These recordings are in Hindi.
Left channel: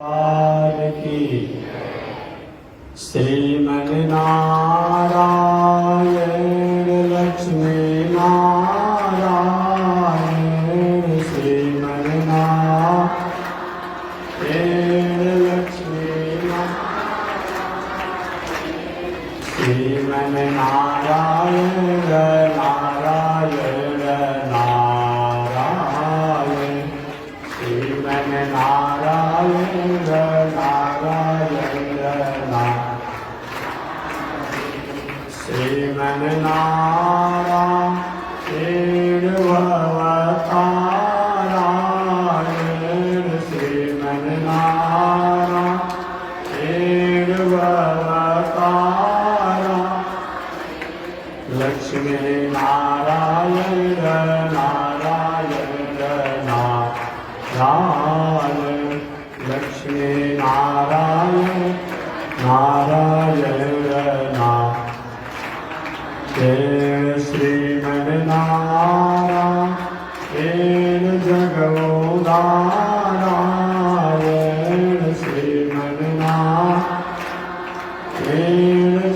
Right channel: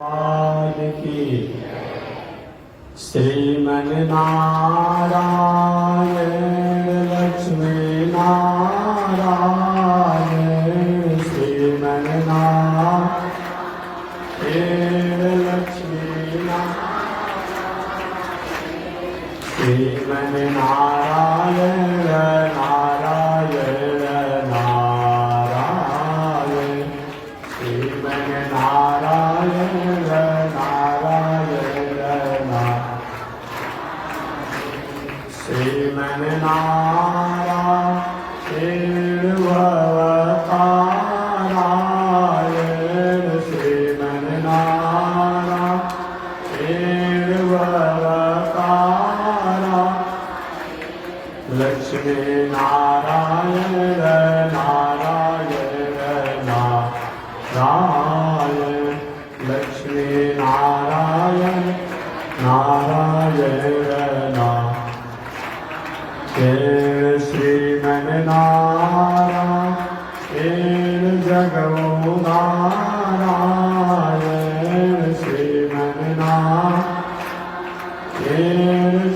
की श्रीमन नारायण लक्ष्मी नारायण श्रीमन नारायण लक्ष्मी श्रीमन नारायण नारायण नारायण श्रीमन नारायण श्रीमन नारायण भवतारायण श्रीमन नारायण भवतारा लक्ष्मी नारायण नारायण नारायण लक्ष्मी नारायण नारायण श्रीमन नारायण जगो नारायण श्रीमन नारायण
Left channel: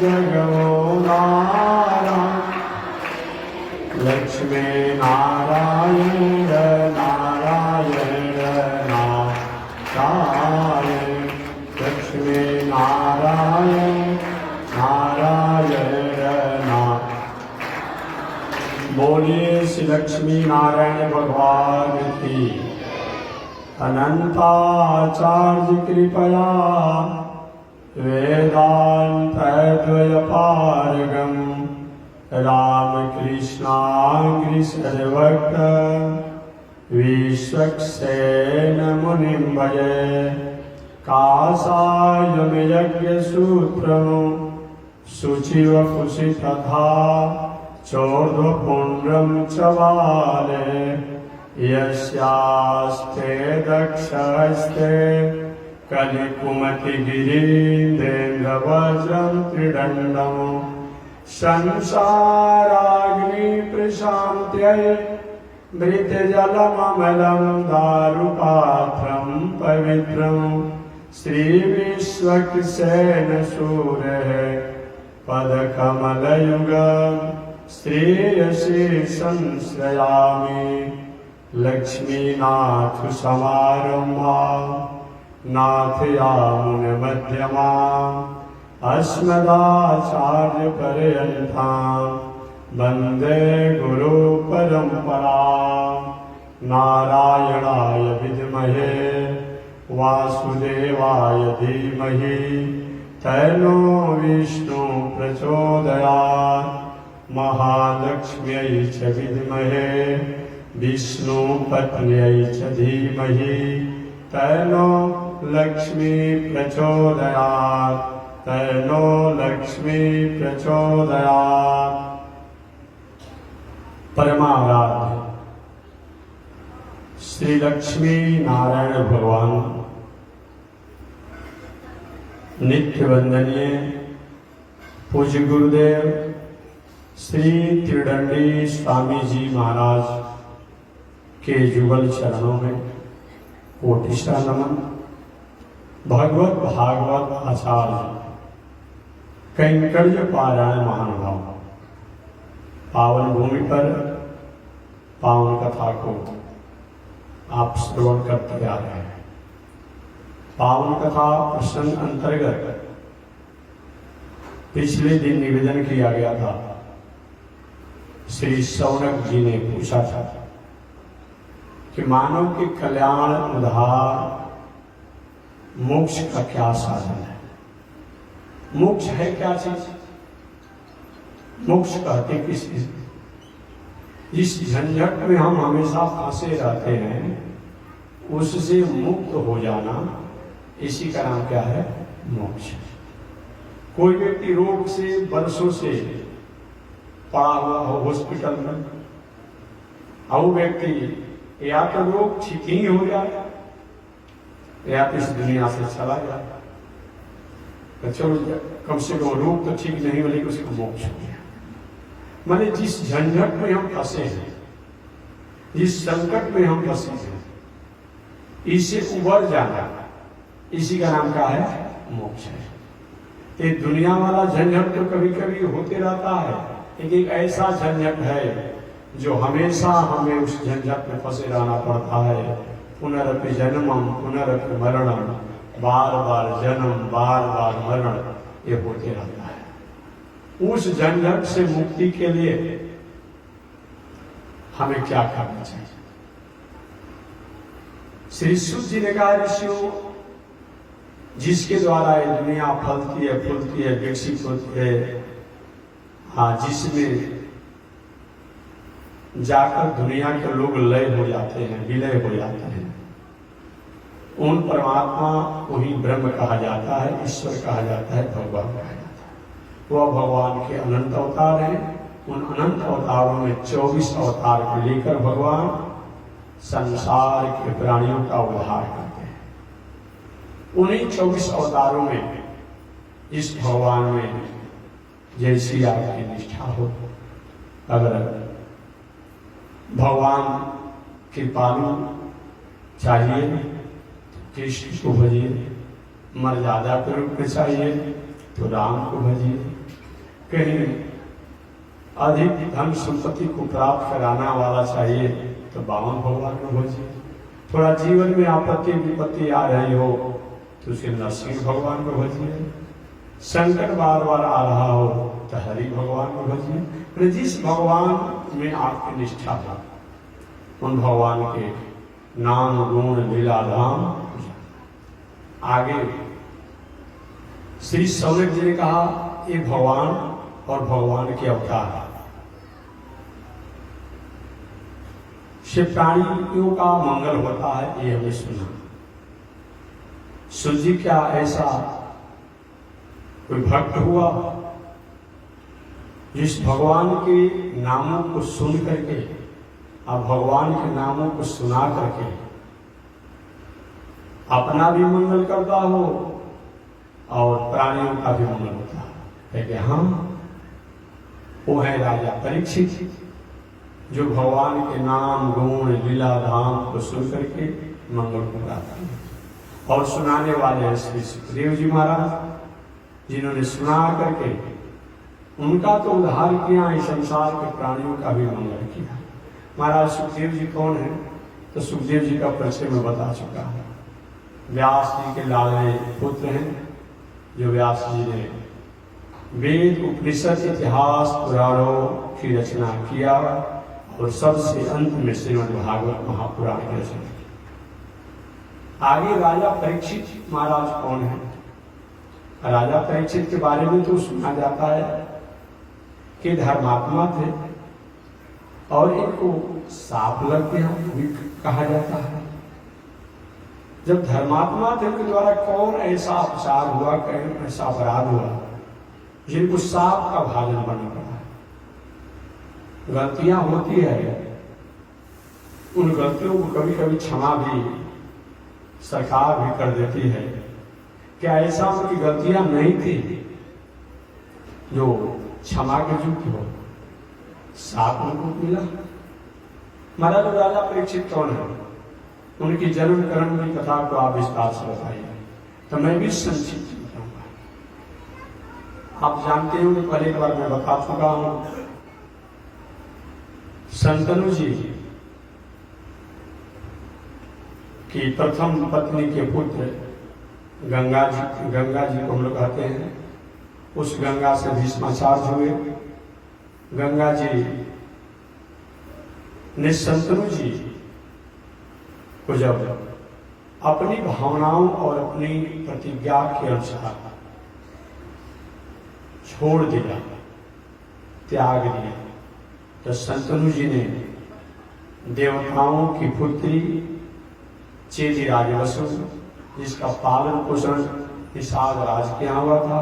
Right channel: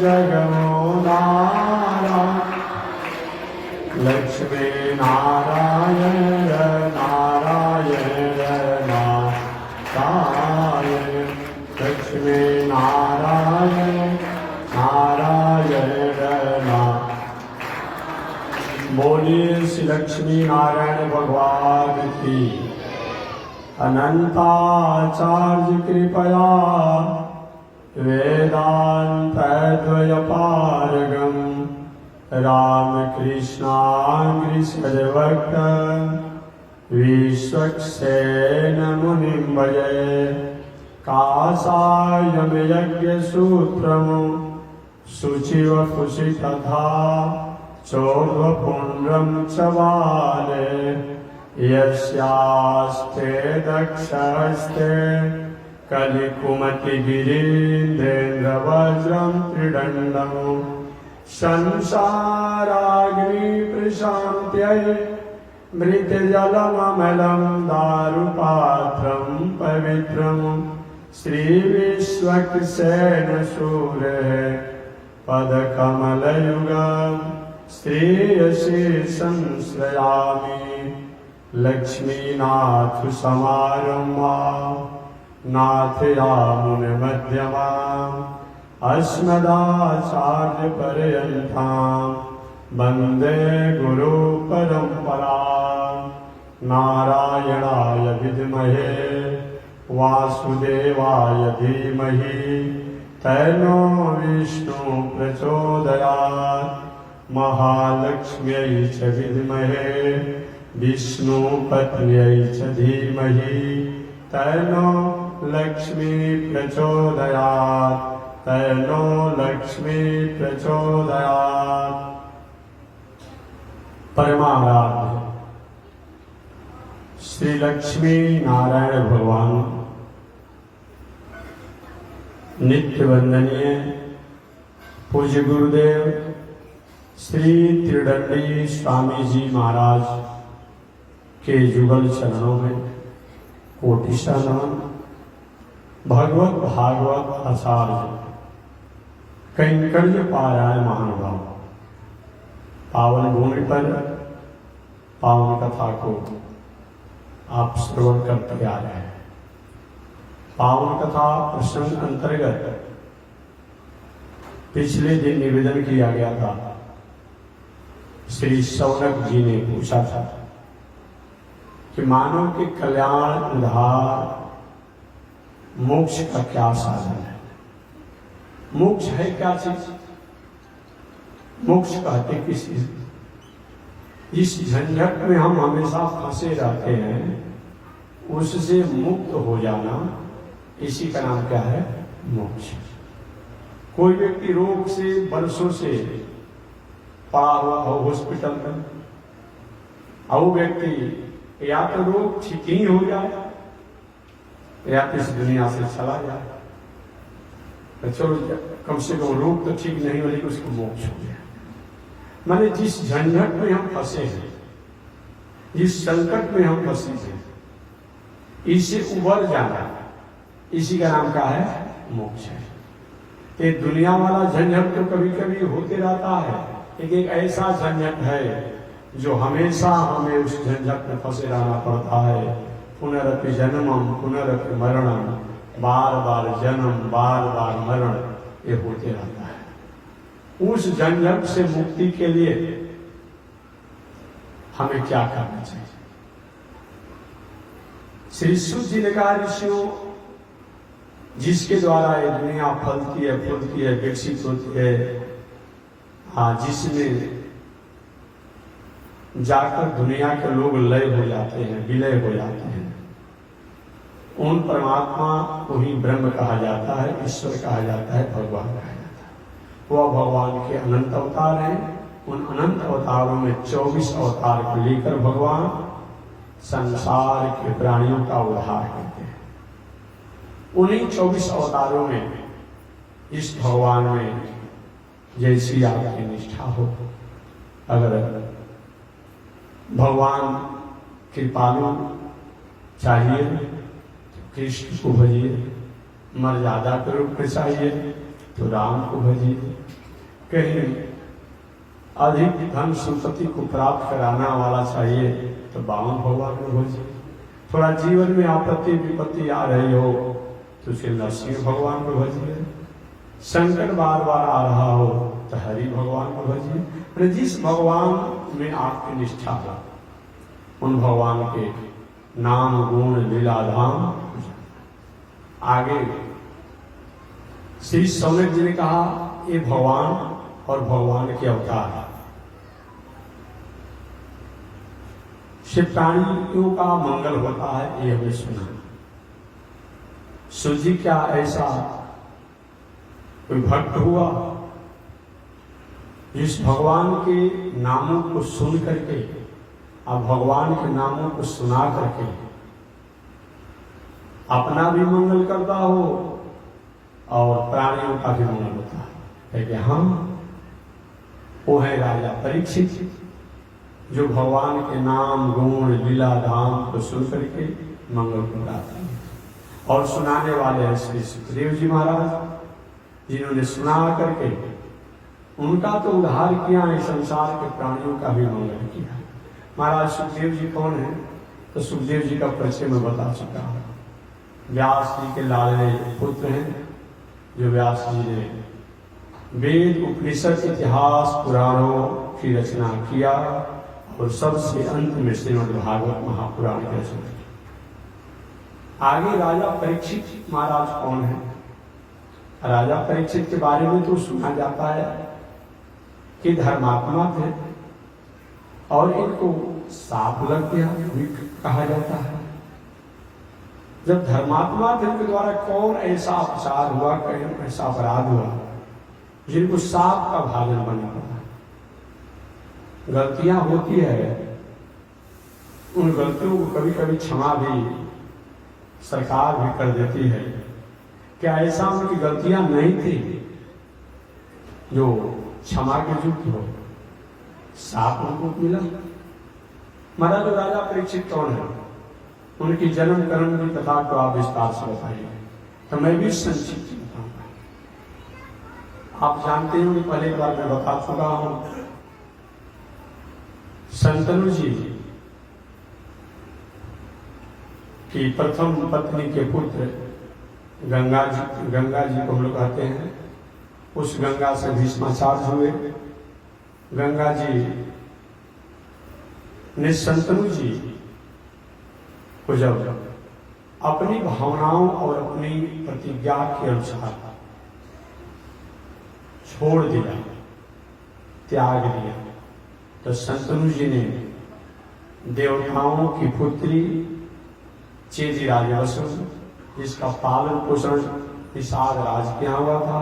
जगो नारायण लक्ष्मी नारायण नारायण नारायण लक्ष्मी नारायण नारायण बोलिए श्री लक्ष्मी नारायण भगवान की अनंताचार्य कृपया वेदांतद्वयपारगम रामकृष्णांग्रि सर्वक्त विश्वक्सेन मुनिं भजे कासायम यज्ञसूत्रं शुचिव कुशि तथा चोर्ध्वपुण्ड्रं च वाले यस्यास्ते दक्षहस्ते कलिकुमतिगिरीन्द्रेन्द्रवज्रं त्रिदण्डं संसाराग्निप्रशान्त्यै मृतजलममलं दारुपात्रं पवित्रं श्रीविश्वक्सेनसूरेः पदकमलयुगम् श्रेयसे संश्रयामि लक्ष्मीनाथ समारम्भा नाथयामुनमध्यमा अस्मदाचार्यपर्यन्तां वन्दे गुरुपरम्परां नारायणाय विद्महे वासुदेवाय धीमहि तन्नो विष्णु प्रचोदयात् महालक्ष्म्यै च विद्महे विष्णुपत्न्यै च धीमहि तन्नो लक्ष्मी प्रचोदयात् तन्नो लक्ष्मी प्रचोदयात्। परमाराध्य श्री लक्ष्मी नारायण भगवान नित्य वंदनीय पूज्य गुरुदेव श्री त्रिदंडी स्वामी जी महाराज के जुगल चरणों में कोटिशा नमन। भगवत भागवत आचार्य कैंकर्य पारायण महानुभाव पावन भूमि पर पावन कथा को आप श्रवण करते आ रहे हैं। पावन कथा प्रसंग अंतर्गत पिछले दिन निवेदन किया गया था। श्री शौनक जी ने पूछा था कि मानव के कल्याण उद्धार मोक्ष का क्या साधन है। मोक्ष है क्या चीज? मोक्ष कहते किस चीज? जिस झंझट में हम हमेशा फंसे रहते हैं उससे मुक्त हो जाना, इसी का नाम क्या है? मोक्ष। कोई व्यक्ति रोग से वर्षों से पड़ा हुआ हो हॉस्पिटल में, और वो व्यक्ति या तो रोग ठीक ही हो जाए या तो इस दुनिया से चला जाए। तो चलो कम से कम रोग तो ठीक नहीं हो लेकिन उसको मोक्ष हो गया। माने जिस झंझट में हम फंसे हैं, जिस संकट में हम फंसे हैं, इससे उबर जाना, इसी का नाम क्या है? मोक्ष है। ये दुनिया वाला झंझट तो कभी कभी होते रहता है, लेकिन एक ऐसा झंझट है जो हमेशा हमें उस झंझट में फंसे रहना पड़ता है। पुनरपि जन्मम पुनरपि मरणम, बार बार जन्म बार बार मरण, ये होते रहता है। उस झंझट से मुक्ति के लिए हमें क्या करना चाहिए? श्री शुद्ध जी ने कहा, ऋषियों, जिसके द्वारा ये दुनिया फलती है, फूलती है, विकसित होती है, जिसमें जाकर दुनिया के लोग लय हो जाते हैं, विलय हो जाते हैं, उन परमात्मा को ही ब्रह्म कहा जाता है, ईश्वर कहा जाता है, भगवान कहा जाता है। वह भगवान के अनंत अवतार हैं। उन अनंत अवतारों में 24 अवतार को लेकर भगवान संसार के प्राणियों का उद्धार करते हैं। उन्हीं 24 अवतारों में इस भगवान में जैसी आपकी निष्ठा हो, अगर भगवान कृपालु चाहिए तो कृष्ण को भजिए, मर्यादा के रूप में चाहिए तो राम को भजिए, कहीं अधिक धन संपत्ति को प्राप्त कराना वाला चाहिए तो वामन भगवान को भजिए, थोड़ा जीवन में आपत्ति विपत्ति आ रही हो तो उसे नरसिंह भगवान को भजिए, संकट बार बार आ रहा हो तो हरि भगवान को भजिए। जिस भगवान में आपकी निष्ठा है, उन भगवान के नाम गुण लीला धाम। आगे श्री सौनक जी ने कहा, ये भगवान और भगवान के अवतार से प्राणियों का मंगल होता है, ये हमने सुना। सूर्य जी, क्या ऐसा कोई भक्त हुआ जिस भगवान के नामों को सुन करके, अब भगवान के नामों को सुना करके अपना भी मंगल करता हो और प्राणियों का भी मंगल होता है? कि हम वो है राजा परीक्षित, जो भगवान के नाम गुण लीला धाम को सुन करके मंगल को प्राप्त किया। और सुनाने वाले हैं श्री सुखदेव जी महाराज, जिन्होंने सुना करके उनका तो उद्धार किया है, संसार के प्राणियों का भी मंगल किया। महाराज सुखदेव जी कौन है? तो सुखदेव जी का परिचय मैं बता चुका हूं। व्यास जी के लाडले पुत्र हैं, जो व्यास जी ने वेद उपनिषद इतिहास पुराणों की रचना किया और सबसे अंत में श्रीमद् भागवत महापुराण की रचना की। आगे राजा परीक्षित महाराज कौन है? राजा परीक्षित के बारे में तो सुना जाता है कि धर्मात्मा थे और इनको साप लग गया भी कहा जाता है। जब धर्मात्मा थे, उनके द्वारा कौन ऐसा अपराध हुआ, कहीं ऐसा अपराध हुआ जिनको साप का भाजन बनना पड़ा? गलतियां होती है, उन गलतियों को कभी कभी क्षमा भी सरकार भी कर देती है। क्या ऐसा उनकी गलतियां नहीं थी जो क्षमा के युक्त हो? साप उनको मिला। महाराज राजा परीक्षित कौन है? उनकी जन्म कर्म की कथा को आप विस्तार से बताइए, तो मैं भी संक्षिप्त बताऊंगा। आप जानते हो कि पहले एक बार मैं बता चुका हूं, शंतनु जी की प्रथम पत्नी के पुत्र गंगा जी को हम लोग कहते हैं, उस गंगा से भीष्माचार्य हुए। गंगा जी ने शंतनु जी को जब अपनी भावनाओं और अपनी प्रतिज्ञा के अनुसार छोड़ दिया, त्याग दिया, तो शंतनु जी ने देवताओं की पुत्री चेदी राजवसु, जिसका पालन पोषण निषाद राज के यहाँ हुआ था,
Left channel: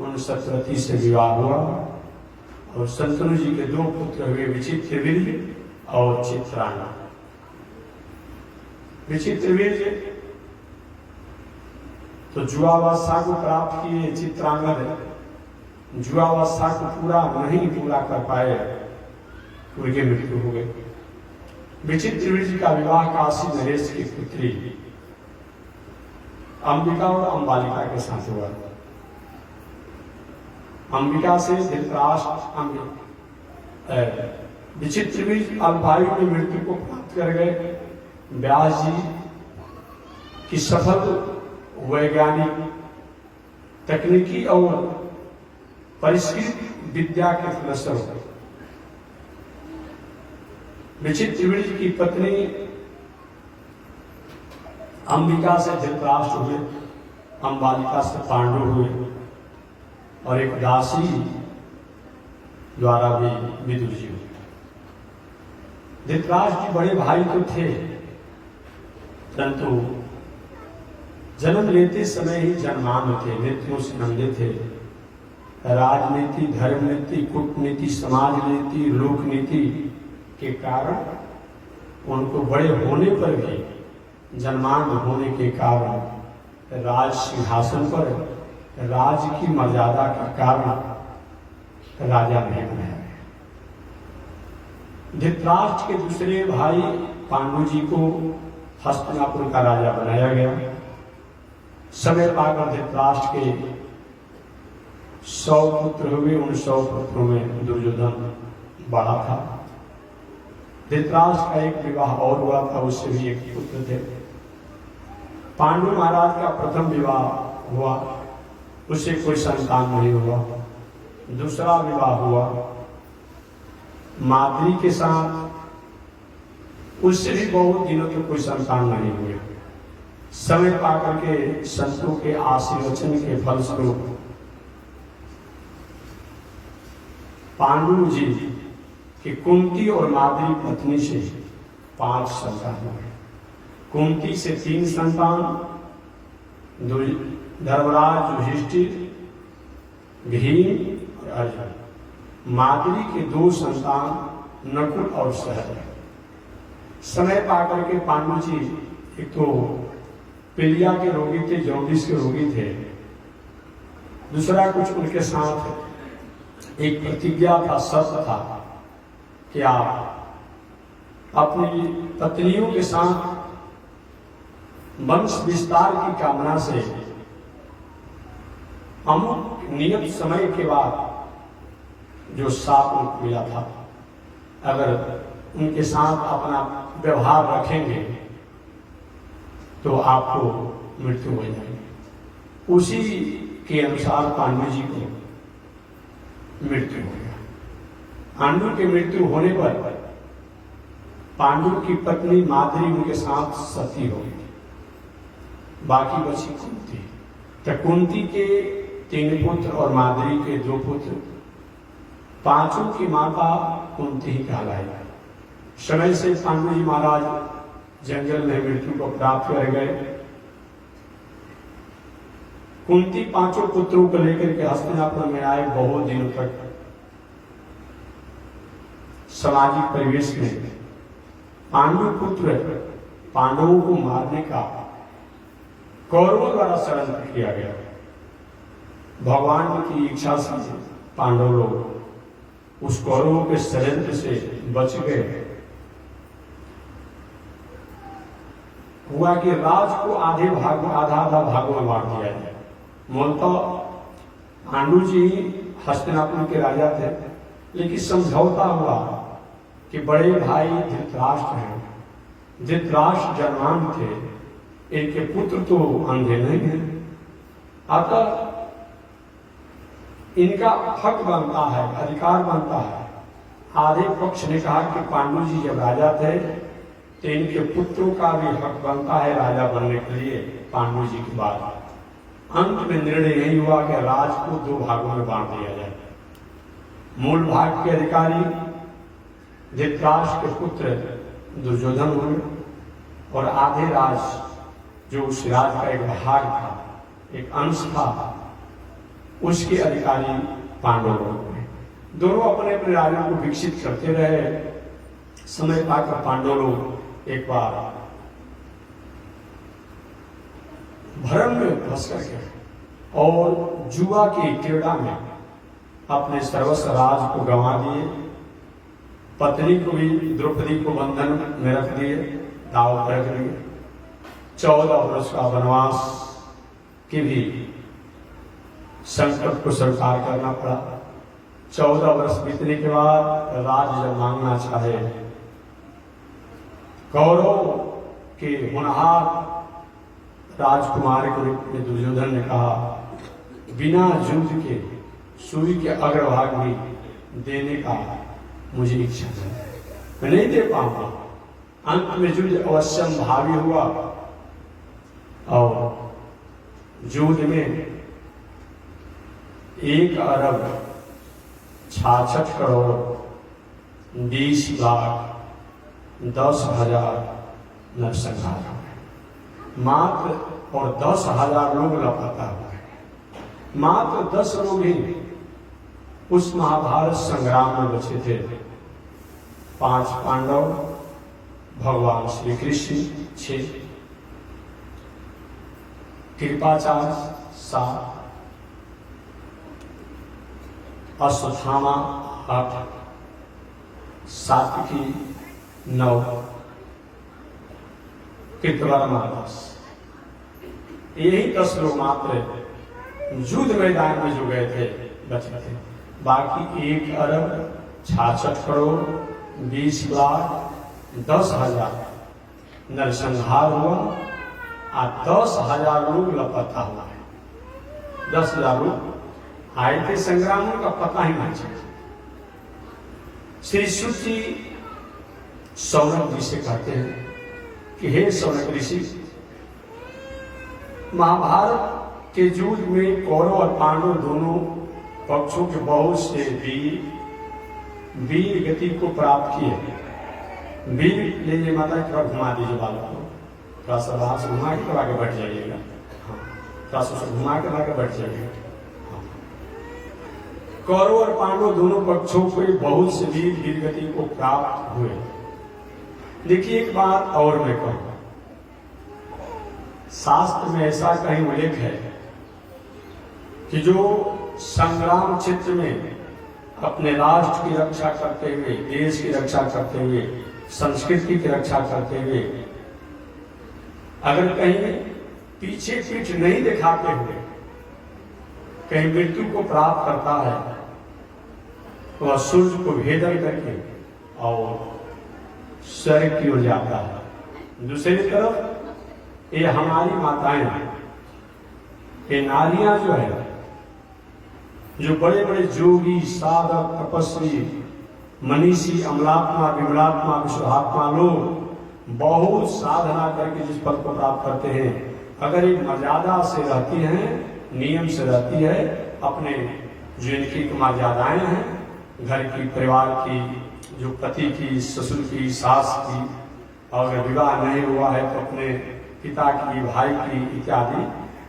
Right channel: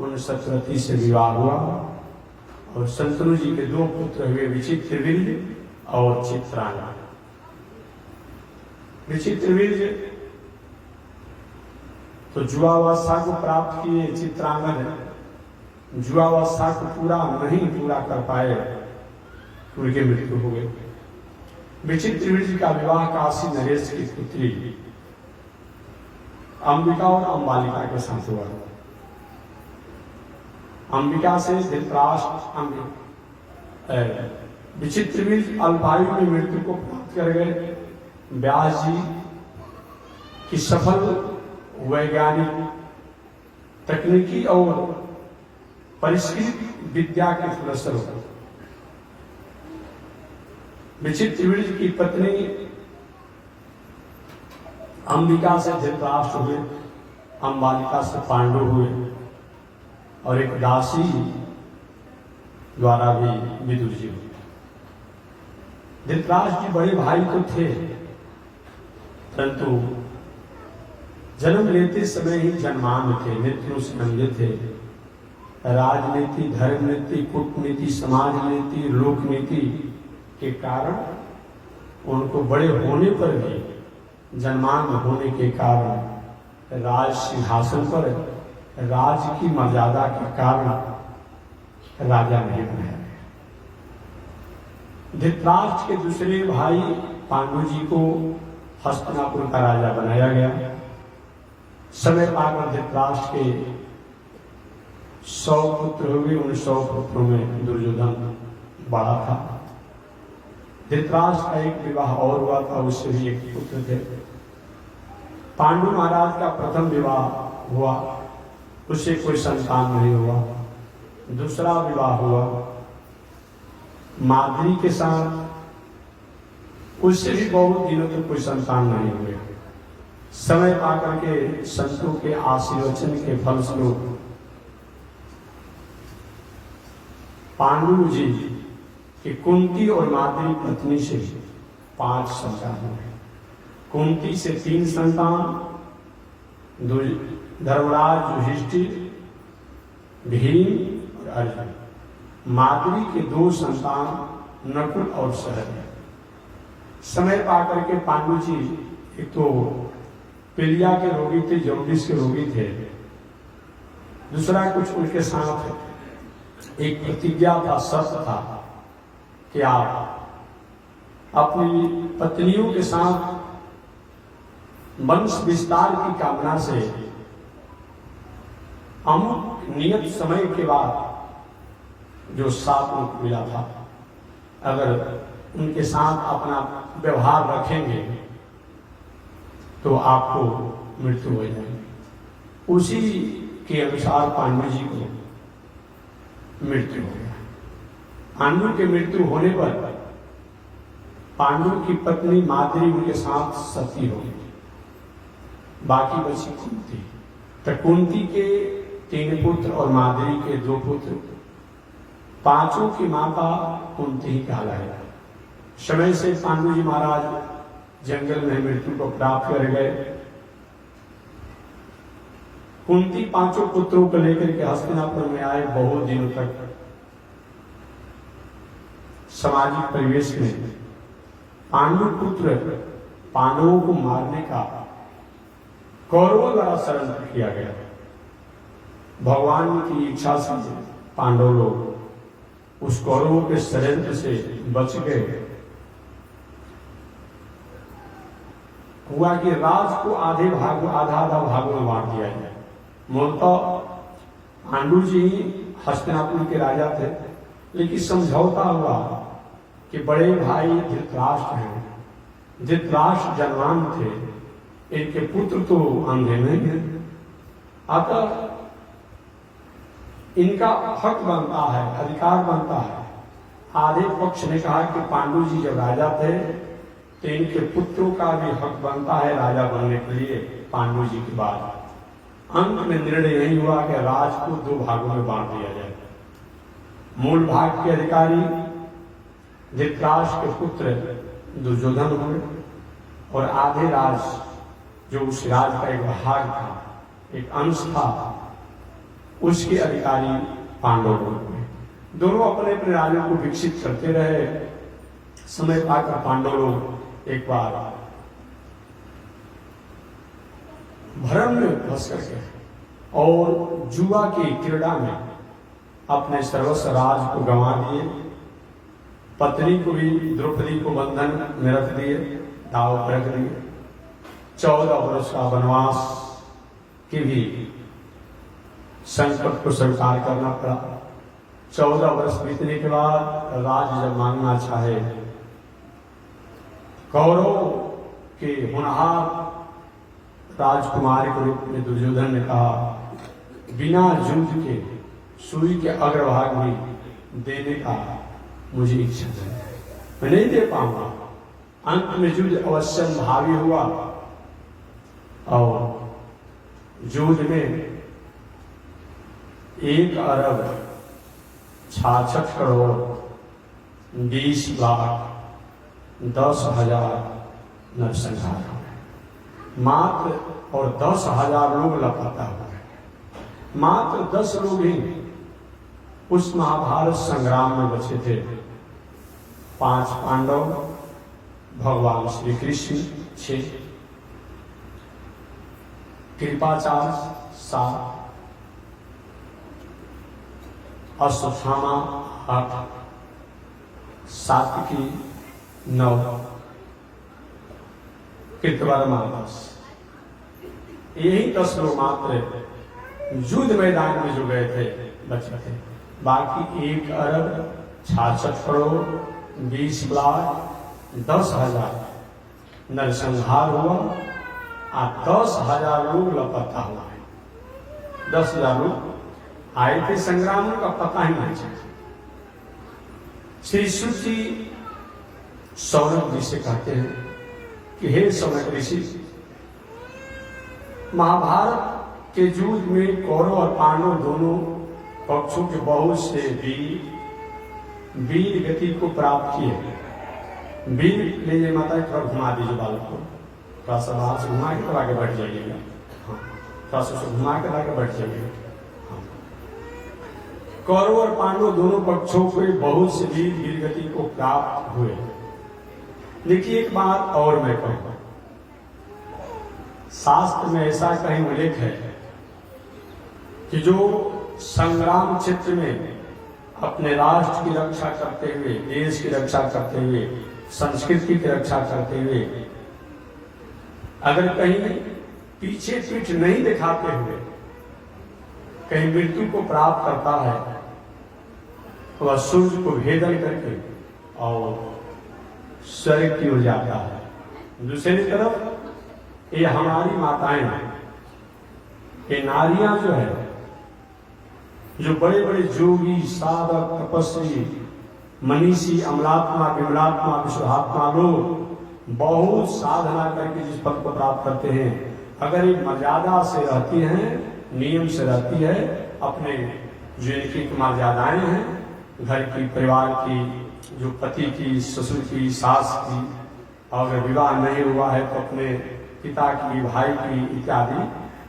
उन सतवती से विवाह हुआ और शंतनु जी के 2 पुत्र हुए, विचित्रवीर्य और चित्रांगद। विचित्रवीर्य तो जुआवस्था को प्राप्त किए, चित्रांगद जुआवस्था को पूरा कर पाए, उनकी मृत्यु हो गई। विचित्रवीर्य का विवाह काशी नरेश की पुत्री अंबिका और अंबालिका के साथ हुआ। अंबिका से धृतराष्ट्र विचित्रवीर्य अल्पायु में मृत्यु को प्राप्त कर गए। व्यास जी की सफल वैज्ञानिक, तकनीकी और परिष्कृत विद्या के फलस्वरूप विचित्रवीर्य की पत्नी अंबिका से धृतराष्ट्र हुए, अंबालिका से पांडु हुए और एक दासी द्वारा भी विदुर जी हुए। धृतराष्ट्र जी बड़े भाई तो थे, परंतु जन्म लेते समय ही जन्मान थे, मृत्यु से नंगे थे। राजनीति, धर्म नीति, कूटनीति, समाज नीति, लोक नीति के कारण उनको बड़े होने पर भी, जन्मान होने के कारण राज सिंहासन पर राज की मर्यादा के कारण राजा नहीं बनाया गया। धृतराष्ट्र के दूसरे भाई पांडु जी को हस्तिनापुर का राजा बनाया गया। समय पाकर धृतराष्ट्र के 100 पुत्र हुए। उन 100 पुत्रों में दुर्योधन बड़ा था। धृतराष्ट्र का एक विवाह और हुआ था, उससे भी एक पुत्र थे। पांडु महाराज का प्रथम विवाह हुआ, उससे कोई संतान नहीं हुआ। दूसरा विवाह हुआ माद्री के साथ, उससे भी बहुत दिनों तक कोई संतान नहीं हुए। समय पाकर के संतों के आशीर्वचन के फलस्वरूप पांडु जी की कुंती और माद्री पत्नी से 5 संतान हुए। कुंती से 3 संतान, धर्मराज युधिष्ठिर, भीम और अर्जुन। माद्री के 2 संतान नकुल और सहदेव। समय पाकर के पांडु जी एक तो पीलिया के रोगी थे, जॉन्डिस के रोगी थे। दूसरा कुछ उनके साथ एक प्रतिज्ञा था, शर्त था कि आप अपनी पत्नियों के साथ वंश विस्तार की कामना से अमुक नियत समय के बाद जो साप उनको मिला था, अगर उनके साथ अपना व्यवहार रखेंगे तो आपको मृत्यु हो जाएगी। उसी के अनुसार पांडु जी को मृत्यु हो गया। पांडु के मृत्यु होने पर पांडु की पत्नी माद्री उनके साथ सती हो गई, बाकी बची कुंती। तो कुंती के 3 पुत्र और माद्री के 2 पुत्र, 5 की माता कुंती ही कहलाई। समय से पांडु जी महाराज जंगल में मृत्यु को प्राप्त कर गए। कुंती 5 पुत्रों को लेकर के हस्तिनापुर में आए। बहुत दिनों तक सामाजिक परिवेश में पांडु पुत्र पांडवों को मारने का कौरवों द्वारा षड्यंत्र किया गया। भगवान की इच्छा से पांडव लोग उस कौरवों के षड्यंत्र से बच गए। हुआ कि राज को आधे भाग, आधा भागों में बांट दिया जाए। मूलतः पांडु जी हस्तिनापुर के राजा थे, लेकिन समझौता हुआ कि बड़े भाई धृतराष्ट्र हैं, धृतराष्ट्र जन्मान थे, इनके पुत्र तो अंधे नहीं हैं, अतः इनका हक बनता है, अधिकार बनता है। आधे पक्ष ने कहा कि पांडु जी जब राजा थे तो इनके पुत्रों का भी हक बनता है राजा बनने के लिए पांडु जी के बाद। अंत में निर्णय यही हुआ कि राज को 2 भागों में बांट दिया जाए। मूल भाग के अधिकारी धृतराष्ट्र के पुत्र दुर्योधन हुए और आधे राज, जो उस राज का एक भाग था, एक अंश था, उसके अधिकारी पांडव हुए। दोनों अपने अपने राज्यों को विकसित करते रहे। समय पाकर पांडव लोग एक बार भ्रम में फंस कर गए और जुआ की क्रीड़ा में अपने सर्वस्व राज को गंवा दिए। पत्नी को भी, द्रौपदी को बंधन में रख दिए, दाव पर रख दिए। 14 वर्ष का वनवास कि भी संकट को स्वीकार करना पड़ा। 14 वर्ष बीतने के बाद राज जब मांगना चाहे, कौरव के होनहार राजकुमार के रूप में दुर्योधन ने कहा, बिना युद्ध के सूर्य के अग्रभाग में देने का मुझे इच्छा है, मैं नहीं दे पाऊंगा। अंत में युद्ध अवश्यम भावी हुआ और युद्ध में 1 अरब 66 करोड़ 20 लाख 10,000 नरसंहार हुए। मात्र और 10,000 लोग लापता हुए। मात्र 10 लोग ही उस महाभारत संग्राम में बचे थे। 5 पांडव, भगवान श्री कृष्ण 6, कृपाचार्य 7, अश्वत्थामा 8, सात्विकी 9, कृतवर्मा 10। यही 10 लोग मात्र युद्ध मैदान में जो गए थे बचे थे। बाकी 1 अरब 66 करोड़ 20 लाख 10,000 नरसंहार हुआ और 10,000 लोग लापता हुआ है। 10,000 लोग आए थे संग्राम का पता ही नहीं चला। श्री सुत जी शौनक जी से कहते हैं कि हे शौनक ऋषि, महाभारत के युद्ध में कौरव और पांडव दोनों पक्षों के बहुत से वीर गति को प्राप्त किए। वीर ले जाए माता की तरफ घुमा दीजिए बाल को, थोड़ा सा बाहर से घुमा के आगे बैठ जाइएगा। हाँ, थोड़ा सा घुमा के आगे बैठ जाइएगा। कौरव और पांडव दोनों पक्षों को बहुत से वीर गति को प्राप्त हुए। देखिए एक बात और मैं कहूंगा, शास्त्र में ऐसा कहीं उल्लेख है कि जो संग्राम क्षेत्र में अपने राष्ट्र की रक्षा करते हुए, देश की रक्षा करते हुए, संस्कृति की रक्षा करते हुए अगर कहीं पीछे पीठ नहीं दिखाते हुए कहीं मृत्यु को प्राप्त करता है, वह सूर्य को भेदन करके और स्वर्ग की ओर जाता है। दूसरी तरफ ये हमारी माताएं, ये नारियां जो है, जो बड़े बड़े जोगी, साधक, तपस्वी, मनीषी, अमलात्मा, विमलात्मा, विशुद्धात्मा लोग बहुत साधना करके जिस पद को प्राप्त करते हैं, अगर एक मर्यादा से रहती हैं, नियम से रहती है, अपने जो इनकी मर्यादाएं हैं, घर की, परिवार की, जो पति की, ससुर की, सास की, और अगर विवाह नहीं हुआ है तो अपने पिता की, भाई की इत्यादि,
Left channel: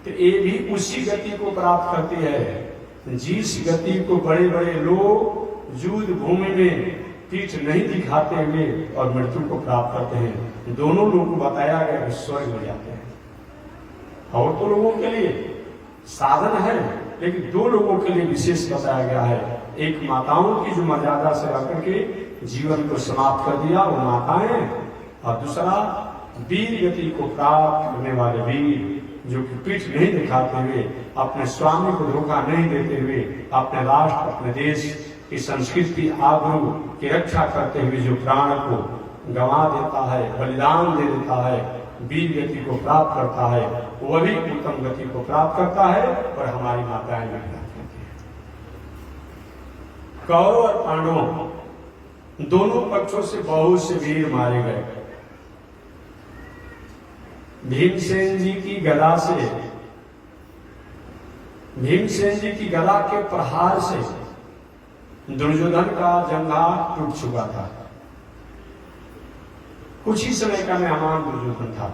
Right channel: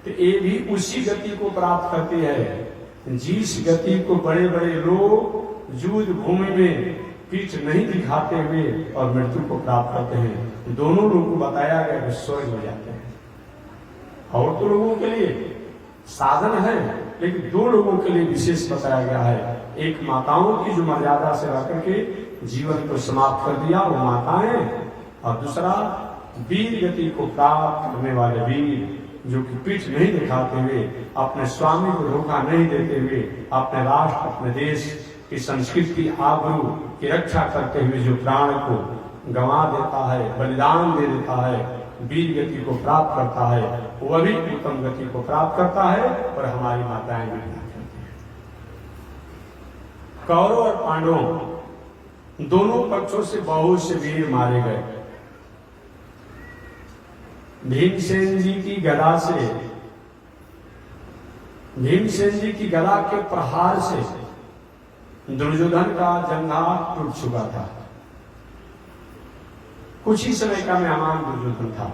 तो ये भी उसी गति को प्राप्त करती है जिस गति को बड़े बड़े लोग युद्ध भूमि में पीठ नहीं दिखाते हुए और मृत्यु को प्राप्त करते हैं। दोनों लोगों को बताया गया कि स्वर्ग हो जाते हैं। और तो लोगों के लिए साधन है, लेकिन 2 लोगों के लिए विशेष बताया गया है। एक माताओं की जो मर्यादा से रह करके जीवन को समाप्त कर दिया, वो माताएं, और दूसरा वीर गति को प्राप्त करने वाले वीर, जो कि पीठ नहीं दिखाते हुए, अपने स्वामी को धोखा नहीं देते हुए, अपने राष्ट्र, अपने देश की संस्कृति, आबरू की रक्षा करते हुए जो प्राण को गंवा देता है, बलिदान दे देता है, वीर गति को प्राप्त करता है, वह भी उत्तम गति को प्राप्त करता है। और हमारी माताएं भी प्राप्त करती हैं। कौरव और पांडवों दोनों पक्षों से बहुत से वीर मारे गए। भीमसेन जी की गदा से, भीमसेन जी की गदा के प्रहार से दुर्योधन का जंघा टूट चुका था। कुछ ही समय का मेहमान दुर्योधन था।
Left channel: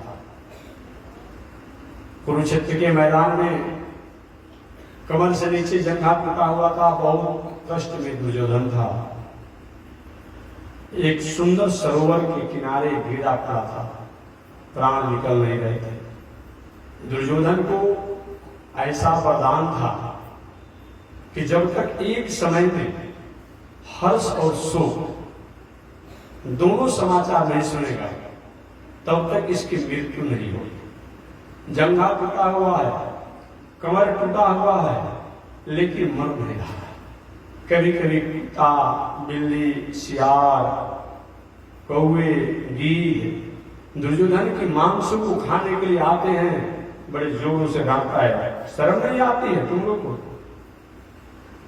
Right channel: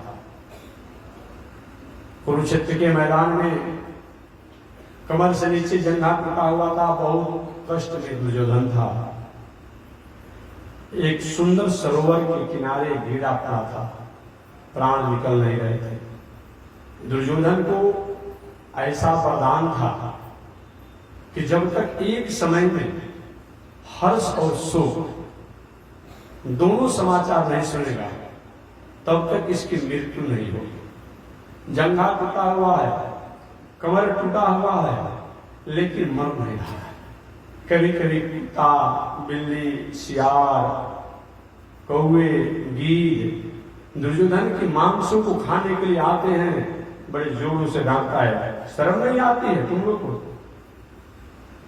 कुरुक्षेत्र के मैदान में कमर से नीचे जंघा टूटा हुआ था, बहुत कष्ट में दुर्योधन था। एक सुंदर सरोवर के किनारे गिरा पड़ा था, प्राण निकल नहीं रहे थे। दुर्योधन को ऐसा वरदान था कि जब तक एक समय में हर्ष और शोक दोनों समाचार नहीं सुनेगा, तब तक इसकी मृत्यु नहीं होगी। जंघा टूटा हुआ है, कमर टूटा हुआ है लेकिन मर नहीं रहा है। कभी कभी कुत्ता, बिल्ली, सियार, कौवे, गीद दुर्योधन के मांसों को खाने के लिए आते हैं, बड़े जोरों से डांटता है, शर्म नहीं आती है तुम लोग को?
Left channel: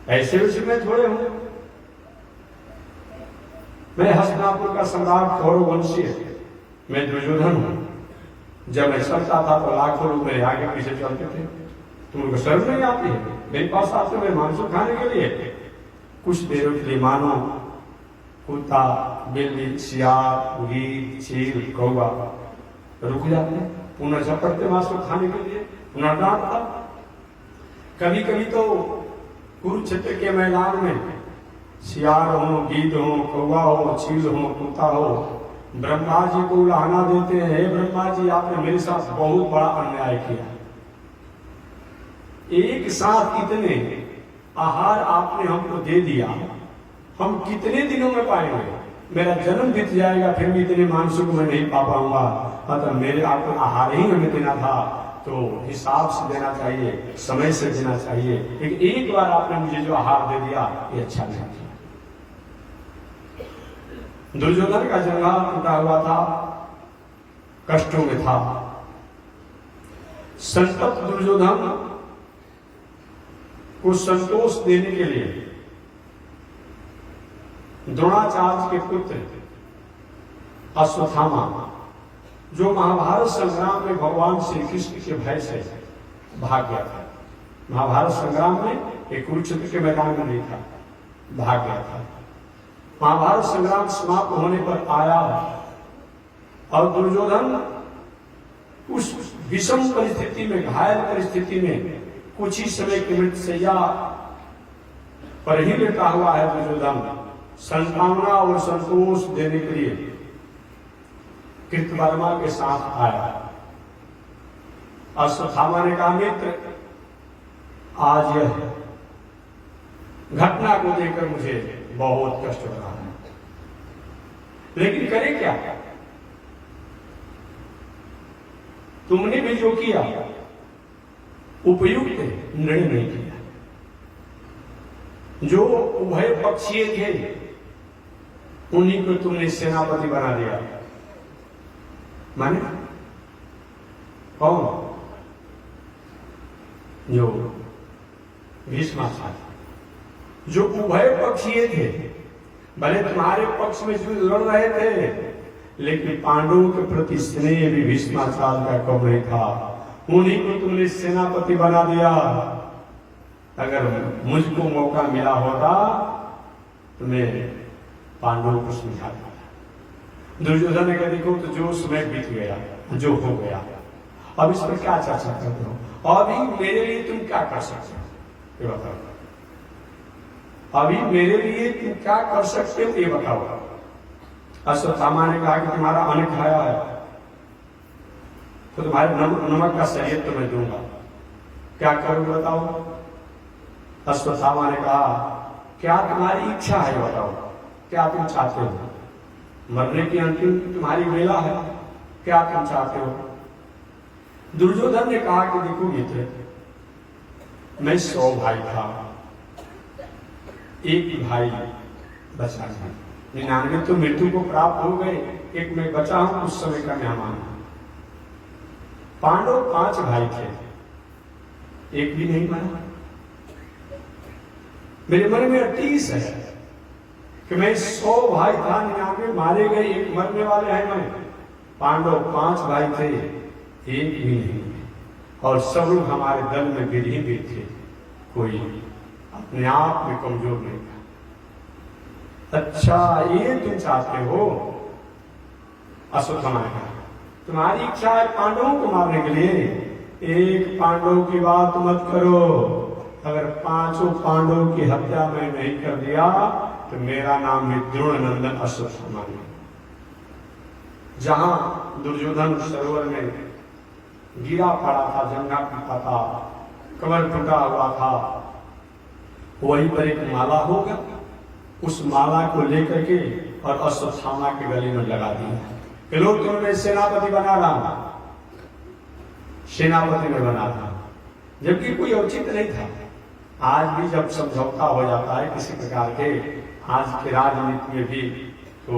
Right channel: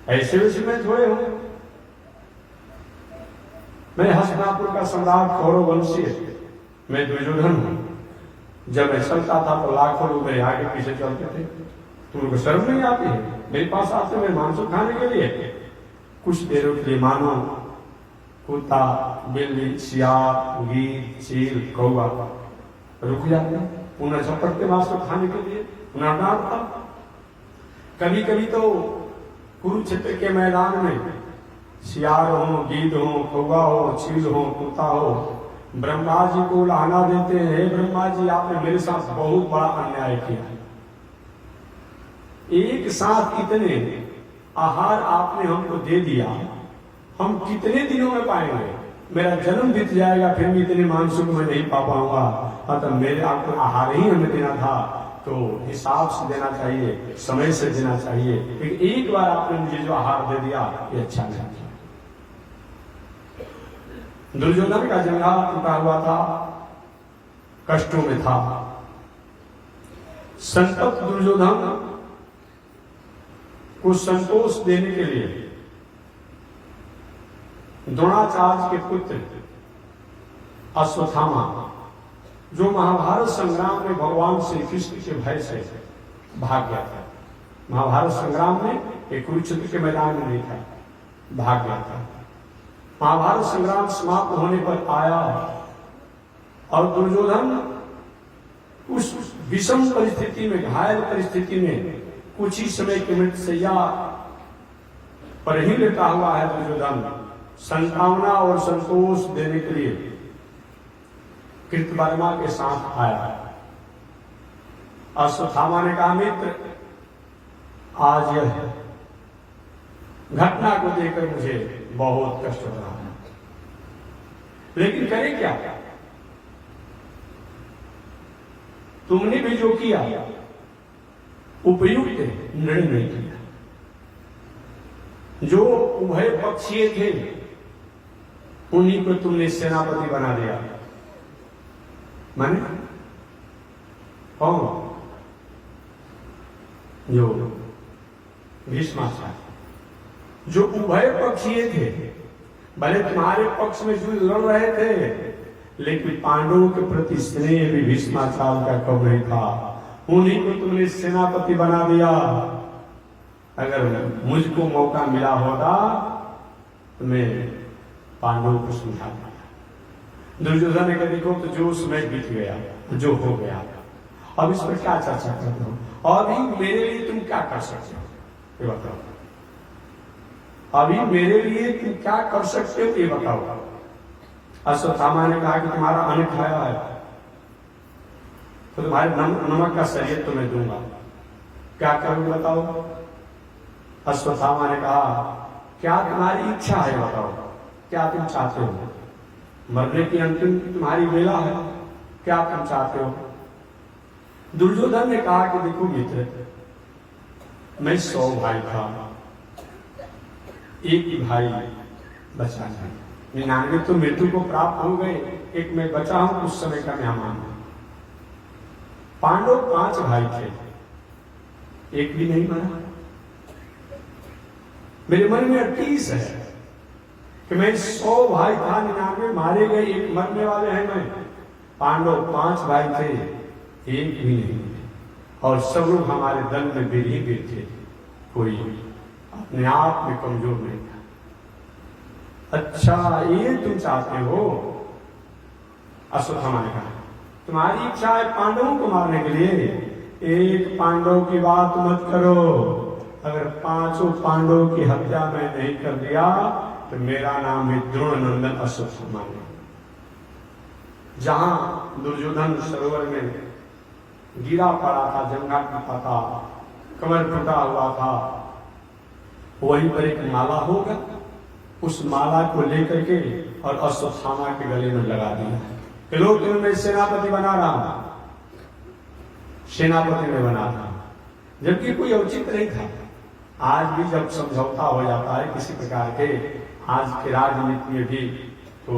ऐसे वैसे में थोड़े हूं मैं, हस्तिनापुर का सम्राट कौरव वंशी है, मैं दुर्योधन हूं। जब मैं चलता था तो लाखों लोग मेरे आगे पीछे चलते थे, तुम लोग को शर्म नहीं आती है? मेरे पास आते मैं मांसों खाने के लिए, कुछ देरों के लिए मानो कुत्ता, बिल्ली, सियार, गीद, चील, कौवा रुक जाते, पुनः झपटते मांसों खाने के लिए, पुनः डांटता। कभी कभी तो कुरुक्षेत्र के मैदान में सियार हो, गीद हो, कौवा हो, चील हो, कुत्ता हो, ब्रह्मा जी को उलाहना देते हैं, हे ब्रह्मा जी आपने मेरे साथ बहुत बड़ा अन्याय किया, एक साथ इतने आहार आपने हमको दे दिया, हम कितने दिनों में पाएंगे? मेरा जन्म बीत जाएगा फिर भी इतने मांसों को मैं नहीं पा पाऊंगा। अतः मेरे आपको आहार ही हमें देना था तो हिसाब से देना चाहिए, समय से देना चाहिए, लेकिन एक बार आपने मुझे जो आहार दे दिया ये अच्छा नहीं था। दुर्योधन का जंघा टूटा हुआ था, कष्टों में था। संतप्त दुर्योधन को संतोष देने के लिए द्रोणाचार्य के पुत्र अश्वत्थामा, जो महाभारत संग्राम में भगवान श्री कृष्ण के भय से भाग गया था, महाभारत संग्राम में एक कुरुक्षेत्र के मैदान में नहीं था, भाग गया था। महाभारत संग्राम समाप्त होने पर आया और दुर्योधन उस विषम परिस्थिति में, घायल परिस्थिति में, कुछ ही समय की मृतशैया पर ही लेटा हुआ है दुर्योधन, संतावना और संतोष देने के लिए कृतवर्मा के साथ आया। अश्वत्थामा ने कहा, मित्र आज यह घटना को देखकर मुझे बहुत कष्ट हो रहा है, लेकिन करें क्या? तुमने भी जो किया उपयुक्त निर्णय नहीं किया। जो उभय पक्षीय थे उन्हीं को तुमने सेनापति बना दिया। माने कौन? जो भीष्माचार्य, जो उभय पक्षीय थे, भले तुम्हारे पक्ष में युद्ध लड़ रहे थे, लेकिन पांडवों के प्रति स्नेह भी भीष्माचार्य का कम नहीं था, उन्हीं को तुमने सेनापति बना दिया। अगर मुझको मौका मिला होता तो मैं पांडवों को समझा देता। दुर्योधन ने कहा, देखो तो जो समय बीत गया, जो हो गया, अब इस पर क्या चर्चा करते हो? अभी मेरे लिए तुम क्या कर सकते हो ये बताओ। अभी मेरे लिए तुम क्या कर सकते हो ये बताओ। अश्वत्थामा ने कहा कि तुम्हारा अन्न खाया है तो तुम्हारे नमक का शरीर तो मैं दूंगा, क्या करूं बताओ। अश्वत्थामा ने कहा, क्या तुम्हारी इच्छा है बताओ, क्या तुम चाहते हो? मरने की अंतिम तुम्हारी बेला है, क्या तुम चाहते हो? दुर्योधन ने कहा कि देखो मित्र, मैं 100 भाई था, एक ही भाई बचा है, 99 तो मृत्यु को प्राप्त हो गए, एक मैं बचा हूं, उस समय का मेहमान। पांडव 5 भाई थे, एक भी नहीं मरा। मेरे मन में 38 है कि मैं 100 भाई था, 99 मारे गए, एक मरने वाले हैं मैं। पांडव 5 भाई थे, एक भी नहीं, और सब लोग हमारे दल में वीर ही वीर थे, कोई अपने आप में कमजोर नहीं था। अच्छा ये तुम चाहते हो? अश्वत्थामा ने कहा, तुम्हारी इच्छा है पांडवों को मारने के लिए, एक पांडव की बात मत करो। अगर 5 पांडवों की हत्या मैं नहीं कर दिया तो मेरा नाम है द्रोण नंदन अश्वत्थामा। जहां दुर्योधन सरोवर में गिरा पड़ा था, जंगा पीता था, कमर टूटा हुआ था, वहीं पर एक माला होगा, उस माला को लेकर के और अश्वत्थामा के गले में लगा दिया कि लो तुम्हें मैं सेनापति बना रहा हूं। सेनापति में बना था, जबकि कोई औचित्य नहीं था। आज भी जब समझौता हो जाता है किसी प्रकार के, आज के राजनीति में भी तो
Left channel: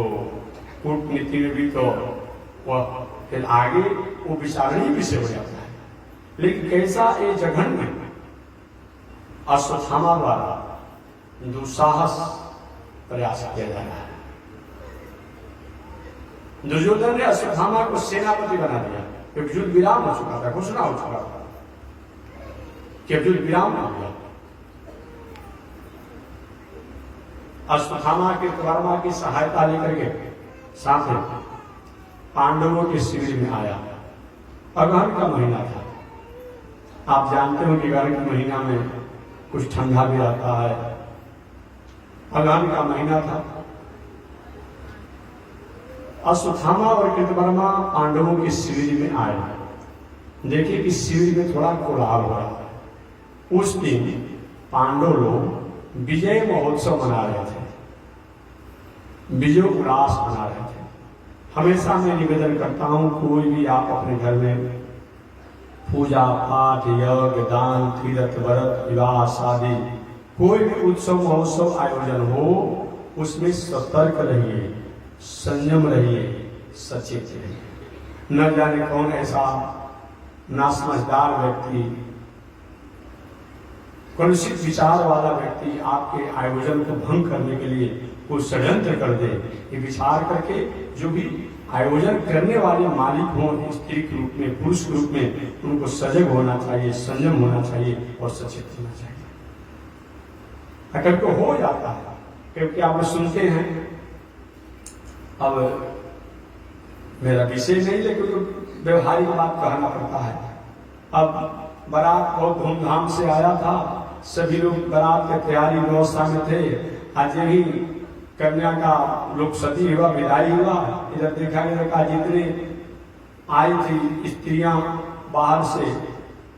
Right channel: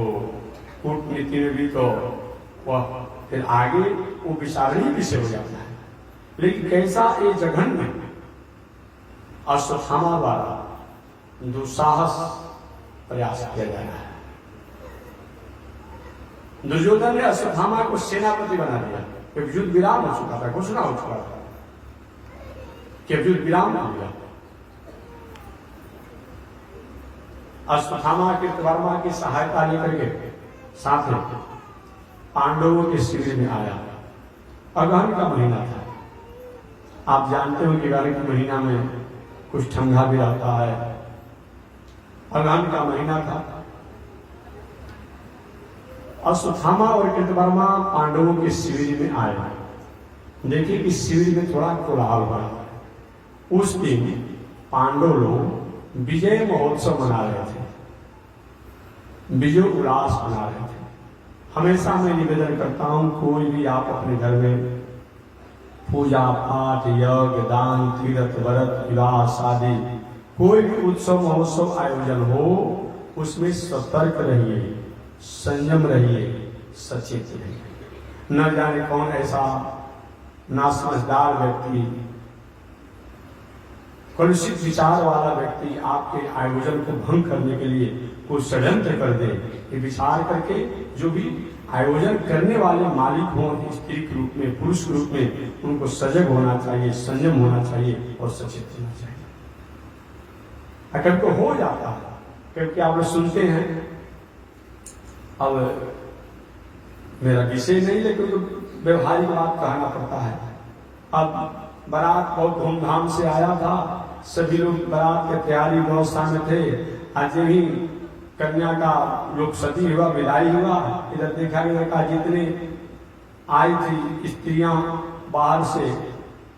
कूटनीति में भी, तो वह फिर आगे वो विचारणीय विषय हो जाता है। लेकिन कैसा ये जघन्य अश्वत्थामा द्वारा दुस्साहस प्रयास किया जा रहा है। दुर्योधन ने अश्वत्थामा को सेनापति बना दिया, क्योंकि युद्ध विराम हो चुका था, घोषणा हो चुका था कि अब युद्ध विराम हो गया। अश्वत्थामा कृतवर्मा की सहायता लेकर के साथ में पांडवों के शिविर में आया। अगहन का महीना था। आप जानते हो कि अगहन के महीना में कुछ ठंडा भी रहता है। अगहन का महीना था। अश्वत्थामा और कृतवर्मा पांडवों के शिविर में आए। देखिए कि शिविर में थोड़ा कोलाहल हो रहा है। उस दिन पांडव लोग विजय महोत्सव मना रहे थे, विजय उल्लास मना रहे थे। हमेशा मैं निवेदन करता हूं, कोई भी आप अपने घर में पूजा पाठ, यज्ञ, दान, तीर्थ, व्रत, विवाह, शादी, कोई भी उत्सव महोत्सव आयोजन हो, उसमें सतर्क रहिए, संयम रहिए, सचेत रहिए। न जाने कौन ऐसा नासमझदार व्यक्ति, कलुषित विचार वाला व्यक्ति आपके आयोजन को भंग करने के लिए कोई षड्यंत्र कर दे। ये विचार करके जो भी आयोजन करने वाले मालिक हों, स्त्री के रूप में, पुरुष के रूप में, उनको सजग होना चाहिए, संयम होना चाहिए और सचेत होना चाहिए। अगर तो हो जाता है, क्योंकि आप लोग सुनते हैं, अब मेरा विषय नहीं, लेकिन तो व्यवहारिक बात कहना पड़ता है। अब बारात बहुत धूमधाम से आया था, सभी लोग बारात की तैयारी व्यवस्था में थे। आज यही कन्या का लोग सती हुआ, विदाई हुआ। इधर देखा गया का जितने आई थी स्त्रियां बाहर से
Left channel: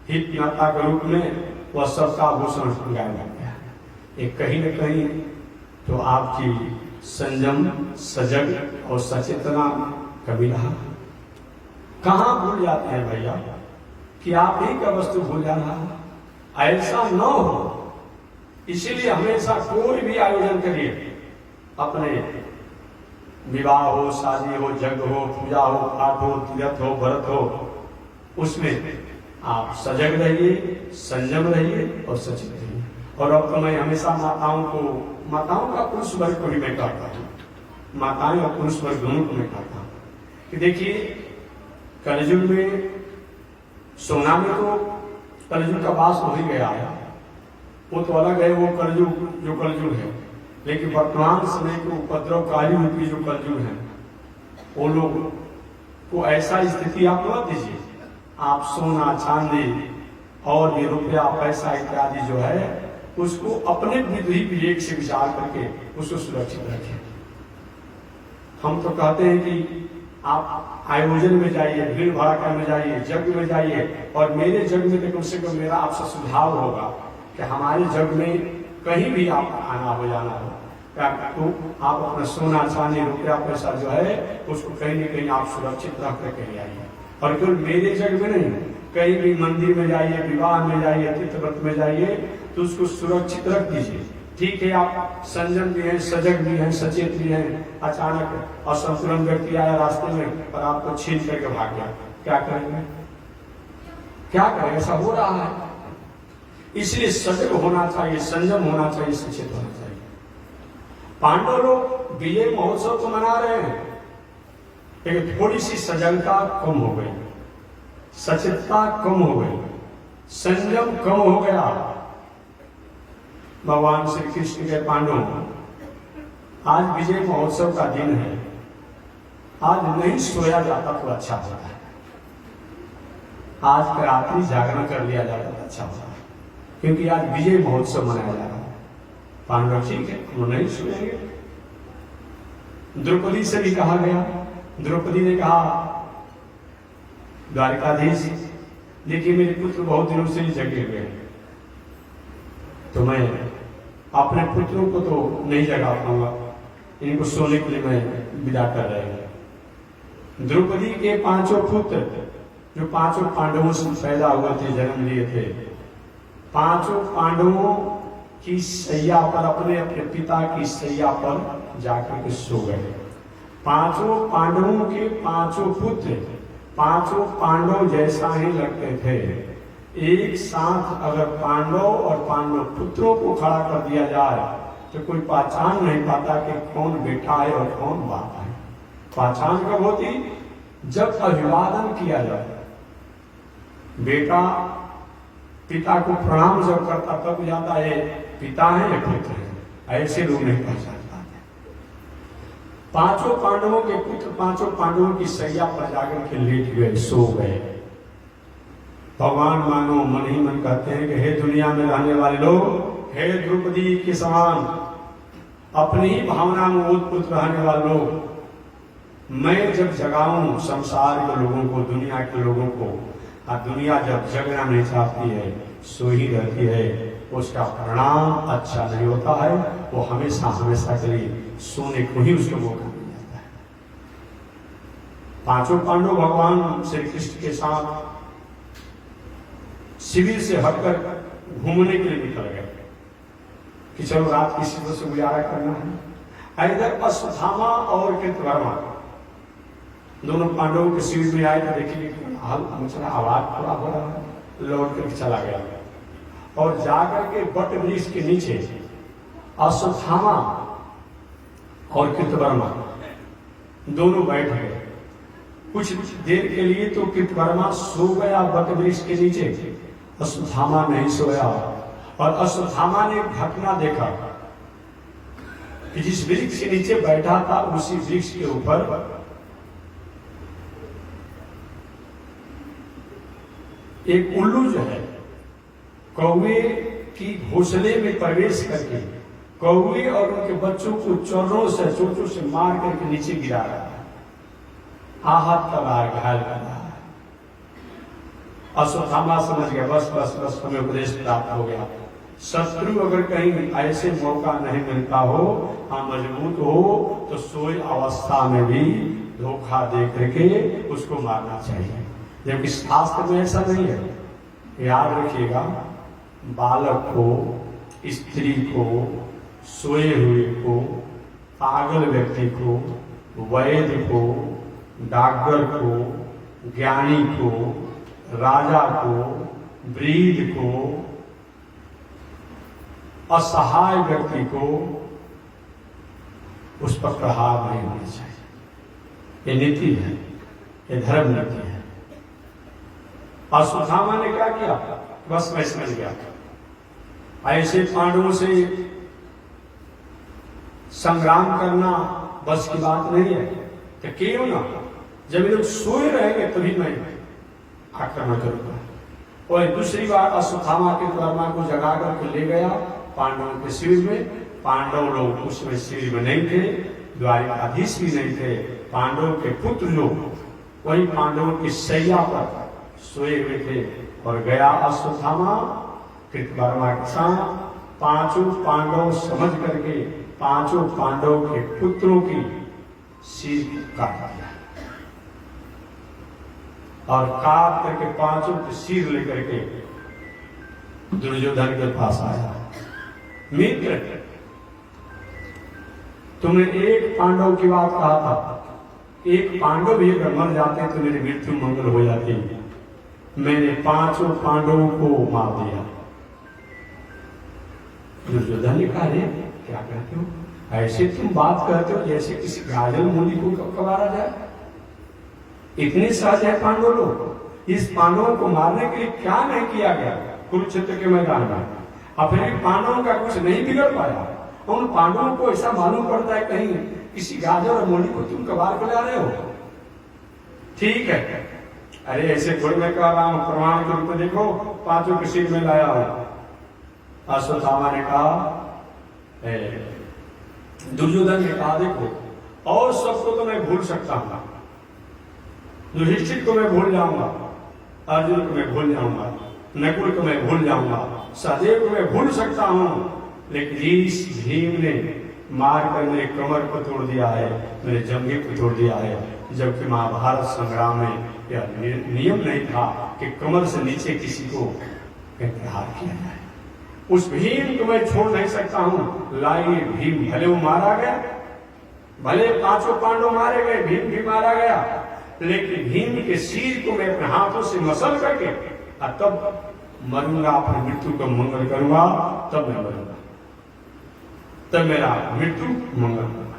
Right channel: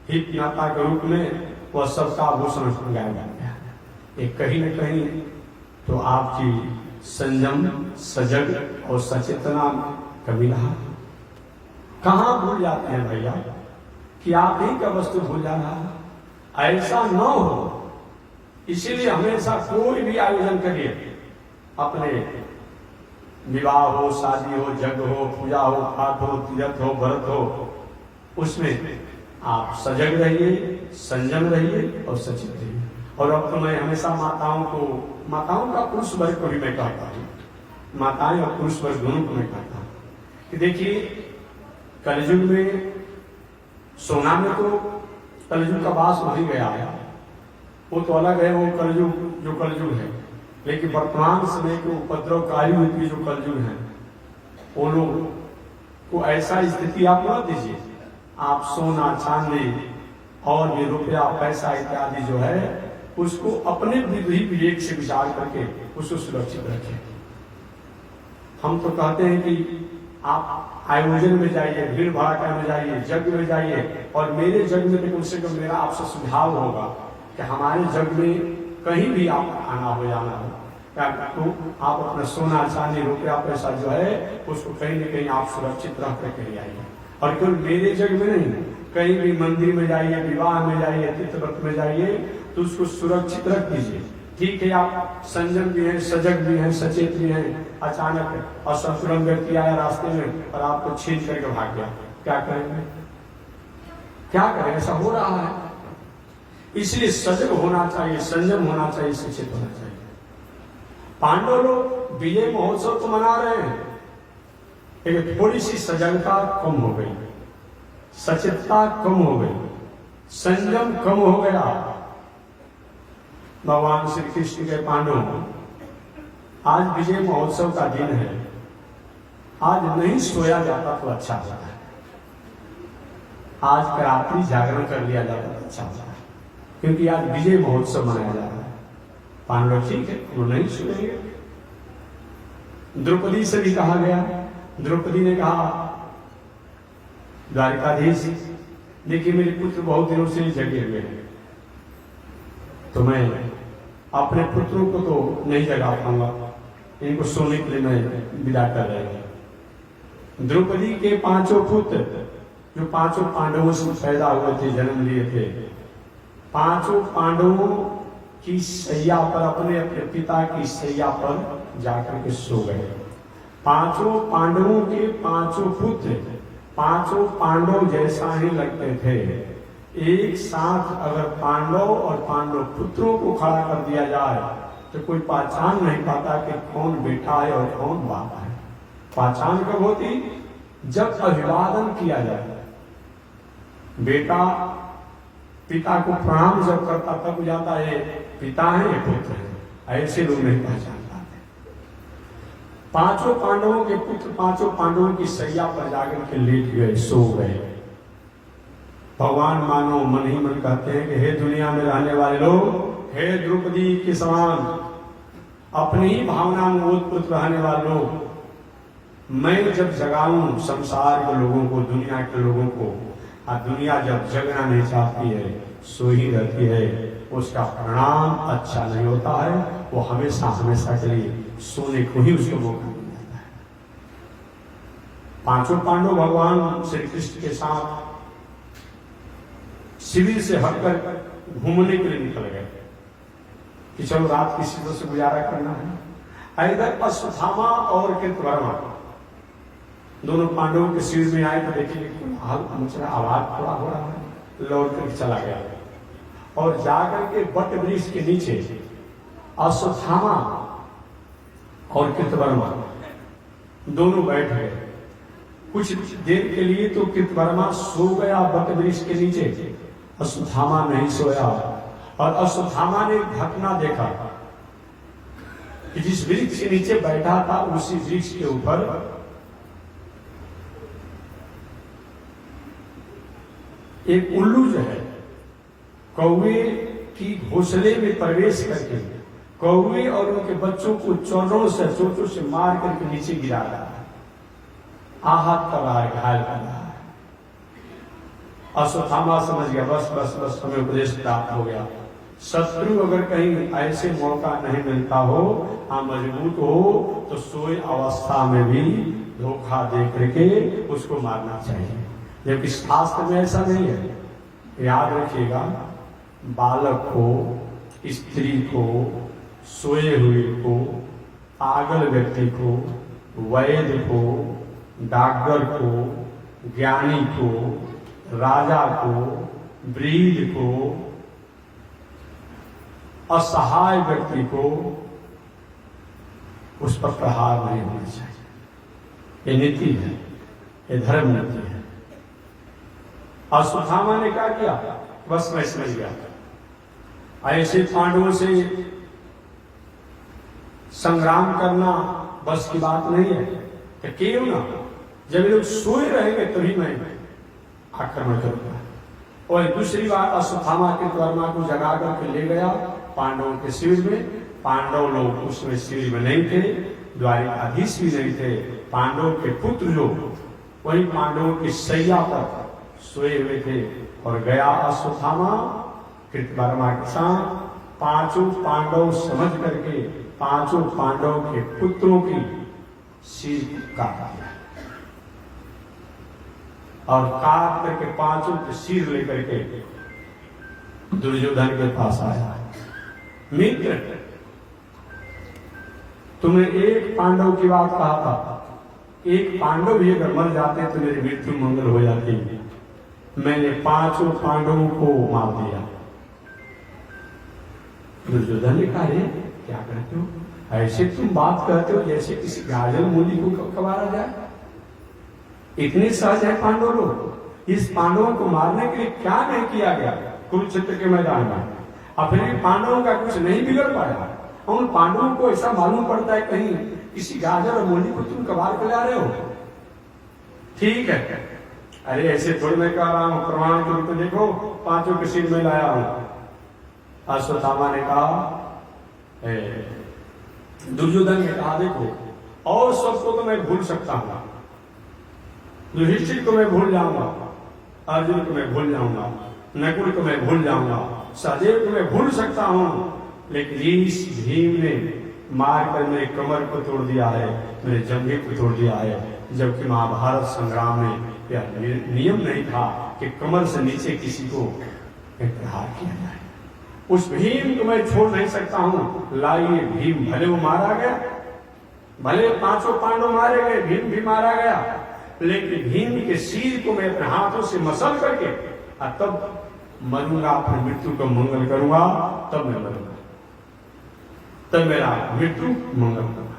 हित माता के रूप में, वह सबका आभूषण गायब हो गया। एक कहीं न कहीं तो आपकी संयम, सजग और सचेतना कभी रहा। कहां भूल जाते हैं भैया कि आप ही का वस्तु भूल जाना, ऐसा न हो। इसीलिए हमेशा कोई भी आयोजन करिए, अपने विवाह हो, शादी हो, यज्ञ हो, पूजा हो, पाठ हो, तीर्थ हो, व्रत हो, उसमें आप सजग रहिए, संयम रहिए और सचेत रहिए। और अब तो मैं हमेशा माताओं का पुरुष वर्ग को भी मैं कहता हूँ, माताएं और पुरुष वर्ग दोनों को मैं कहता हूँ कि देखिए, कलयुग में सोना में तो कलयुग का वास हो ही गया है, वो तो अलग है, वो कलयुग जो कलयुग है। लेकिन वर्तमान समय के उपद्रवकारी रूपी जो कलयुग है, वो लोग को ऐसा स्थिति आप मत दीजिए। आप सोना, चांदी और भी रुपया, पैसा इत्यादि जो है, उसको अपने बुद्धि विवेक से विचार करके उसको सुरक्षित रखें। हम तो कहते हैं कि आप आयोजन में जाइए, भीड़ भड़का में जाइए, यज्ञ में जाइए, और मेरे यज्ञ में कम से कम मेरा आपसे सुझाव होगा कि हमारे यज्ञ में कहीं भी आप आना हो, जाना हो, तो आप अपना सोना, चांदी, रुपया, पैसा जो है उसको कहीं न कहीं आप सुरक्षित रख करके आइए। और केवल मेरे यज्ञ में नहीं, कहीं भी मंदिर में जाइए, विवाह में जाइए, तीर्थ व्रत में जाइए, तो उसको सुरक्षित रख दीजिए। ठीक है, आप संयम भी हैं, सजग भी हैं, सचेत भी हैं। अचानक असंतुलन व्यक्ति आया रास्ते में और आपको छीन करके भाग गया, क्या करेंगे? क्या करेंगे? ऐसा हो रहा है। इसलिए सजग होना चाहिए, संयम होना चाहिए, सचेत होना चाहिए। पांडव लोग विजय महोत्सव तो मना रहे हैं, लेकिन थोड़ी सी सजगता कम हो गई, सचेतता कम हो गई, संयम कम हो गया। भगवान श्री कृष्ण के पांडव, आज विजय महोत्सव का दिन है, आज नहीं सोया जाता तो अच्छा होता है, आज का रात्रि जागरण कर लिया जाता तो अच्छा होता है, क्योंकि आज विजय महोत्सव मनाया जा रहा है। पांडव ठीक है, वो नहीं सोएंगे। द्रौपदी से भी कहा गया, द्रौपदी ने कहा, द्वारिकाधीश देखिए मेरे पुत्र बहुत दिनों से जगे हुए हैं, तो मैं अपने पुत्रों को तो नहीं जगा पाऊंगा, इनको सोने के लिए मैं विदा कर रहे हैं। द्रौपदी के 5 पुत्र जो 5 पांडवों से पैदा हुए थे, जन्म लिए थे, पांचों पांडवों की सैया पर, अपने अपने पिता की सैया पर जाकर के सो गए। पांचों पांडवों के पांचों पुत्र पांचों पांडव जैसा ही लगते थे। एक साथ अगर पांडव और पांडव पुत्रों को खड़ा कर दिया जाए तो कोई पहचान नहीं पाता कि कौन बेटा है और कौन बाप है। पहचान कब होती? जब अभिवादन किया जाए। बेटा पिता को प्रणाम जब करता तब जाता है पिता है या पुत्र है। ऐसे लोग नहीं पहचान पाते। पांचों पांडवों के पुत्र पांचों पांडवों की सैया पर जाकर के लेट गए, सो गए। भगवान मानो मन ही मन कहते हैं कि हे दुनिया में रहने वाले लोग, हे द्रौपदी के समान अपनी ही भावना में ओतप्रोत रहने वाले लोग, मैं जब जगाऊं संसार के लोगों को, दुनिया के लोगों को, और दुनिया जब जगना नहीं चाहती है, सो ही रहती है, उसका परिणाम अच्छा नहीं होता है। वो हमेशा हमेशा के लिए सोने को ही उसको मौका मिल जाता है। पांचों पांडव भगवान श्री कृष्ण के साथ शिविर से हटकर घूमने के लिए निकल गए कि चलो रात की शिविर से गुजारा करना है। इधर अश्वत्थामा और कृतवर्मा दोनों पांडवों के शिविर में आए तो देखिए आवाज थोड़ा हो रहा है, लौट करके चला गया और जाकर के बट वृक्ष के नीचे अश्वत्थामा और कृतवर्मा दोनों बैठ गए। कुछ देर के लिए तो कृतवर्मा सो गया बट वृक्ष के नीचे, अश्वत्थामा नहीं सोया। और अश्वत्थामा ने घटना देखा कि जिस वृक्ष के नीचे बैठा था उसी वृक्ष के ऊपर एक उल्लू जो है कौवे की घोंसले में प्रवेश करके कौवे और उनके बच्चों को चोटों से मार करके नीचे गिरा रहा है, आहत कर रहा है, घायल कर रहा है। अश्वत्थामा समझ गया बस बस बस हमें उपदेश प्राप्त हो गया। शत्रु अगर कहीं ऐसे मौका नहीं मिलता हो, मजबूत हो, तो सोई अवस्था में भी धोखा दे करके उसको मारना चाहिए। जबकि शास्त्र में ऐसा नहीं है। याद रखिएगा, बालक को, स्त्री को, सोए हुए को, पागल व्यक्ति को, वैद्य को, डॉक्टर को, ज्ञानी को, राजा को, वृद्ध को, असहाय व्यक्ति को उस पर प्रहार नहीं होना चाहिए। ये नीति है, ये धर्म नीति है। अश्वत्थामा ने क्या किया? बस मैं समझ गया ऐसे पांडवों से संग्राम करना बस की बात नहीं है। तो क्यों ना, जब ये लोग सोए रहेंगे तभी मैं आक्रमण करूंगा। और दूसरी बार अश्वत्थामा के कृतवर्मा को जगा करके ले गया पांडवों के शिविर में। पांडव लोग उसमें शिविर में नहीं थे, द्वारिकाधीश भी नहीं थे। पांडवों के पुत्र लोग वही पांडवों की सैया पर सोए हुए थे। और गया अश्वत्थामा कृतवर्मा के साथ, पांचों पांडव समझ करके पांचों पांडवों के पुत्रों की सिर काट दिया और काट करके पांचों के सिर लेकर के दुर्योधन के पास आया। मित्र, तुमने एक पांडव की बात कहा था, एक पांडव भी अगर मर जाते तो मेरी मृत्यु मंगल हो जाती। मैंने पांचों पांडवों को मार दिया। दुर्योधन ने कहा, रे क्या कहते हो? ऐसे तुम बात करते हो जैसे किसी गाजर मूली को कबारा जाए। इतने सहज है पांडव लोग। इस पांडवों को मारने के लिए क्या नहीं किया गया कुरुक्षेत्र के मैदान में। अपने पांडवों का कुछ नहीं बिगड़ पाया। उन पांडवों को ऐसा मालूम पड़ता है कहीं किसी गाजर और मूली को तुम कबार के ला रहे हो। ठीक है, अरे ऐसे थोड़ी मैं कह रहा हूं, प्रमाण के रूप में देखो, पांचों के सिर में लाया हूं। अश्वत्थामा ने कहा, दुर्योधन ने कहा, देखो और सबको तो मैं भूल सकता हूं, युधिष्ठिर को मैं भूल जाऊंगा, अर्जुन को मैं भूल जाऊंगा, नकुल को मैं भूल जाऊंगा, सहदेव को मैं भूल सकता हूं, लेकिन इस भीम ने मारकर मेरे कमर को तोड़ दिया है, मेरे जंघे को तोड़ दिया है। जबकि महाभारत संग्राम में यह नियम नहीं था कि कमर से नीचे किसी को प्रहार किया जाए। उस भीम को मैं छोड़ नहीं सकता हूं। लाइए भीम, भले वो मारा गया, भले 5 पांडव मारे गए, भीम भी मारा गया, लेकिन भीम के सिर को मैं अपने हाथों से मसल करके और तब मरूंगा, अपनी मृत्यु का मंगल करूंगा, तब मैं मरूंगा, तब मेरा मृत्यु मंगल करूंगा।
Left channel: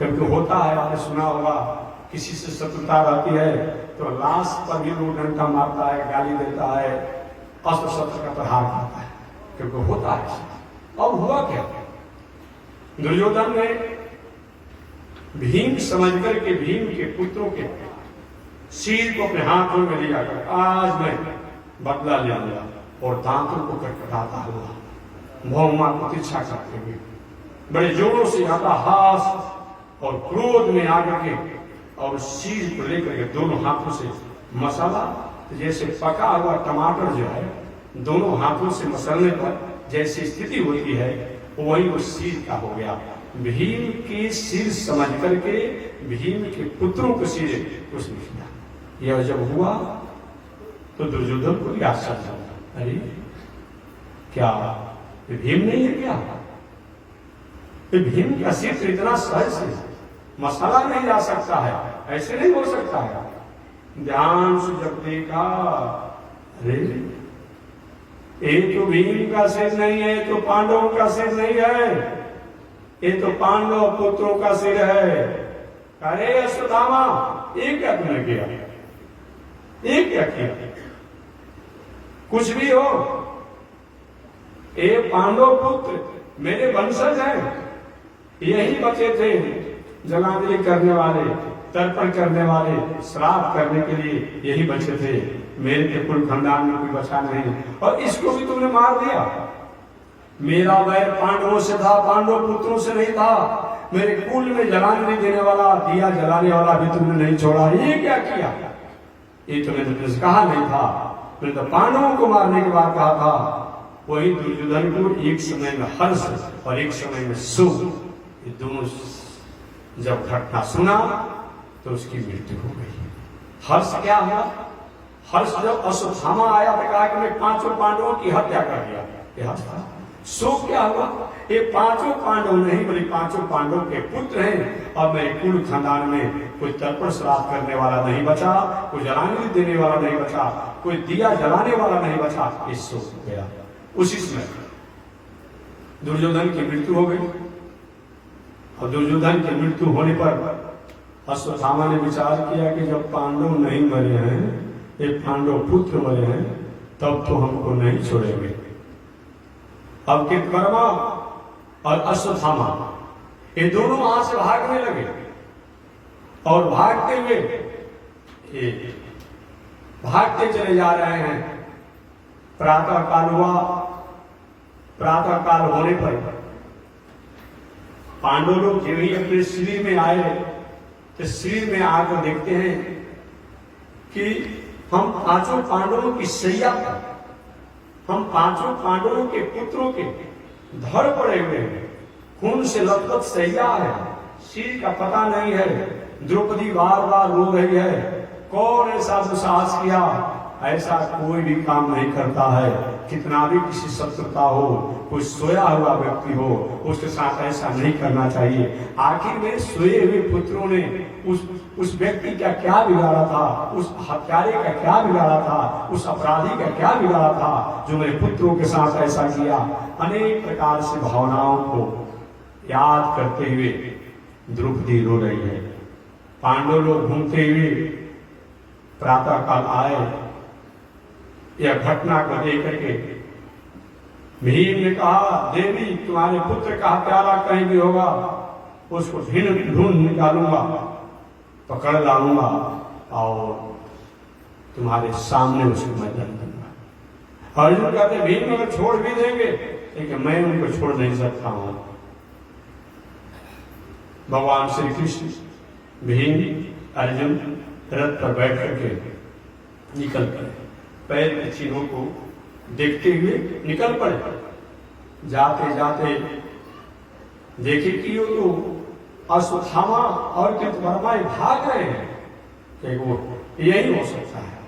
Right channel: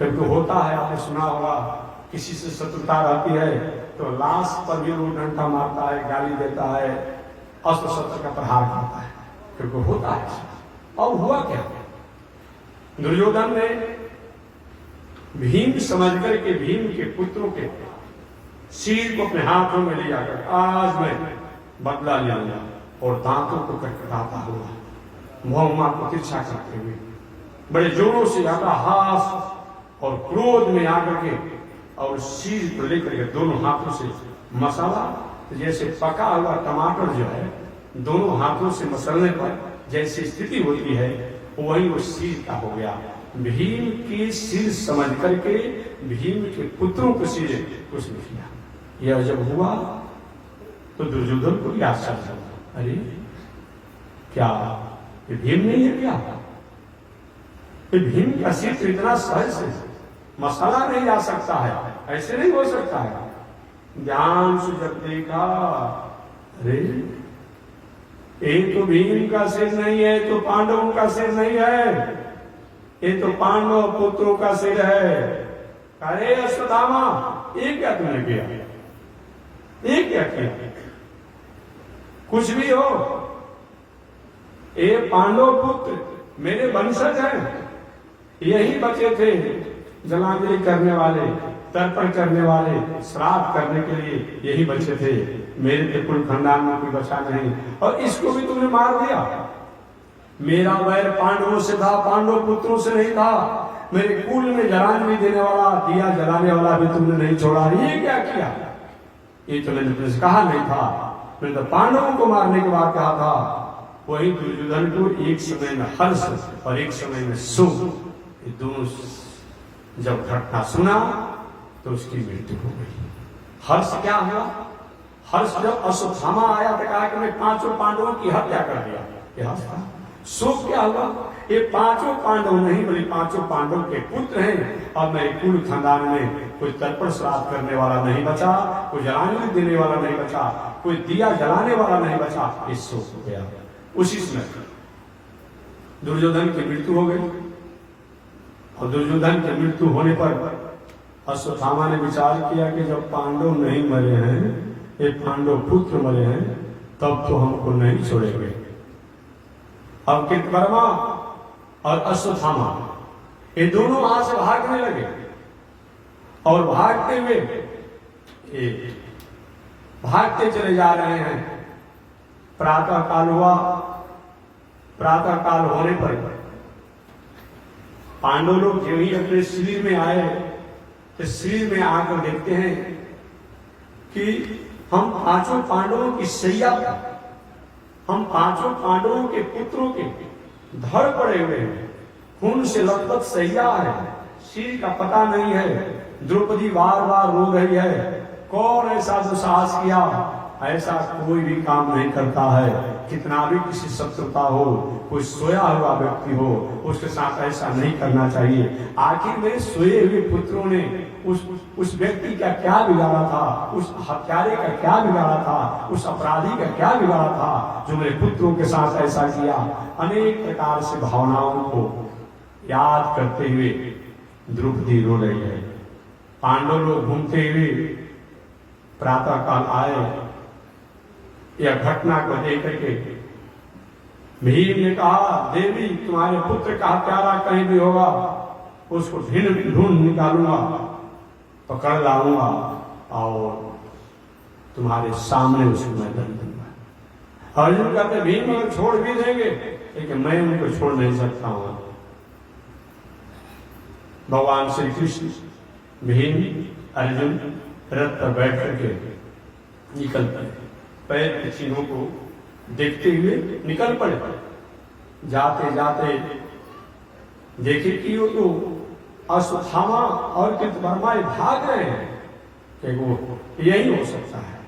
कभी होता है, आपने सुना होगा, किसी से शत्रुता रहती है तो लाश पर भी लोग डंडा मारता है, गाली देता है, अस्त्र शस्त्र का प्रहार करता है, क्योंकि होता है। अब हुआ क्या? दुर्योधन ने भीम समझ करके भीम के पुत्रों के सिर को अपने हाथों में लिया कर आज मैं बदला ले लिया, और दांतों को कटकटाता हुआ महुमा को तिरछा करते हुए बड़े जोरों से अपना हाथ और क्रोध में आकर के और सिर को लेकर के दोनों हाथों से मसाला, जैसे पका हुआ टमाटर जो है दोनों हाथों से मसलने पर जैसी स्थिति होती है वही वो सिर का हो गया। भीम के सिर समझ करके भीम के पुत्रों को सिर उसने किया। यह जब हुआ तो दुर्योधन को भी आश्चर्य हुआ, अरे क्या ये भीम नहीं है क्या? ये भीम का सिर तो इतना सहज से मसाला नहीं जा सकता है, ऐसे नहीं हो सकता है। ध्यान से जब देखा, अरे ये तो भीम का सिर नहीं है, तो पांडवों का सिर नहीं है, ये तो पांडव पुत्रों का सिर है। अरे अश्वत्थामा, ये क्या तुमने किया? ये क्या किया? कुछ भी हो, ये पांडव पुत्र मेरे वंशज हैं, यही बचे थे जलांजलि करने वाले, तर्पण करने वाले, श्राद्ध करने के लिए यही बचे थे। मेरे के कुल खानदान में कोई बचा नहीं, और इसको भी तुमने मार दिया। मेरा वैर पांडवों से था, पांडव पुत्रों से नहीं था। मेरे कुल में जलांजलि देने वाला, दिया जलाने वाला भी तुमने नहीं छोड़ा। ये क्या किया? ये तो मैंने तुमसे कहा नहीं था, मैंने तो पांडवों को मारने के बाद कहा था। वही दुर्योधन को एक समय में हर्ष और एक समय में सुख, ये दोनों जब घटना सुना तो उसकी मृत्यु हो गई। हर्ष क्या हुआ? हर्ष जब अश्वत्थामा आया तो कहा कि मैं 5 पांडवों की हत्या कर दिया, ये हर्ष था। शोक क्या हुआ? ये 5 पांडव नहीं बल्कि 5 पांडव के पुत्र हैं, और मेरे कुल खानदान में कोई तर्पण श्राद्ध करने वाला नहीं बचा, कोई जलांजलि देने वाला नहीं बचा, कोई दिया जलाने वाला नहीं बचा। ये शोक हो गया। उसी समय दुर्योधन की मृत्यु हो गई, और दुर्योधन की मृत्यु होने पर अश्वत्थामा ने विचार किया कि जब पांडव नहीं मरे हैं, ये पांडव पुत्र मरे हैं, तब तो हमको नहीं छोड़ेंगे। अब कृतवर्मा और अश्वत्थामा ये दोनों वहां से भागने लगे, और भागते हुए ये भागते चले जा रहे हैं। प्रातः काल हुआ। प्रातः काल होने पर पांडव लोग जो ही अपने शिविर में आए तो शिविर में आकर देखते हैं कि हम 5 पांडवों की सैया, हम 5 पांडवों के पुत्रों के धड़ पड़े हुए हैं, खून से लथपथ सैया है, सिर का पता नहीं है। द्रौपदी बार बार रो रही है। कौन ऐसा दुस्साहस किया? ऐसा कोई भी काम नहीं करता है। कितना भी किसी शत्रुता हो, कोई सोया हुआ व्यक्ति हो, उसके साथ ऐसा नहीं करना चाहिए। आखिर में सोए हुए पुत्रों ने उस व्यक्ति का क्या बिगाड़ा था? उस हत्यारे का क्या बिगाड़ा था? उस अपराधी का क्या बिगाड़ा था जो मेरे पुत्रों के साथ ऐसा किया? अनेक प्रकार से भावनाओं को याद करते हुए द्रौपदी रो रही है। पांडव लोग घूमते हुए प्रातः काल आए। यह घटना को देख करके भीम ने कहा, देवी तुम्हारे पुत्र का हत्यारा कहीं भी होगा, उसको ढूंढ निकालूंगा, पकड़ लाऊंगा और तुम्हारे सामने उसको मैं दंड दूंगा। अर्जुन कहते भीम अगर छोड़ भी देंगे, लेकिन मैं उनको छोड़ नहीं सकता हूं। भगवान श्री कृष्ण, भीम, अर्जुन रथ पर बैठ करके निकल पड़े। पैर के चिन्हों को देखते हुए निकल पड़े। जाते जाते देखे कि वो तो अश्वत्थामा और कृतवर्मा भाग रहे हैं कि वो यही हो सकता है,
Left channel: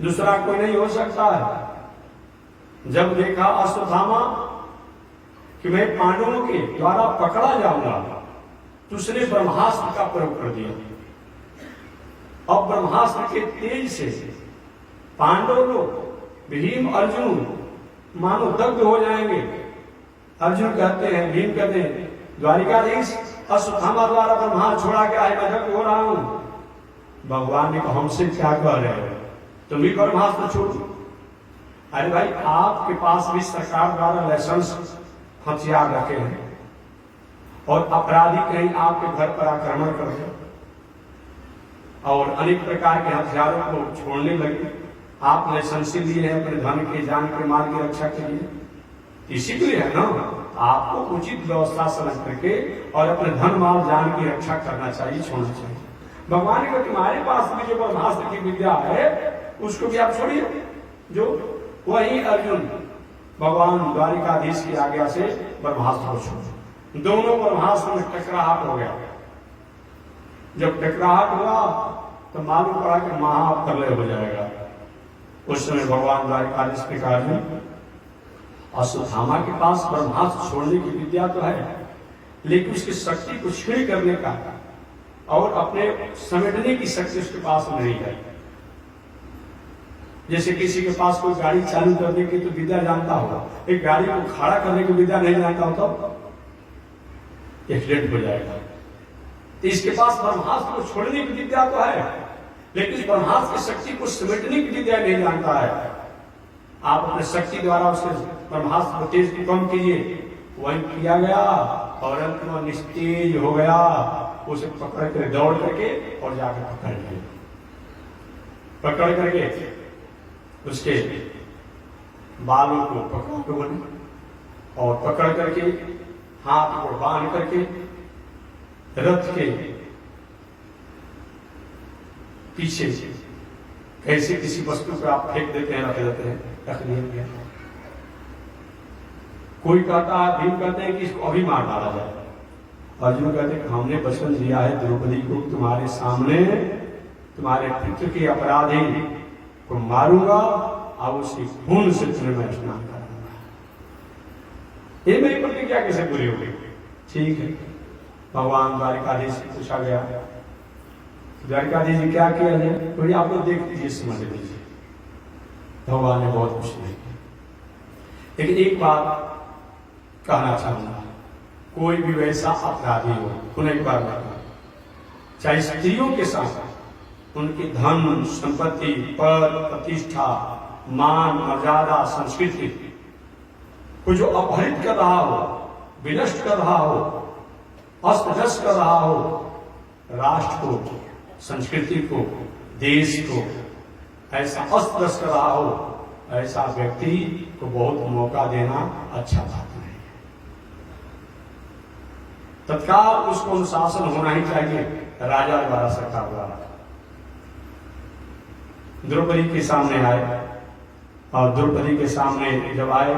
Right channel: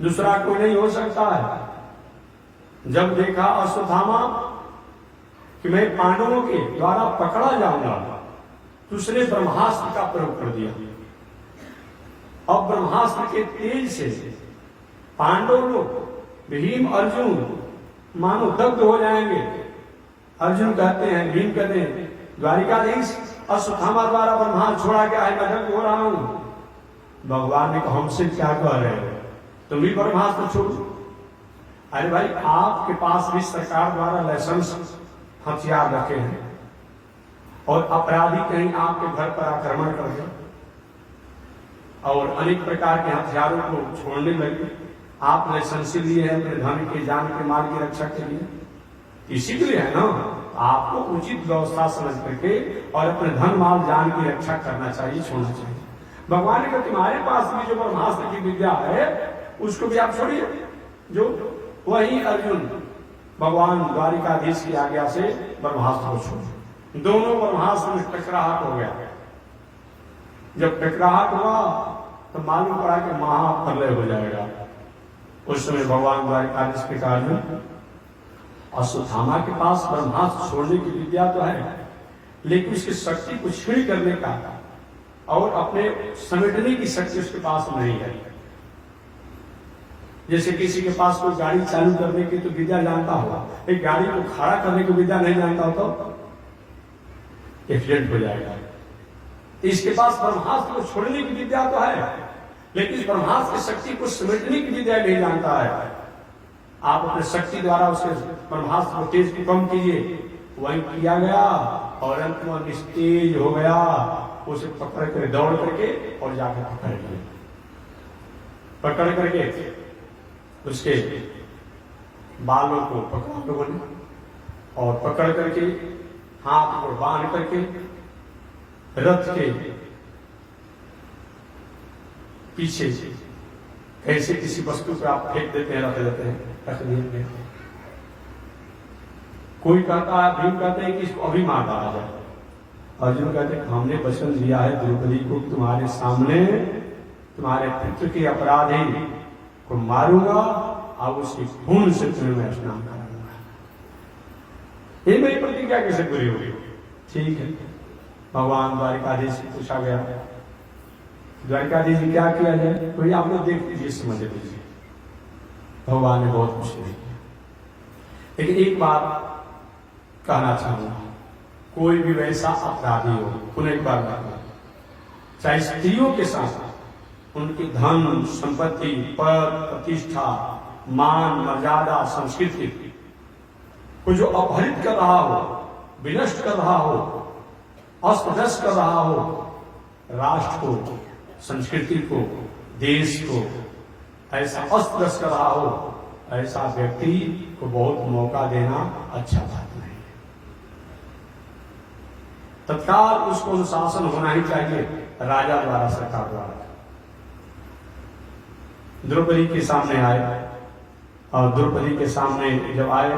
दूसरा कोई नहीं हो सकता है। जब देखा अश्वत्थामा कि मैं पांडवों के द्वारा पकड़ा जाऊंगा, तो उसने ब्रह्मास्त्र का प्रयोग कर दिया। अब ब्रह्मास्त्र के तेज से पांडव लोग, भीम अर्जुन मानो दग्ध हो जाएंगे। अर्जुन कहते हैं, भीम कहते हैं, द्वारिकाधीश अश्वत्थामा द्वारा ब्रह्मास्त्र छोड़ा गया है, मैं दग्ध हो रहा हूं। भगवान ने कहा, हमसे क्या कह रहे हो, तुम भी ब्रह्मास्त्र छोड़ो। अरे भाई, आपके पास भी सरकार द्वारा लाइसेंस हथियार रखे हैं और अपराधी कहीं आपके घर पर आक्रमण कर दे और अनेक प्रकार के हथियारों को छोड़ने लगे। आप लाइसेंस लिए हैं अपने धन के, जान के, माल की रक्षा के लिए, इसी के लिए है ना। आपको उचित व्यवस्था समझ करके और अपने धन, माल, जान की रक्षा करना चाहिए, छोड़ना चाहिए। भगवान ने कहा, तुम्हारे पास भी जो ब्रह्मास्त्र की विद्या है उसको भी आप छोड़िए। जो वही अर्जुन भगवान द्वारिकाधीश की आज्ञा से ब्रह्मास्त्र को छोड़, दोनों ब्रह्मास्त्र में टकराहट हो गया। जब टकराहट हुआ तो मालूम पड़ा कि महाप्रलय हो जाएगा। उस समय भगवान द्वारिकाधीश के कार्य अश्वत्थामा के पास ब्रह्मास्त्र छोड़ने की विद्या तो है, लेकिन उसकी शक्ति को क्षीण करने का और अपने समेटने की शक्ति उसके पास नहीं है। जैसे किसी के पास कोई गाड़ी चालू करने की तो विद्या जानता होगा, एक गाड़ी को खड़ा करने की विद्या नहीं जानता हो तो एक्सीडेंट हो जाएगा। इसके पास ब्रह्मास्त्र को छोड़ने की विद्या तो है, लेकिन इस ब्रह्मास्त्र की शक्ति को समेटने की विद्या नहीं जानता है। आप अपने शक्ति द्वारा उसे ब्रह्मास्त्र को तेज को कम कीजिए, वही किया गया और अंत में निस्तेज हो गया। उसे पकड़ कर दौड़ करके और जाकर पकड़ लिए, पकड़ करके उसके बालों को पकड़ा लोगों ने और पकड़ करके हाथ को बांध करके रथ के पीछे कैसे किसी वस्तु पर आप फेंक देते हैं, रख देते हैं, रख दिए। कोई कहता है, भीम कहते हैं कि इसको अभी मार डाला जाए। अर्जुन कहते हैं, हमने वचन दिया है द्रौपदी को तुम्हारे सामने तुम्हारे पुत्र के अपराधी को मारूंगा और उसकी खून से तुम्हें मैं स्नान कराऊंगा। ये मेरी प्रतिज्ञा कैसे पूरी होगी? ठीक है। भगवान द्वारिकाधीश से पूछा गया, द्वारिकाधीश जी क्या किया जाए? कोई आप लोग देख लीजिए, समझ लीजिए। भगवान ने बहुत कुछ नहीं किया, लेकिन एक बात कहना चाहूंगा, कोई भी वैसा अपराधी हो, पुनः एक बार चाहे स्त्रियों के साथ उनकी धन संपत्ति, पद, प्रतिष्ठा, मान, मर्यादा, संस्कृति को जो अपहरित कर रहा हो, विनष्ट कर रहा हो, अस्त-व्यस्त कर रहा हो, राष्ट्र को, संस्कृति को, देश को ऐसा अस्त-व्यस्त कर रहा हो, ऐसा व्यक्ति को बहुत मौका देना अच्छा बात नहीं। तत्काल उसको अनुशासन होना ही चाहिए, राजा द्वारा, सरकार द्वारा। द्रौपदी के सामने आए और द्रौपदी के सामने जब आए,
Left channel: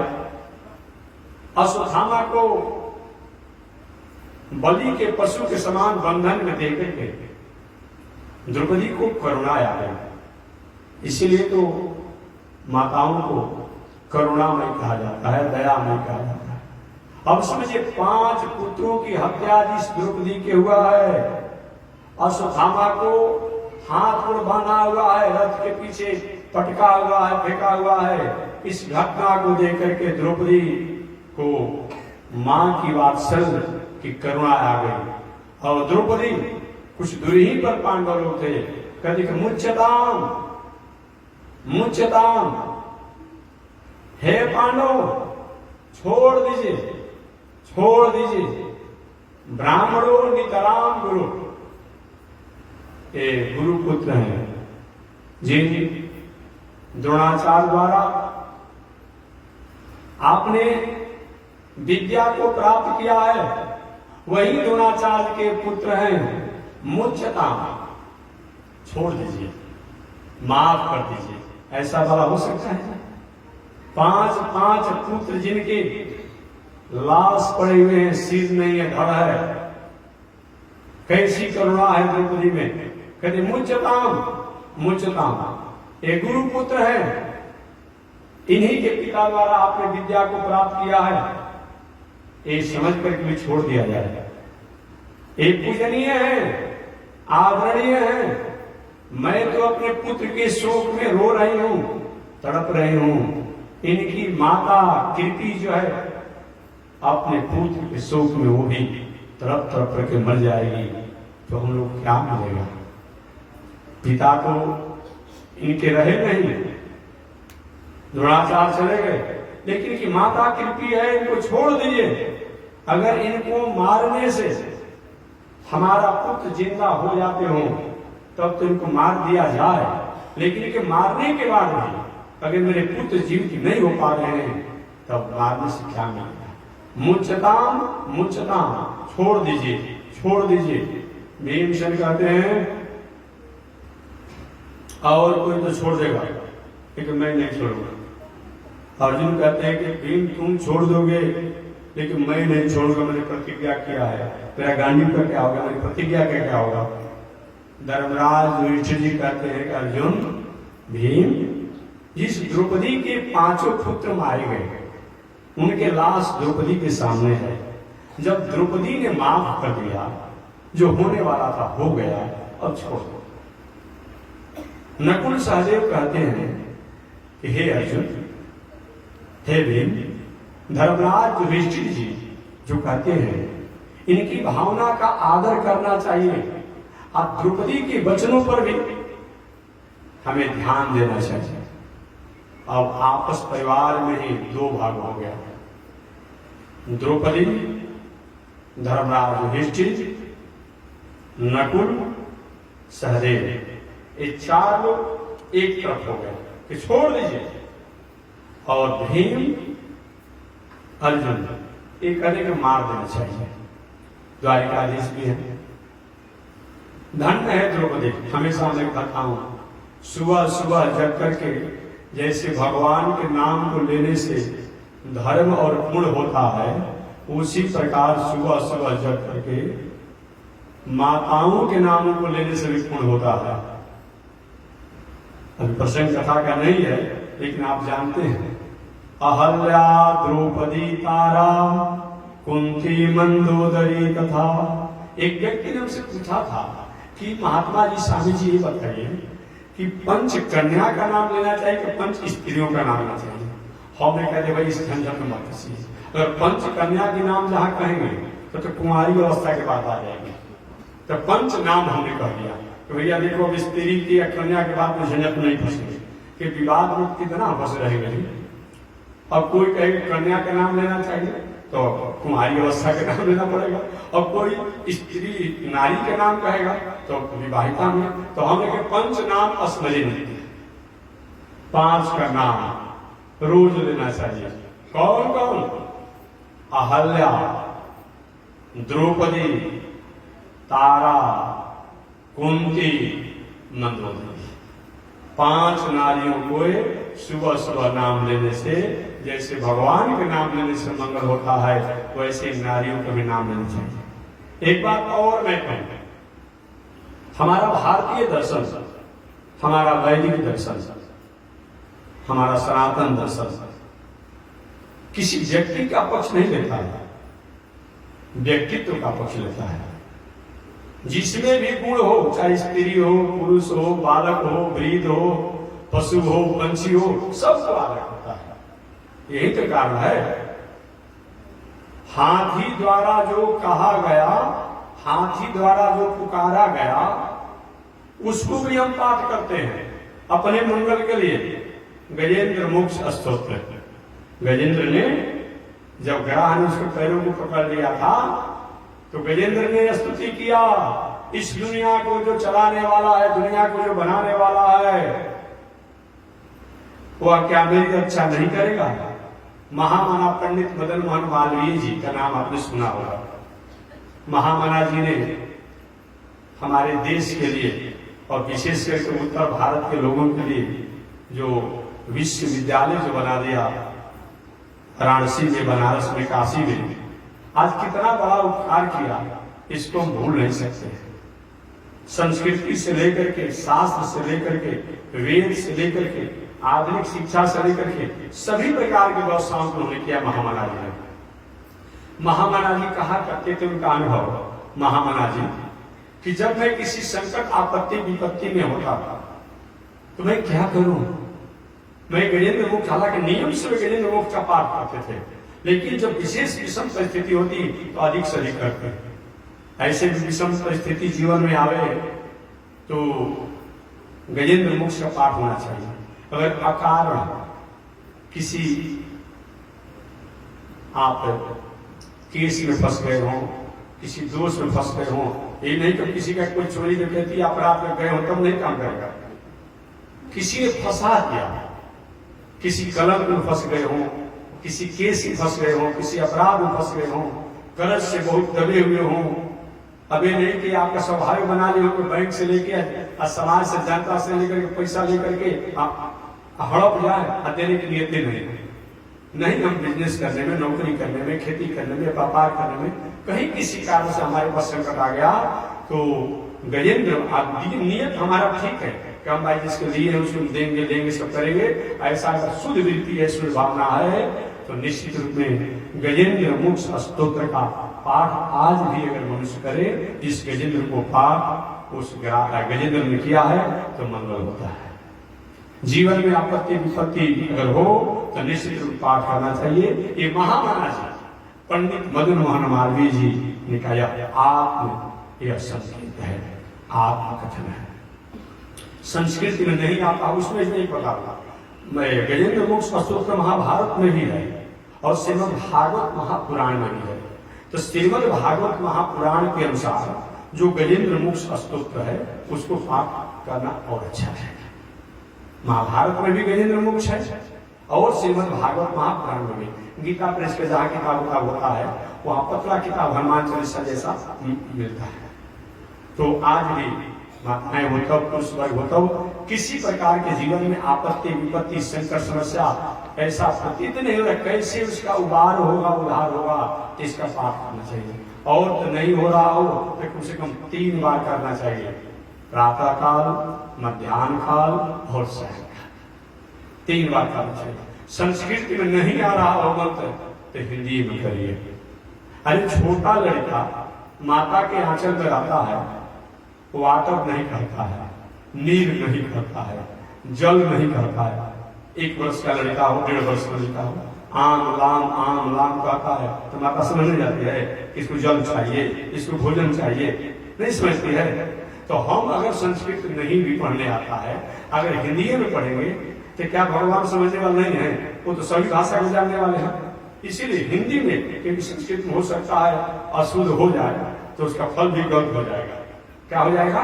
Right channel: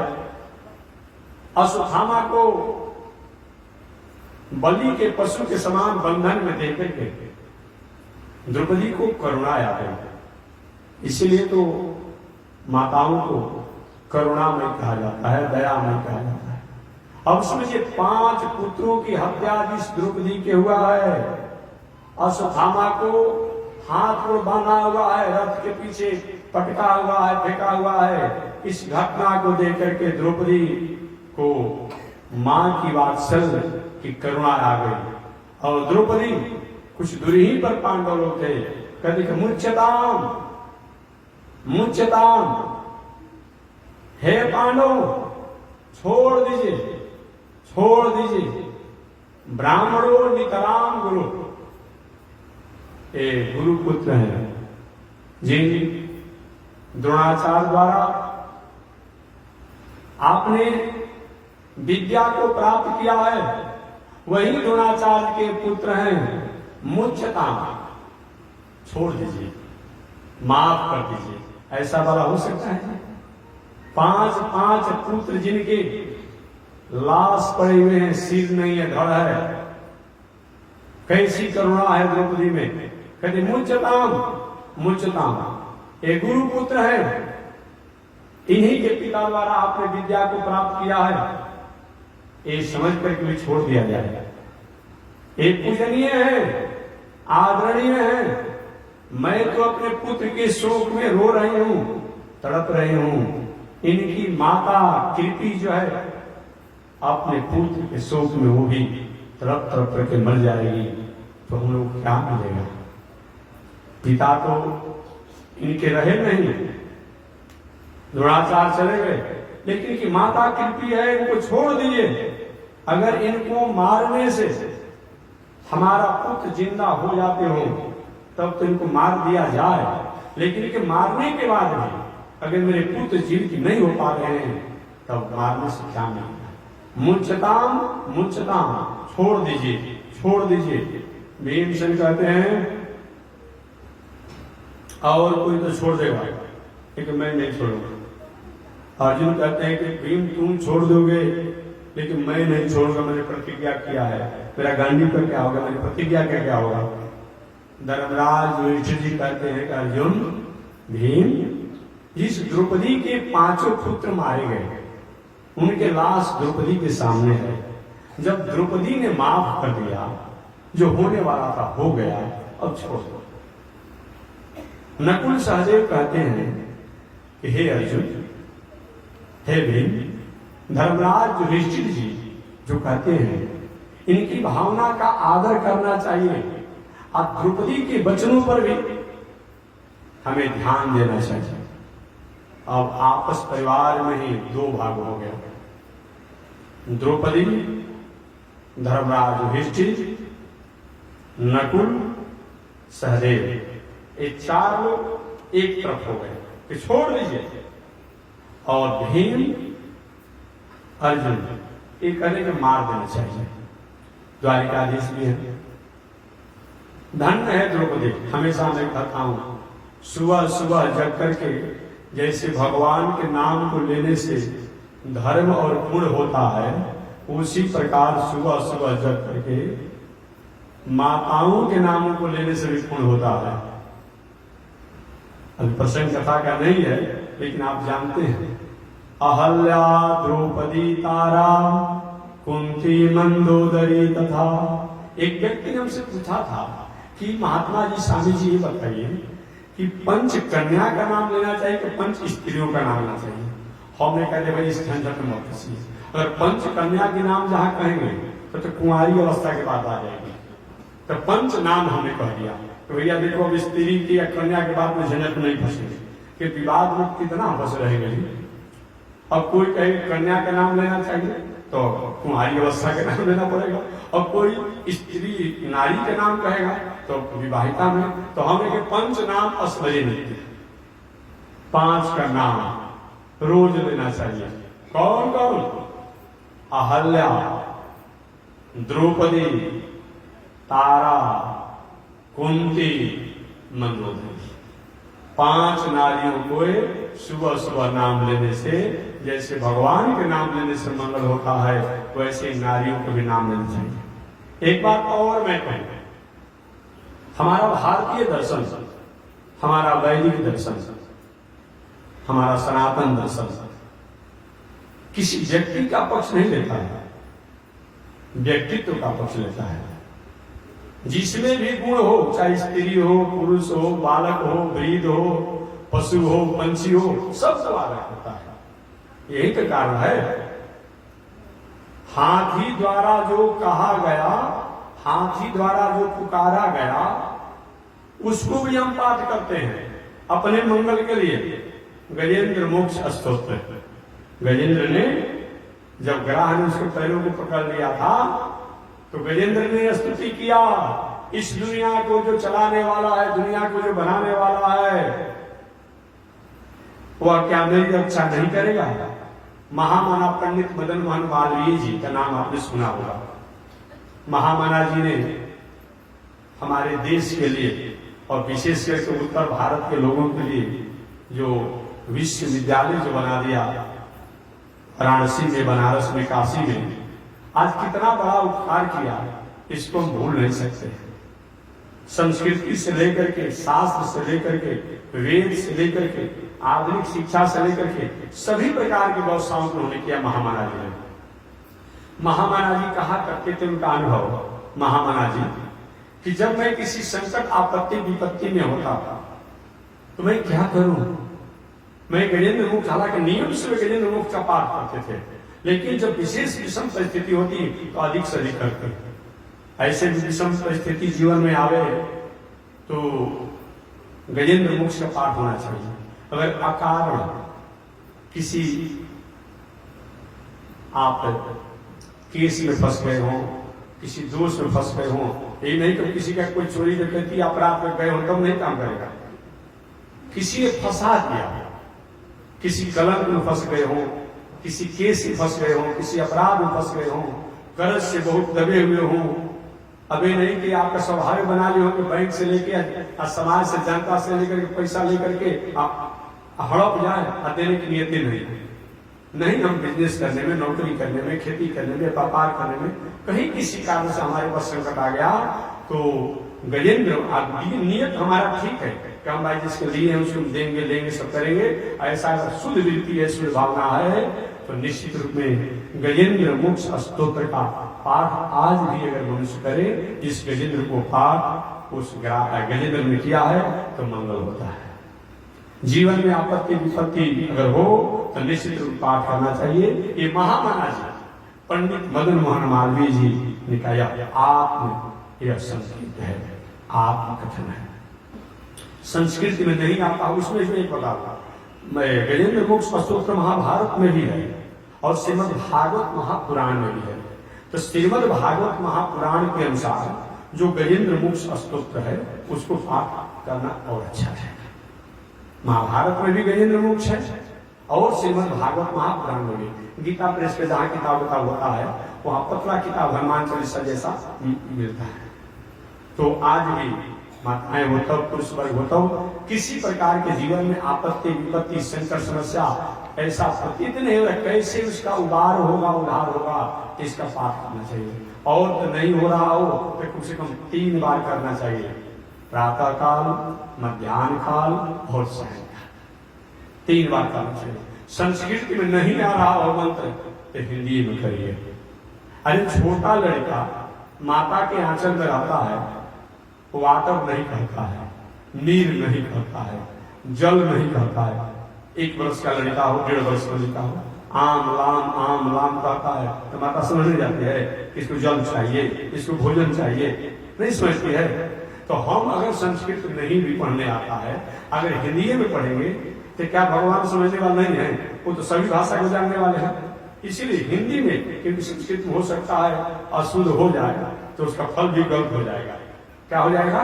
अश्वत्थामा को बलि के पशु के समान बंधन में देकर के द्रौपदी को करुणा आ गई। इसीलिए तो माताओं को करुणामय कहा जाता है, दयामय कहा जाता है। अब समझिए, 5 पुत्रों की हत्या जिस द्रौपदी के हुआ है, अश्वत्थामा को हाथ में बांधा हुआ है, रथ के पीछे पटका हुआ है, फेंका हुआ है। इस घटना को देख करके द्रौपदी को मां की वात्सल्य की करुणा आ गई और द्रौपदी कुछ दूर ही पर पांडव लोग थे, कहते कि मुच्यताम मुच्यताम, हे पांडव छोड़ दीजिए, छोड़ दीजिए। ब्राह्मणों नितराम गुरु, ये गुरु पुत्र हैं जिन द्रोणाचार्य द्वारा आपने विद्या को प्राप्त किया है, वही द्रोणाचार्य के पुत्र हैं। मुच्यता, छोड़ दीजिए, माफ कर दीजिए। ऐसा भला हो सकता है? 5 पुत्र जिनके लाश पड़े हुए हैं, सिर नहीं है, धड़ है, कैसी करुणा है द्रौपदी में। कहते मुच्यताम मुच्यताम, ये गुरु पुत्र है, इन्हीं के पिता द्वारा आपने विद्या को प्राप्त किया है, ये समझ कर भी छोड़ दिया जाए। ये पूजनीय है, आदरणीय है। मैं तो अपने पुत्र के शोक में रो रही हूं, तड़प रही हूं। इनकी माता कृपी जो है अपने पुत्र के शोक में वो भी तड़प तड़प करके मर जाएगी, तो हम लोग क्या मिलेगा? पिता तो इनके रहे नहीं, द्रोणाचार्य चले गए, लेकिन इनकी माता कृपी है, इनको छोड़ दीजिए। अगर इनको मारने से हमारा पुत्र जिंदा हो जाते हो तब तो इनको मार दिया जाए, लेकिन इनके मारने के बाद भी अगर मेरे पुत्र जीवित नहीं हो पा रहे हैं तब मारने से क्या मिलेगा? मुच्यताम मुच्यताम, छोड़ दीजिए, छोड़ दीजिए। भीमसेन कहते हैं और कोई तो छोड़ देगा, लेकिन मैं नहीं छोड़ूंगा। अर्जुन कहते हैं कि भीम तुम छोड़ दोगे, लेकिन मैं नहीं छोड़ूंगा, मैंने प्रतिज्ञा किया है। मेरा गांधी का क्या होगा, मेरी प्रतिज्ञा का क्या होगा? धर्मराज युधिष्ठिर जी कहते हैं कि अर्जुन, भीम, जिस द्रौपदी के 5 पुत्र मारे गए उनके लाश द्रौपदी के सामने है। जब द्रौपदी ने माफ कर दिया, जो होने वाला था हो गया, अब छोड़ दो। नकुल सहदेव कहते हैं कि हे अर्जुन, हे भीम, धर्मराज युधिष्ठिर जी जो कहते हैं इनकी भावना का आदर करना चाहिए और द्रौपदी के वचनों पर भी हमें ध्यान देना चाहिए। अब आपस परिवार में ही 2 भाग हो गया, द्रौपदी, धर्मराज युधिष्ठिर, नकुल, सहदेव, ये 4 लोग एक तरफ हो गए कि छोड़ दीजिए। और भीम, अर्जुन ये कहने को मार देना चाहिए। द्वारिकाधीश भी है। धन्य है द्रौपदी। हमेशा मैं कहता हूं, सुबह सुबह जग करके जैसे भगवान के नाम को लेने से धर्म और पुण्य होता है, उसी प्रकार सुबह सुबह जग करके माताओं के नामों को लेने से भी पुण्य होता है। अभी प्रसंग कथा का नहीं है, लेकिन आप जानते हैं, अहल्या, द्रौपदी, तारा, कुंती, मंदोदरी तथा। एक व्यक्ति ने हमसे पूछा था कि महात्मा जी, स्वामी जी ये बताइए कि पंच कन्या का नाम लेना चाहिए कि पंच स्त्रियों का नाम लेना चाहिए? हमने कहा भाई इस झंझट में मत फंसिए। अगर पंच कन्या के नाम जहां कहेंगे तो कुंवारी अवस्था के बाद आ जाएगी, तो पंच नाम हमने कह दिया। तो भैया देखो, अब स्त्री की या कन्या के बाद में झंझट नहीं फंसेंगे कि विवाद में कितना फंस रहेंगे। अब कोई कहे कन्या का नाम लेना चाहिए तो कुंवारी अवस्था का नाम लेना पड़ेगा, और कोई स्त्री नारी के नाम कहेगा तो विवाहिता में। तो हमने पंच नाम अस्मरी नहीं, 5 का नाम रोज लेना चाहिए। कौन कौन? अहल्या, द्रौपदी, तारा, कुंती, मंदोदरी। 5 नारियों को सुबह सुबह नाम लेने से जैसे भगवान के नाम लेने से मंगल होता है, वैसे नारियों को भी नाम लेना चाहिए। एक बात और मैं कहूं, हमारा भारतीय दर्शन, हमारा वैदिक दर्शन, हमारा सनातन दर्शन किसी व्यक्ति का पक्ष नहीं लेता है, व्यक्तित्व का पक्ष लेता है। जिसमें भी गुण हो, चाहे स्त्री हो, पुरुष हो, बालक हो, वृद्ध हो, पशु हो, पंछी हो, सबको आदर होता है। यही तो कारण है। हाथी द्वारा जो कहा गया, हाथी द्वारा जो पुकारा गया, उसको भी हम पाठ करते हैं अपने मंगल के लिए। गजेंद्र मोक्ष स्तोत्र, गजेंद्र ने जब ग्राह ने उसके पैरों को पकड़ लिया था तो गजेंद्र ने स्तुति किया, इस दुनिया को जो चलाने वाला है, दुनिया को जो बनाने वाला है, वह क्या मेरी रक्षा नहीं करेगा? महामाना पंडित मदन मोहन मालवीय जी का नाम आपने सुना होगा। महामाना जी ने हमारे देश के लिए और विशेष करके उत्तर भारत के लोगों के लिए जो विश्वविद्यालय जो बना दिया, वाराणसी में, बनारस में, काशी में, आज कितना बड़ा उपकार किया, इसको हम भूल नहीं सकते। संस्कृति से लेकर के, शास्त्र से लेकर के, वेद से लेकर के आधुनिक शिक्षा से लेकर के सभी प्रकार के व्यवसायों को उन्होंने किया महामना जी ने। महामना जी कहा करते थे, उनका अनुभव महामना जी, कि जब मैं किसी संकट आपत्ति विपत्ति में होता तो मैं क्या करूं। मैं गजेंद्र मुक्त, हालांकि नियम से गजेंद्र मुक्त का पाठ करते थे, लेकिन जब विशेष विषम परिस्थिति होती तो अधिक से अधिक करते। ऐसे भी विषम परिस्थिति जीवन में आवे तो गजेंद्र मुक्त का पाठ होना चाहिए। अगर अकारण किसी आप केस में फंस गए हो, किसी दोष में फंस गए हो, ये नहीं तो किसी का कोई चोरी डकैती अपराध में गए हो तब नहीं काम करेगा। किसी ने फंसा दिया, किसी कलंक में फंस गए हो, किसी केस में फंस गए हो, किसी अपराध में फंस गए हो, कर्ज से बहुत दबे हुए हो, अभी नहीं कि आपका स्वभाव बना ले हो कि बैंक से लेके समाज से जनता से लेकर के पैसा लेकर के हड़प जाए और देने की नियत नहीं। हम बिजनेस करने में, नौकरी करने में, खेती करने में, व्यापार करने में कहीं किसी कारण से हमारे पास संकट आ गया तो गजेंद्र नियत हमारा ठीक है कि हम भाई जिसको लिए हैं उसको देंगे सब करेंगे। ऐसा अगर शुद्ध वृत्ति है, शुद्ध भावना है तो निश्चित रूप में गजेंद्र मोक्ष स्तोत्र का पाठ आज भी अगर मनुष्य करे, इस गजेंद्र को पाठ उस गजेंद्र ने किया है तो मंगल होता है। जीवन में आपत्ति विपत्ति अगर हो तो निश्चित रूप पाठ करना चाहिए। ये महामना जी पंडित मदन मोहन मालवीय जी ने कहा आत्म यह संस्कृत है, आत्मकथन है। संस्कृत में नहीं आता, उसमें नहीं पता मैं गजेंद्र मोक्ष स्तोत्र महाभारत में भी है और श्रीमद् भागवत महापुराण में भी है। तो श्रीमद् भागवत महापुराण के अनुसार जो गजेंद्र मोक्ष स्तोत्र है उसको पाठ करना और अच्छा है। महाभारत में भी गजेंद्र मोक्ष है और श्रीमद् भागवत महापुराण में भी। गीता प्रेस पे जहां किताब होता है वहां पतला किताब हनुमान चालीसा जैसा मिलता है। तो आज भी माताएं हो तब, पुरुष वर्ग हो तब, किसी प्रकार के जीवन में आपत्ति विपत्ति संकट समस्या ऐसा प्रतीत नहीं होगा, कैसे उसका उबार होगा, उधार होगा, इसका पाठ करना चाहिए। और तो नहीं हो रहा हो तो कम से कम 3 बार करना चाहिए, प्रातः काल, मध्याह्न काल और सायंकाल, 3 बार करना चाहिए। संस्कृत में नहीं आ रहा हो मंत्र तो हिंदी में करिए। अरे छोटा लड़का माता के आंचल में रहता है, वाटर नहीं कहता है, नीर नहीं कहता है, जल नहीं कहता है। 1 वर्ष का लड़का हो, 1.5 वर्ष का लड़का हो, आम लाम कहता है तो माता समझ नहीं जाती है इसको जल चाहिए, इसको भोजन चाहिए, नहीं समझती है। तो हम अगर संस्कृत नहीं भी पढ़ने आता है, अगर हिंदी में पढ़ेंगे तो क्या भगवान समझने वाले नहीं है, वो तो सभी भाषा को जानने वाले हैं। इसीलिए हिंदी में, क्योंकि संस्कृत में हो सकता है अशुद्ध हो जाएगा तो उसका फल भी गलत हो जाएगा। क्या हो जाएगा?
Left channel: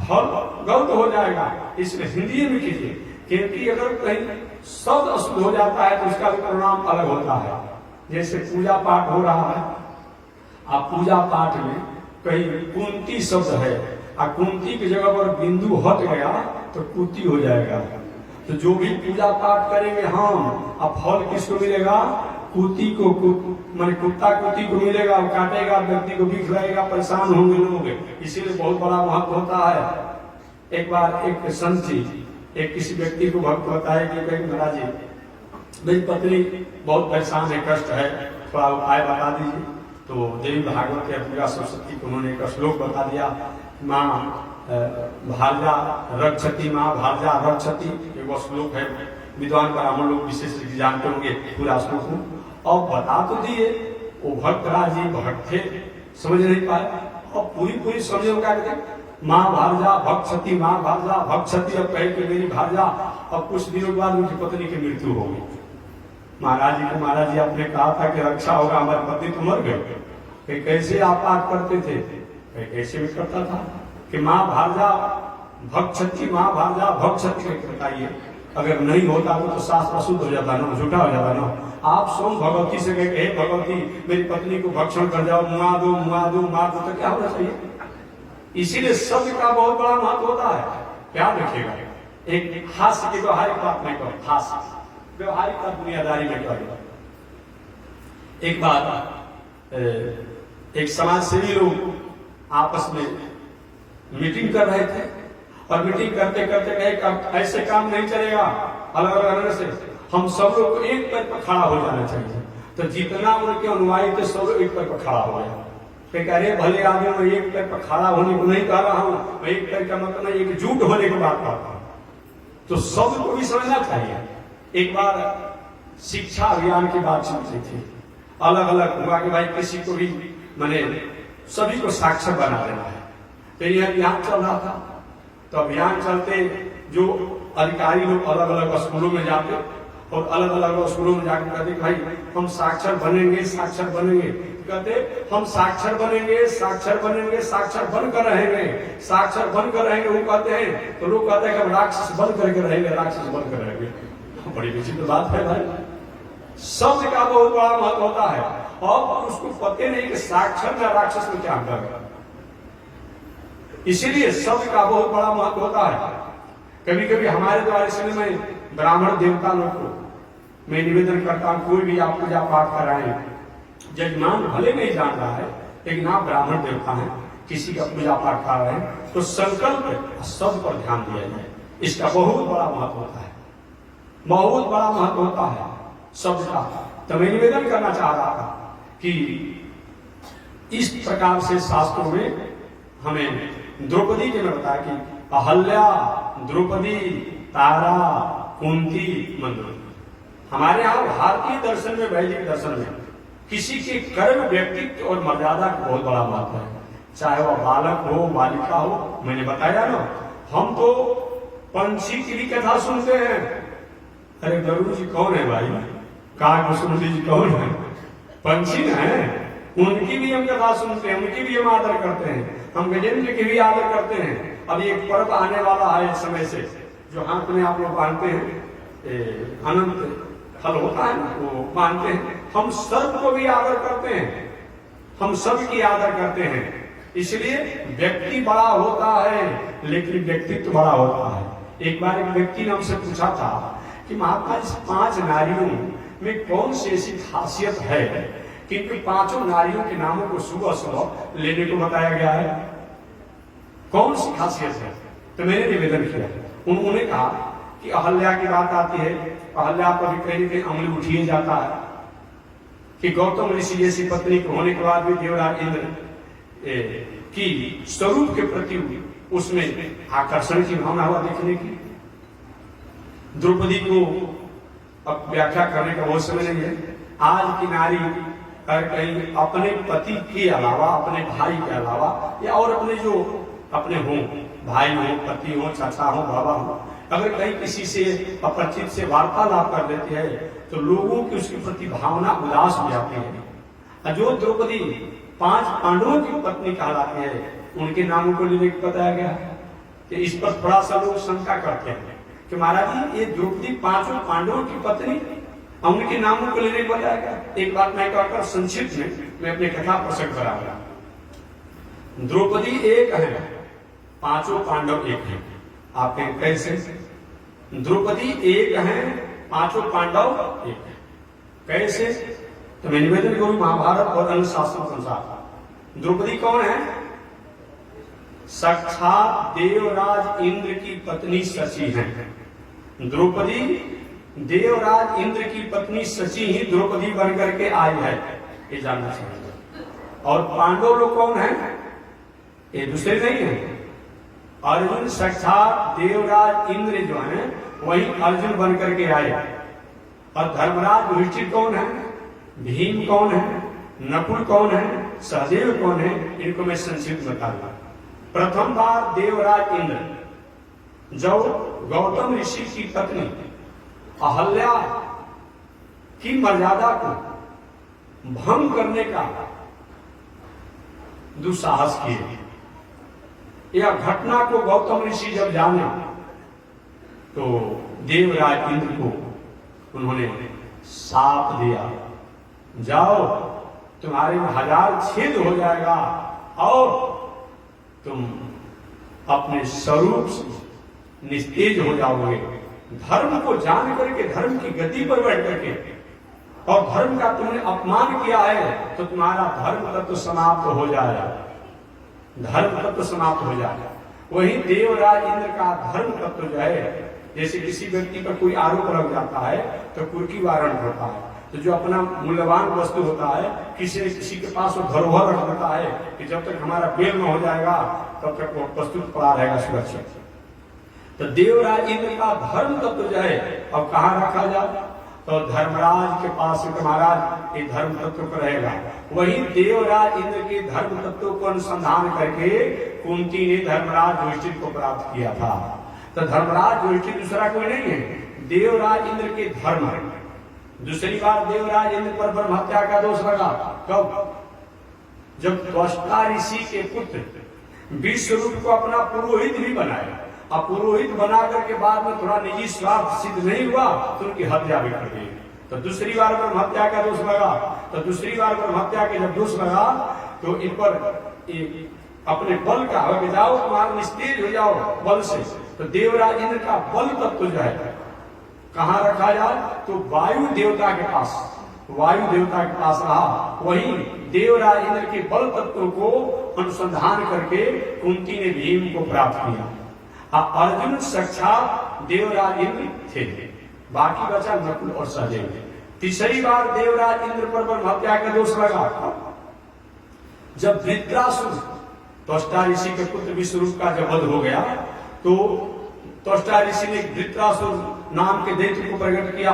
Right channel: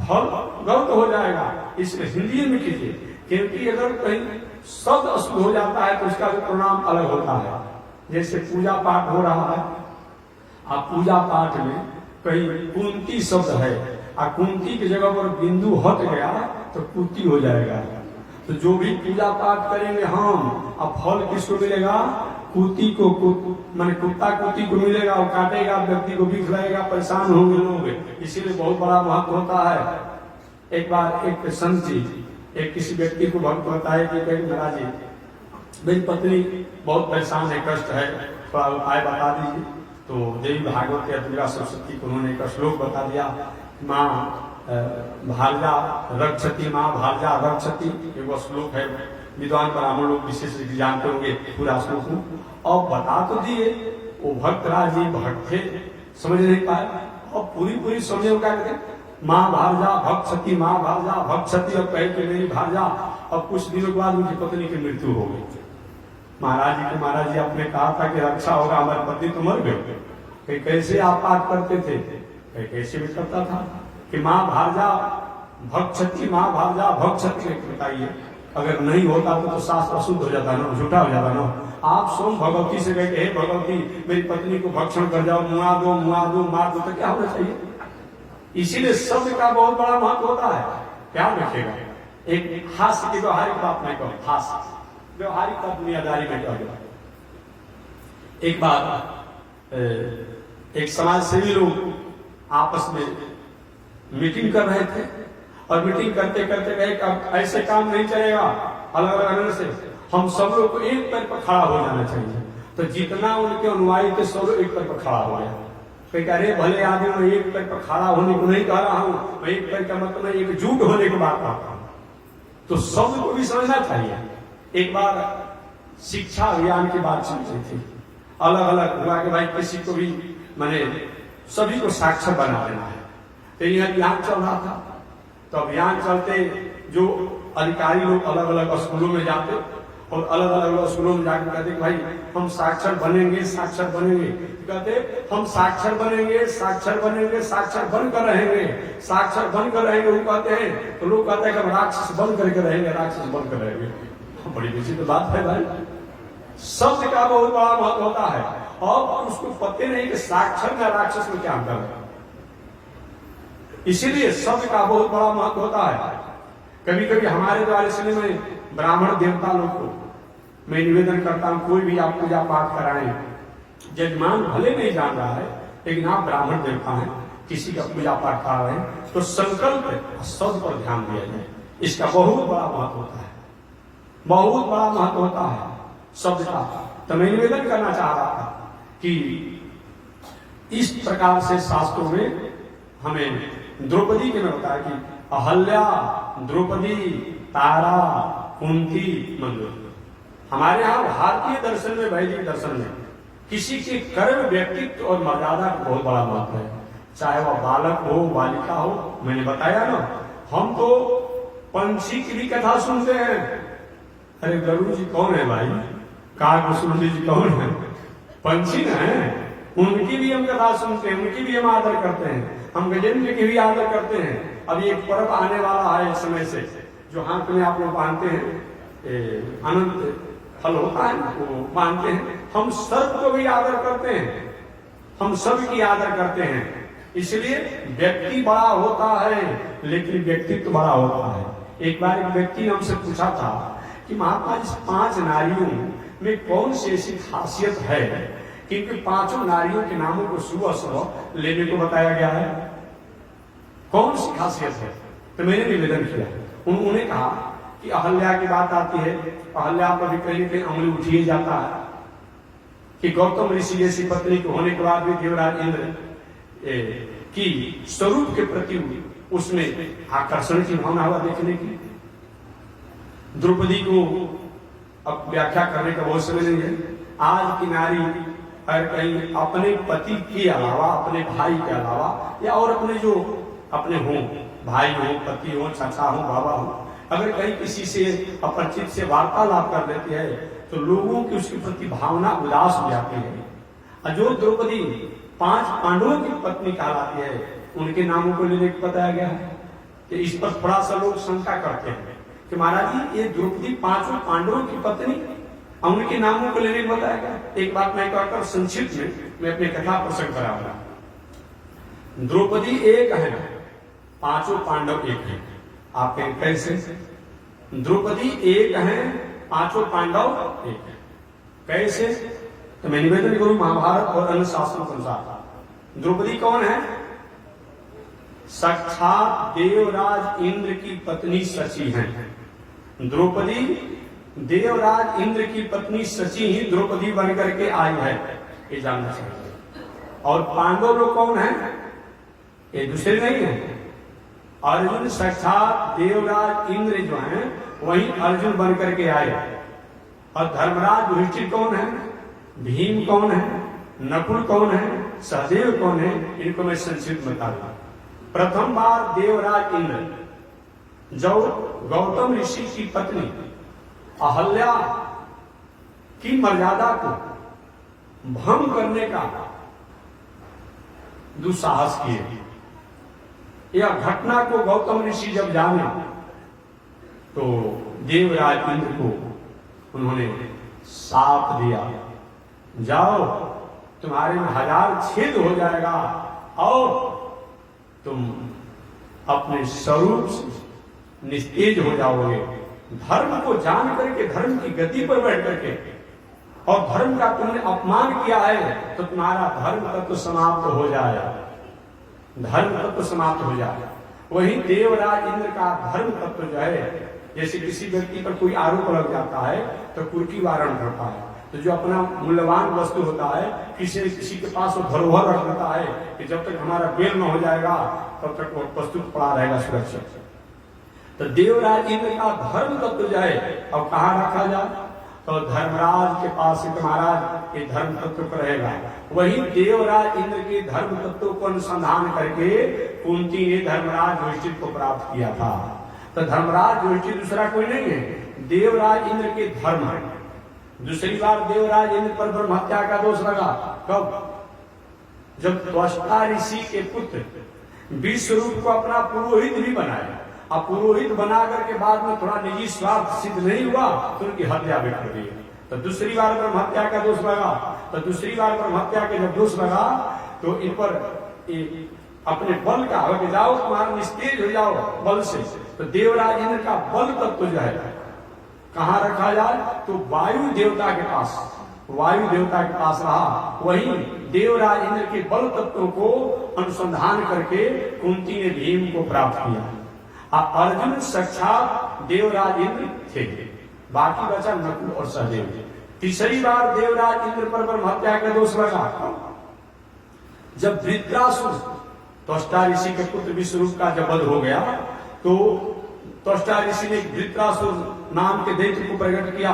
फल गलत हो जाएगा। इसलिए हिंदी में कीजिए, क्योंकि अगर कहीं शब्द अशुद्ध हो जाता है तो उसका भी परिणाम अलग होता है। जैसे पूजा पाठ हो रहा है, आप पूजा पाठ में कहीं कुंती शब्द है और कुंती की जगह पर बिंदु हट गया तो कुती हो जाएगा। तो जो भी पूजा पाठ करेंगे हम, अब फल किसको मिलेगा? कुत्ती को, माने कुत्ता कुत्ती को मिलेगा, और काटेगा, व्यक्ति को भी खिलाएगा, परेशान होंगे लोग। इसीलिए बहुत बड़ा महत्व होता है। एक बार एक संत जी एक किसी व्यक्ति को भक्त बताए कि महाराज जी मेरी पत्नी बहुत परेशान है, कष्ट है, थोड़ा उपाय बता दीजिए। तो देवी भागवत या दुर्गा सरस्वती को उन्होंने एक श्लोक बता दिया, माँ भार्या रक्षति, माँ भार्या रक्षति, एक श्लोक है, विद्वान ब्राह्मण लोग विशेष जानते होंगे पूरा श्लोक को। और बता तो दिए, वो भक्तराज जी भक्त थे, समझ नहीं पाए, और पूरी समझे क्या कहते, माँ भार्या भक्षति, माँ भार्या भक्षति, और कहे कि मेरी भार्या। और कुछ दिनों के बाद उनकी पत्नी की मृत्यु हो गई। महाराज जी को महाराज जी आपने कहा था कि रक्षा होगा, हमारी पत्नी तो मर गई। कैसे आप पाठ करते थे? कैसे भी करता था कि माँ भार्या भक्षति, माँ भार्या भक्षति, बताइए। अगर नहीं होता तो शास्त्र अशुद्ध हो जाता ना, झूठा हो जाता ना। आप स्वयं भगवती से कहे हे भगवती मेरी पत्नी को भक्षण कर जाओ, मुआ दो मार दो, तो क्या होना चाहिए? इसीलिए शब्द का बहुत बड़ा महत्व होता है। क्या रखेगा? एक हास्य की व्यवहारिक बात नहीं कहो, हास्य व्यवहारिक बात दुनियादारी में कहो। एक बार एक समाज सेवी लोग आपस में मीटिंग कर रहे थे और मीटिंग करते करते कहे ऐसे काम नहीं चलेगा, अलग अलग रहने से हम सब लोग को एक पैर पर खड़ा हो जाना चाहिए। तो जितना उनके अनुयायी थे सब लोग एक पैर पर खड़ा हो गया। कह अरे भले आदमी, मैं एक पैर पर खड़ा होने को नहीं कह रहा हूं, मैं एक पैर का मतलब मैं एकजुट होने की बात करता हूं। तो सब को भी समझना चाहिए। एक बार शिक्षा अभियान की बात चल रही थी, अलग अलग हुआ कि भाई किसी को भी मैंने सभी को साक्षर बना देना है। तो ये अभियान चल रहा था। तो अभियान चलते जो अधिकारी लोग अलग अलग स्कूलों में जाते और अलग अलग स्कूलों में जाकर कहते कि भाई हम साक्षर बनेंगे, साक्षर बनेंगे। कहते हम साक्षर बनेंगे, साक्षर बनेंगे, साक्षर बनकर रहेंगे, साक्षर बनकर रहेंगे। वो कहते हैं तो लोग कहते हैं कि हम राक्षस बन करके रहेंगे, राक्षस बनकर रहेंगे। बड़ी विचित्र बात है भाई। शब्द का बहुत बड़ा महत्व होता है। अब उसको पते नहीं कि साक्षर में राक्षस में क्या अंतर है। इसीलिए शब्द का बहुत बड़ा महत्व होता है। कभी कभी हमारे द्वारा इसलिए मैं ब्राह्मण देवता लोग को मैं निवेदन करता हूं, कोई भी आप पूजा पाठ कराएं, जजमान भले नहीं जान रहा है लेकिन आप ब्राह्मण देवता हैं, किसी का पूजा पाठ कर रहे हैं तो संकल्प शब्द पर ध्यान दिया जाए। इसका बहुत बड़ा महत्व होता है, बहुत बड़ा महत्व होता है शब्द का। तो मैं निवेदन करना चाह रहा था कि इस प्रकार से शास्त्रों में हमें द्रौपदी के में बताया कि अहल्या, द्रौपदी, तारा, कुंती, मंदोदरी। हमारे यहाँ भारतीय दर्शन में, वैदिक दर्शन में किसी के कर्म, व्यक्तित्व और मर्यादा का बहुत बड़ा महत्व है। चाहे वह बालक हो, बालिका हो। मैंने बताया ना, हम तो पंछी की भी कथा सुनते हैं। अरे गरुड़ जी कौन है भाई? काकभूषण जी कौन है? पंछी न है, उनकी भी हम कथा सुनते हैं, उनकी भी हम आदर करते हैं, हम गजेंद्र की भी आदर करते हैं। अभी एक पर्व आने वाला है इस समय से, जो हाथ में आप लोग बांधते हैं, अनंत फल होता है ना, वो मानते हैं। हम सर्व को भी आदर करते हैं, हम सब की आदर करते हैं। इसलिए व्यक्ति बड़ा होता है लेकिन व्यक्तित्व बड़ा होता है। एक बार एक व्यक्ति ने हमसे पूछा था कि महात्मा जी 5 नारियों में कौन सी ऐसी खासियत है कि इनके 5 नारियों के नामों को सुबह सुबह लेने को बताया गया है? कौन सी खासियत है? तो मैंने निवेदन किया। उन्होंने कहा कि अहल्या की बात आती है, अहल्या पर भी कहीं न कहीं अंगुली उठिए जाता है कि गौतम ऋषि जैसी पत्नी के होने के बाद भी देवराज इंद्र की स्वरूप के प्रति उसमें आकर्षण की भावना हुआ देखने की। द्रौपदी को अब व्याख्या करने का बहुत समय नहीं है। आज की नारी अगर कहीं अपने पति के अलावा, अपने भाई के अलावा या और अपने जो अपने हों, भाई हो, पति हो, चाचा हो, बाबा हो, अगर कहीं किसी से अपरिचित से वार्तालाप कर देती है तो लोगों की उसके प्रति भावना उदास हो जाती है। जो द्रौपदी 5 पांडवों की पत्नी कहलाती है, उनके नामों को लेने को बताया गया है। तो इस पर थोड़ा सा लोग शंका करते हैं कि महाराज जी ये द्रौपदी 5 पांडवों की पत्नी, उनके नामों को लेने को बताया गया। एक बात मैं कहकर संक्षिप्त में मैं अपने कथा प्रसंग कराऊंगा। द्रौपदी एक है, 5 पांडव एक है। आप कैसे? द्रौपदी एक है, 5 पांडव एक है। कैसे? तो मैं निवेदन करूं महाभारत और अन्य शास्त्रों के अनुसार द्रौपदी कौन है? साक्षात देवराज इंद्र की पत्नी शची है। द्रौपदी देवराज इंद्र की पत्नी शची ही द्रौपदी बनकर के आई है, ये जानना चाहिए। और पांडव लोग कौन है? ये दूसरे नहीं है। अर्जुन साक्षात देवराज इंद्र जो है वही अर्जुन बनकर के आए। और धर्मराज युधिष्ठिर कौन है? भीम कौन है? नकुल कौन है? सहदेव कौन है? इनको मैं संक्षिप्त बता दूं। प्रथम बार देवराज इंद्र जब गौतम ऋषि की पत्नी अहल्या की मर्यादा को भंग करने का दुस्साहस किए, यह घटना को गौतम ऋषि जब जाने तो देवराज इंद्र को उन्होंने साप दिया, जाओ तुम्हारे में 1000 छेद हो जाएगा और तुम अपने स्वरूप से निस्तेज हो जाओगे। धर्म को जान करके, धर्म की गति पर बैठ करके, और धर्म का तुमने अपमान किया है तो तुम्हारा धर्म तत्व समाप्त हो जाएगा, धर्म तत्व समाप्त हो जाएगा। वही देवराज इंद्र का धर्म तत्व जो है जैसे किसी व्यक्ति पर कोई आरोप लग जाता है तो कुर्की वारंट करता है, तो जो अपना मूल्यवान वस्तु होता है किसी न किसी के पास वो धरोहर रख देता है कि जब तक हमारा बेल न हो जाएगा तब तक वो वस्तु पड़ा रहेगा सुरक्षित। तो देवराज इंद्र का धर्म तत्व जो है अब कहाँ रखा जाए, तो धर्मराज के पास महाराज ये धर्म तत्व पर रहेगा। वही देवराज इंद्र के धर्म तत्व को अनुसंधान करके कुंती ने धर्मराज युधिष्ठिर को प्राप्त किया था। तो धर्मराज युधिष्ठिर दूसरा कोई नहीं है, देवराज इंद्र के धर्म है। दूसरी बार देवराज इंद्र पर ब्रह्म हत्या का दोष लगा कब, जब त्वष्टा ऋषि के पुत्र विश्वरूप को अपना पुरोहित भी बनाया, अब पुरोहित बना करके बाद में थोड़ा निजी स्वार्थ सिद्ध नहीं हुआ तो उनकी हत्या भी कर दी। तो दूसरी बार ब्रह्म हत्या का दोष लगा, तो दूसरी बार ब्रह्म हत्या का जब दोष लगा तो इन पर अपने बल का हो कि जाओ तुम्हारा निस्तेज हो जाओ बल से। तो देवराज इंद्र का बल तत्व जो है कहाँ रखा जाए, तो वायु देवता के पास, वायु देवता के पास रहा। वही देवराज इंद्र के बल तत्व को अनुसंधान करके कुंती ने भीम को प्राप्त किया। अर्जुन साक्षात देवराज इंद्र थे, बाकी बचा नकुल और सहदेव। तीसरी बार देवराज इंद्र पर ब्रह्म हत्या का दोष लगा जब वृत्रासुर त्वष्टा ऋषि के पुत्र विश्वरूप का जब वध हो गया तो त्वष्टा ऋषि ने वृत्रासुर नाम के दैत्य को प्रकट किया,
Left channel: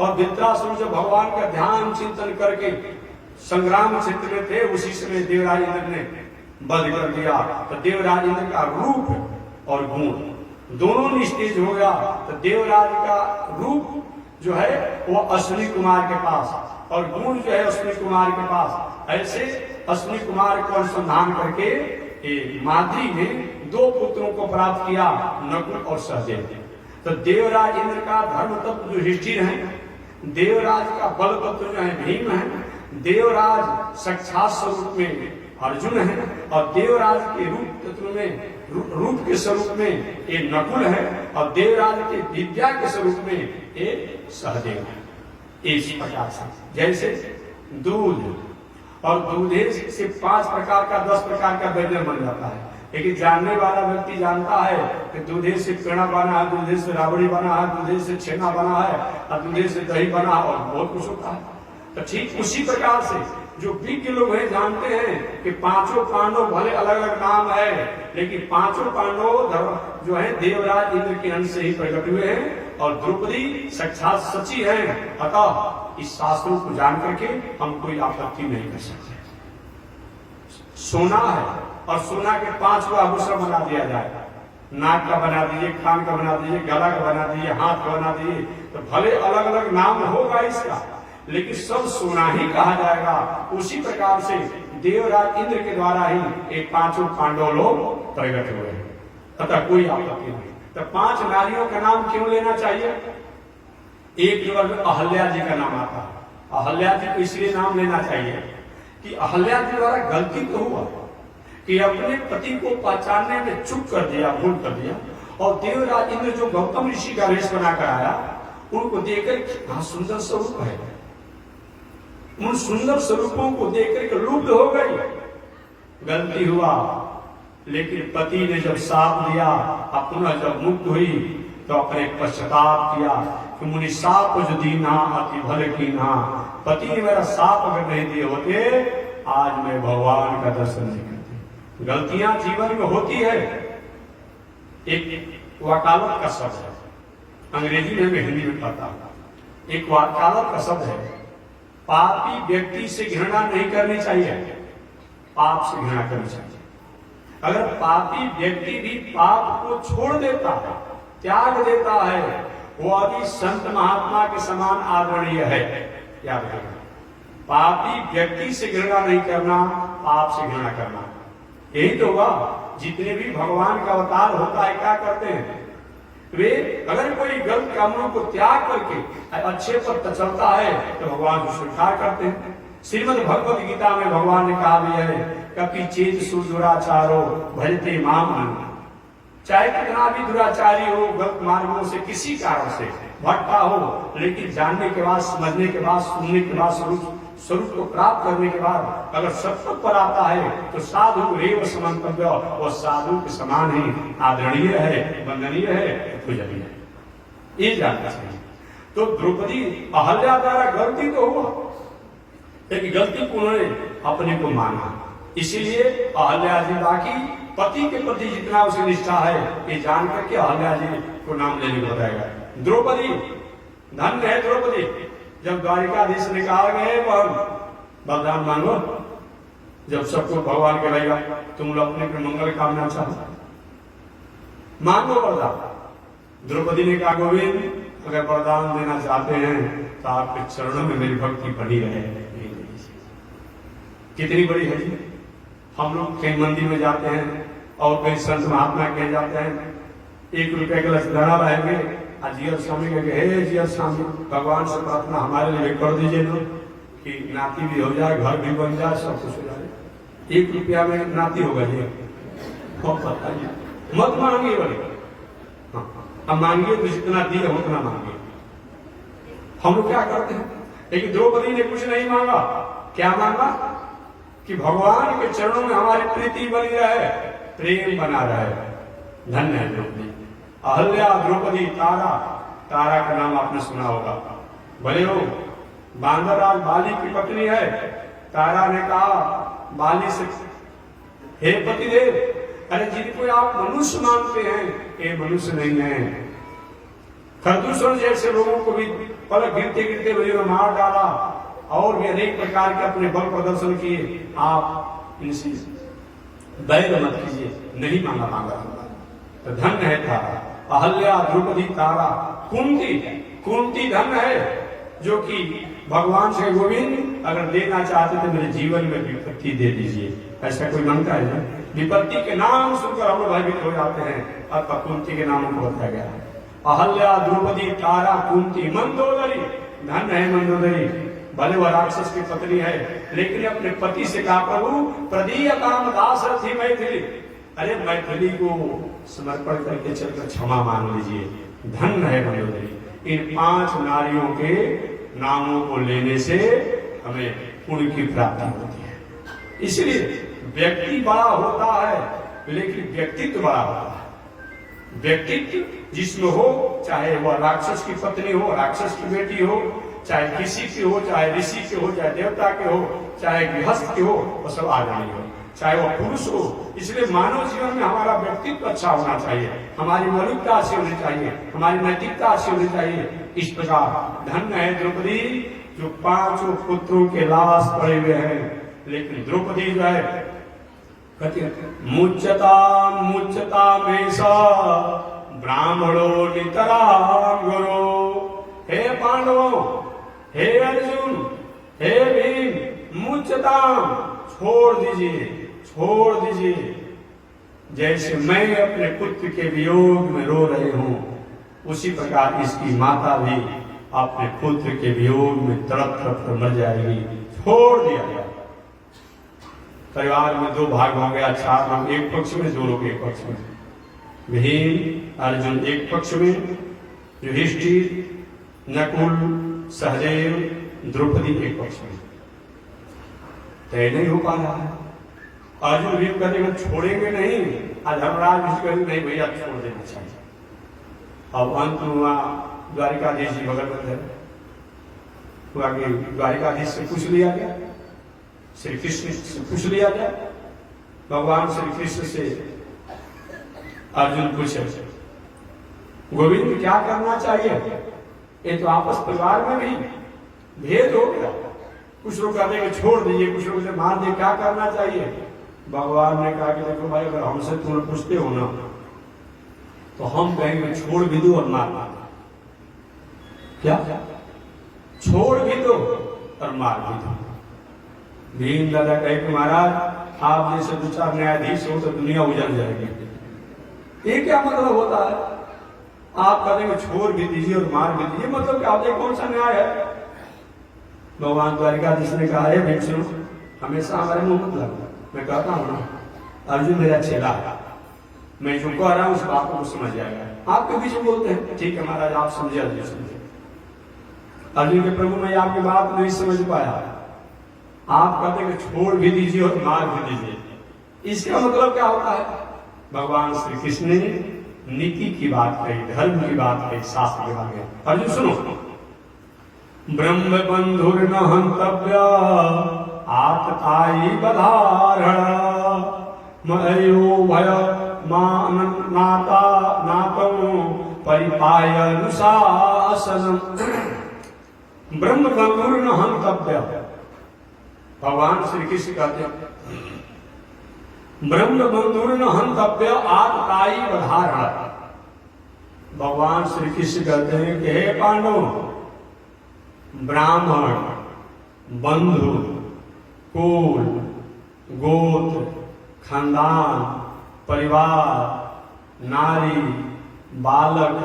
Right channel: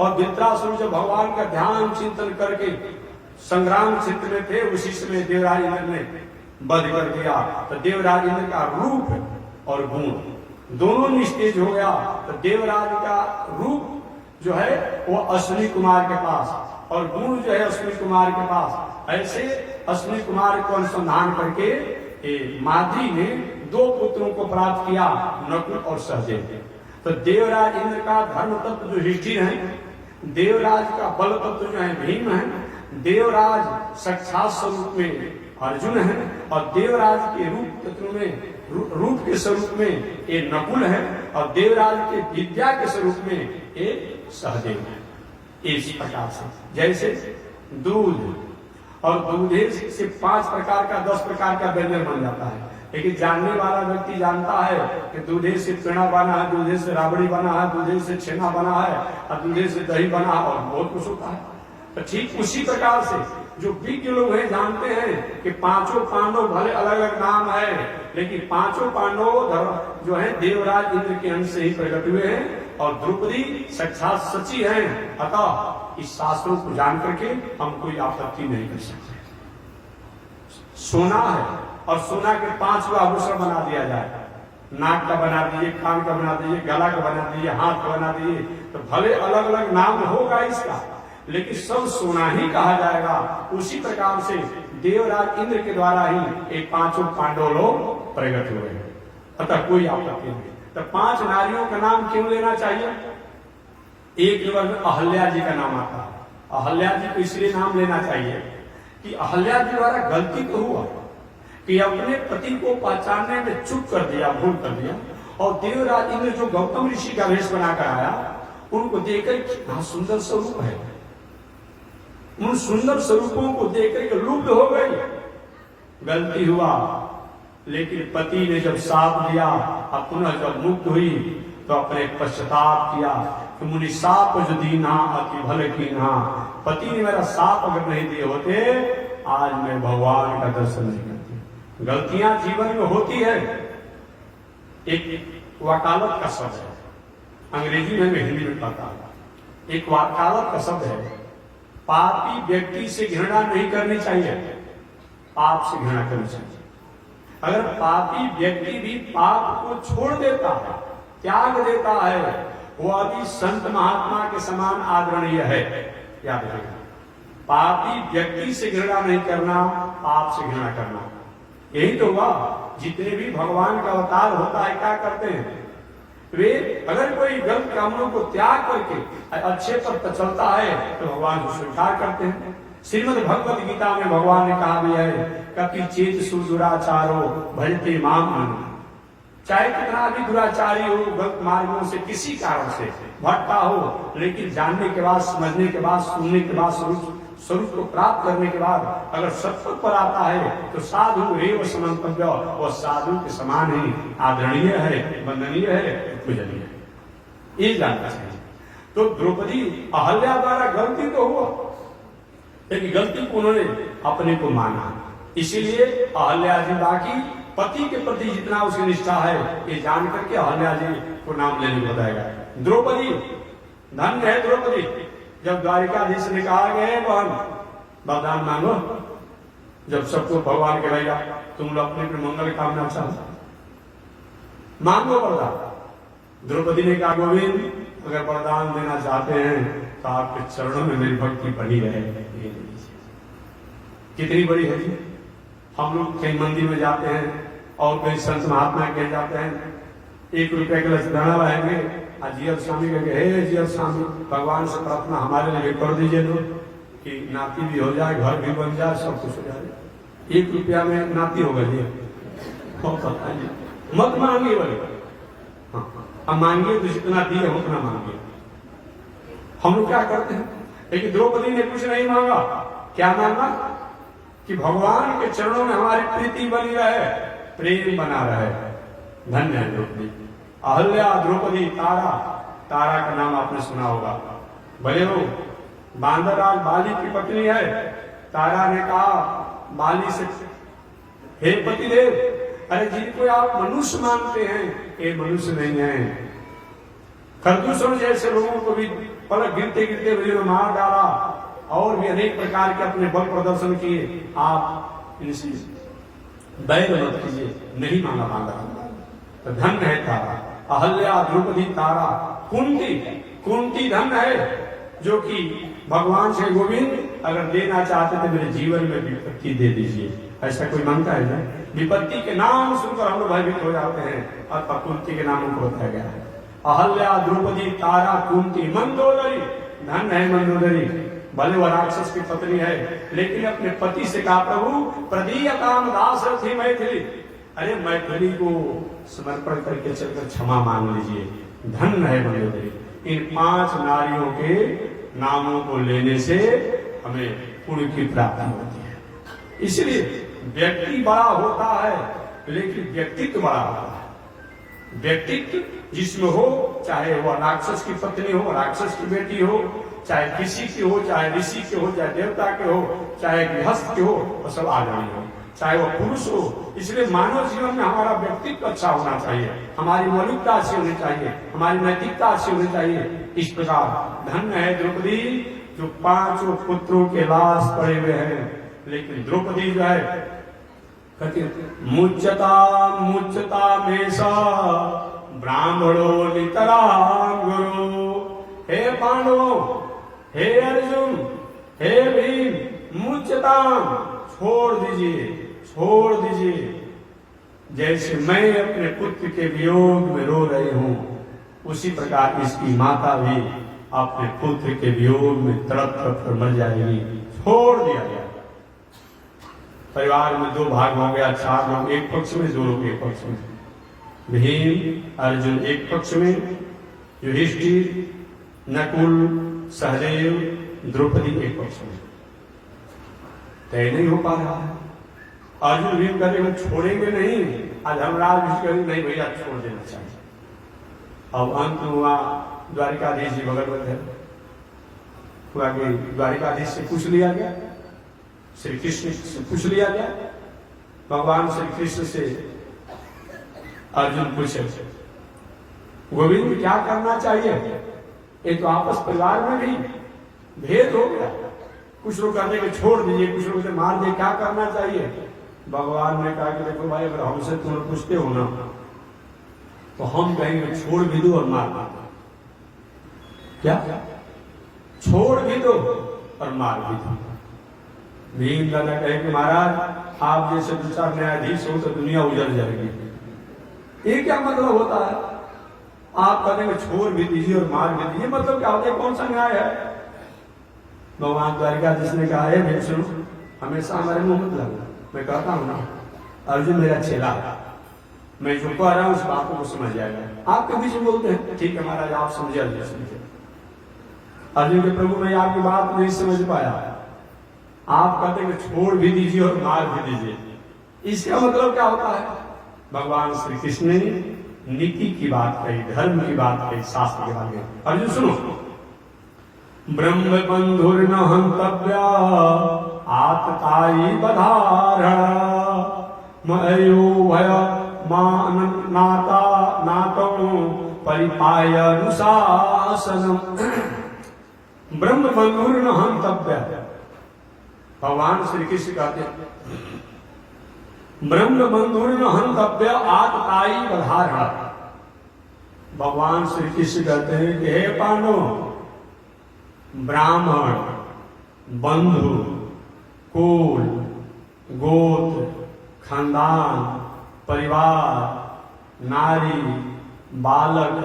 और वृत्रासुर जब भगवान का ध्यान चिंतन करके संग्राम क्षेत्र में थे उसी समय देवराज इंद्र ने वध कर दिया। तो देवराज इंद्र का रूप और गुण दोनों निस्तेज हो गया। तो देवराज का रूप जो है वो अश्विनी कुमार के पास और गुण जो है अश्विनी कुमार के पास। ऐसे अश्विनी कुमार को अनुसंधान करके माद्री ने दो पुत्रों को प्राप्त किया, नकुल और सहदेव। तो देवराज इंद्र का धर्म तत्व जो युधिष्ठिर है, देवराज का बल तत्व जो है भीम है, देवराज साक्षात स्वरूप में अर्जुन है, और देवराज के रूप तत्व में रूप के स्वरूप में एक नकुल है, और देवराज के विद्या के स्वरूप में एक सहदेव है। इस प्रकार से जैसे दूध और दूधे से 5 प्रकार का 10 प्रकार का व्यंजन बन जाता है, लेकिन जानने वाला व्यक्ति जानता है कि दूधे से पेड़ा बना है, दूधे से राबड़ी बना है, दूधे से छेना बना है, और दूधे से दही बना है, और बहुत कुछ होता है। तो ठीक उसी प्रकार से जो विज्ञ लोग हैं जानते हैं कि 5 पांडव भले अलग अलग नाम है, लेकिन 5 पांडव जो है देवराज इंद्र के अंश से ही प्रकट हुए हैं, और द्रौपदी साक्षात सची है। अतः इस शास्त्रों को जान करके हम कोई आपत्ति नहीं कर सकते। सोना है और सोना के 5 आभूषण बना दिया जाए, नाक का बना दीजिए, कान का बना दीजिए, गला का बना दीजिए, हाथ का बना दीजिए, तो भले अलग अलग नाम होगा इसका, लेकिन सब सोना ही कहा जाएगा। उसी प्रकार से देवराज इंद्र के द्वारा ही एक 5 पांडव लोग प्रकट हुए हैं, अतः कोई आपत्ति नहीं। तो 5 नारियों का नाम क्यों लेना चाहिए? एक नंबर में अहल्या जी का नाम आता है। अहल्या जी को इसलिए नाम लेना चाहिए कि अहल्या जी द्वारा गलती तो हुआ कि अपने पति को पहचानने में चूक कर दिया, भूल कर दिया, और देवराज इंद्र जो गौतम ऋषि का वेश बनाकर आया उनको देखकर कितना सुंदर स्वरूप है, उन सुंदर स्वरूपों को देखकर के लुप्त हो गई। गलती हुआ, लेकिन पति ने जब साप दिया, अपना जब मुक्त हुई तो अपने पश्चाताप किया कि मुनि साप जो दीना अति भल कीना, पति ने मेरा साप अगर नहीं दिए होते आज मैं भगवान का दर्शन नहीं करती। गलतियां जीवन में होती है। एक वकालत का शब्द है, अंग्रेजी में मैं हिंदी में पढ़ता हूं। एक वकालत का शब्द है, पापी व्यक्ति से घृणा नहीं करनी चाहिए, पाप से घृणा करनी चाहिए। अगर पापी व्यक्ति भी पाप को छोड़ देता है, त्याग देता है, वह भी संत महात्मा के समान आदरणीय है। याद रखिएगा, पापी व्यक्ति से घृणा नहीं करना, पाप से घृणा करना। यही तो हुआ, जितने भी भगवान का अवतार होता है क्या करते हैं वे, अगर कोई गलत कामों को त्याग करके अच्छे पर चलता है तो भगवान को स्वीकार करते हैं। श्रीमद् भगवद गीता में भगवान ने कहा भी है, कपि चेत सुदुराचारो भजते माम। चाहे कितना भी दुराचारी हो, गलत मार्गों से किसी कारण से भटका हो, लेकिन जानने के बाद, समझने के बाद, सुनने के बाद, स्वरूप को प्राप्त करने के बाद अगर सत्य पर आता है तो साधु रेव समंतव्य, वह साधु के समान ही आदरणीय है, वंदनीय है, पूजनीय है। ये जानना चाहिए। तो द्रौपदी अहल्या द्वारा गलती तो हुआ, लेकिन गलती को उन्होंने अपने को माना, इसीलिए अहल्या जी बाकी पति के प्रति जितना उसकी निष्ठा है ये जान करके अहल्या जी को नाम लेने को बताएगा। द्रौपदी धन्य है द्रौपदी। जब द्वारिकाधीश ने कहा गए वरदान मांगो, जब सबको भगवान कहेगा तुम लोग अपने अपने मंगल कामना चाहो मांगो वरदान। द्रौपदी ने कहा गोविंद अगर वरदान देना चाहते हैं तो आपके चरणों में मेरी भक्ति बनी रहे। कितनी बड़ी है जी। हम लोग कहीं मंदिर में जाते हैं और कहीं संत महात्मा कहे जाते हैं 1 रुपये का लचदाना लाएंगे, जियर स्वामी कहेंगे हे जियर स्वामी भगवान से प्रार्थना हमारे लिए कर दीजिए लोग कि नाती भी हो जाए, घर भी बन जाए, सब कुछ हो जाए। 1 रुपया में नाती होगा जी, बताइए। मत मांगिए बोले, हम मांगिए तो जितना दिए उतना मांगिए। हम लोग क्या करते हैं, लेकिन द्रौपदी ने कुछ नहीं मांगा। क्या मांगा कि भगवान के चरणों में हमारी प्रीति बनी रहे, प्रेम बना रहे। धन्य है द्रौपदी। अहल्या, द्रौपदी, तारा। तारा का नाम आपने सुना होगा, भले हो बांदर राज बाली की पत्नी है। तारा ने कहा बाली से हे पतिदेव, अरे जिनको आप मनुष्य मानते हैं ये मनुष्य नहीं है। खरदूषण जैसे लोगों को भी पलक गिरते गिरते हुए मार डाला और भी अनेक प्रकार के अपने बल प्रदर्शन किए। आप इनसे बैर मत कीजिए, नहीं मांगा तो धन्य है तारा। अहल्या, द्रौपदी, तारा। कुंती, कुंती धन्य है जो कि भगवान से गोविंद अगर देना चाहते तो मेरे जीवन में विपत्ति दे दीजिए। ऐसा कोई मांगता है ना, विपत्ति के नाम सुनकर हम लोग भयभीत हो जाते हैं, अतः कुंती के नाम को बताया गया है। अहल्या, द्रौपदी, तारा, कुंती। मंदोदरी, धन्य है मंदोदरी। भले वह राक्षस की पत्नी है लेकिन अपने पति से कहा प्रभु प्रदीय काम दास रथी मैथिली, अरे मैथिली को समर्पण करके चलकर क्षमा मांग लीजिए। धन्य है मंदोदरी। इन 5 नारियों के नामों को लेने से हमें पुण्य की प्राप्ति होती है। इसलिए व्यक्ति बड़ा होता है लेकिन व्यक्तित्व बड़ा होता है। व्यक्तित्व जिसमें हो, चाहे वह राक्षस की पत्नी हो, राक्षस की बेटी हो, चाहे किसी की हो, चाहे ऋषि के हो, चाहे देवता के हो, चाहे गृहस्थ के हो, वह सब आगामी हो, चाहे वह पुरुष हो। इसलिए मानव जीवन में हमारा व्यक्तित्व अच्छा होना चाहिए, हमारी मौलिकता अच्छी होनी चाहिए, हमारी नैतिकता अच्छी होनी चाहिए। इस प्रकार धन्य है द्रौपदी जो 5 पुत्रों के लाश पड़े हुए हैं, लेकिन द्रौपदी जो है मुच्यता मुच्यता में सा ब्राह्मणो नितराम गुरु। हे पांडवों, हे अर्जुन, हे भीम, मुच्यताम, छोड़ दीजिए, छोड़ दीजिए। जैसे मैं अपने पुत्र के वियोग में रो रही हूं, उसी प्रकार इसकी माता भी अपने पुत्र के वियोग में तड़प तड़प कर मर जाएगी। छोड़ दिया गया। परिवार में 2 भाग हो गया, 4 लोग एक पक्ष में, 2 लोग एक पक्ष में। भीम अर्जुन एक पक्ष में, युधिष्ठिर, नकुल, सहदेव, द्रौपदी एक पक्ष में। तय नहीं हो पा रहा है। अर्जुन भीम कहते छोड़ेंगे नहीं, धर्मराज कहेंगे नहीं भैया छोड़ देना चाहिए। अब अंत हुआ द्वारिकाधीश जी बगल में हुआ कि द्वारिकाधीश से पूछ लिया गया, श्री कृष्ण से पूछ लिया गया। भगवान श्री कृष्ण से अर्जुन पूछे गोविंद क्या करना चाहिए। ये तो आपस परिवार में भी भेद हो गया, कुछ लोग कहते हैं कि छोड़ दीजिए, कुछ लोग मार दे, क्या करना चाहिए। भगवान ने कहा कि देखो भाई अगर हमसे तुम पूछते हो ना तो हम कहेंगे छोड़ भी दो और मार दो। क्या छोड़ भी दो और मार भी दो। भीम दादा कहे कि महाराज आप जैसे 2-4 न्यायाधीश हो तो दुनिया उजड़ जाएगी। ये क्या मतलब होता है। आप कहेंगे छोड़ भी दीजिए और मार भी दीजिए, मतलब क्या होता है, कौन सा न्याय है। भगवान द्वारिकाधीश ने कहा है भीम सुनो, हमेशा हमारे मुंह मत लगना। मैं कहता हूं ना अर्जुन मेरा चेला है, मैं जो कह रहा हूं उस बात को समझ जाएगा। आपके बीच में बोलते हैं ठीक है महाराज आप समझे, अर्जुन समझे। अर्जुन के प्रभु मैं आपकी बात नहीं समझ पाया। आप कहते हैं छोड़ भी दीजिए और मार भी दीजिए, इसका मतलब क्या होता है। भगवान श्री कृष्ण ने नीति की बात कही, धर्म की बात कही, शास्त्र की बात कही। अर्जुन सुनो, ब्रह्म बंधुर्न हंतव्या आतताई बधारणा मयो भय नाता नातो परिपाय अनुशासनम। ब्रह्म बंधुर्न हंतव्या, भगवान श्री कृष्ण कहते हैं ब्रह्म बंधुर्न हंतव्य आतताई बधारणा। भगवान श्री कृष्ण कहते हैं कि हे पांडव, ब्राह्मण, बंधु, कुल, गोत्र, खानदान, परिवार, नारी, बालक,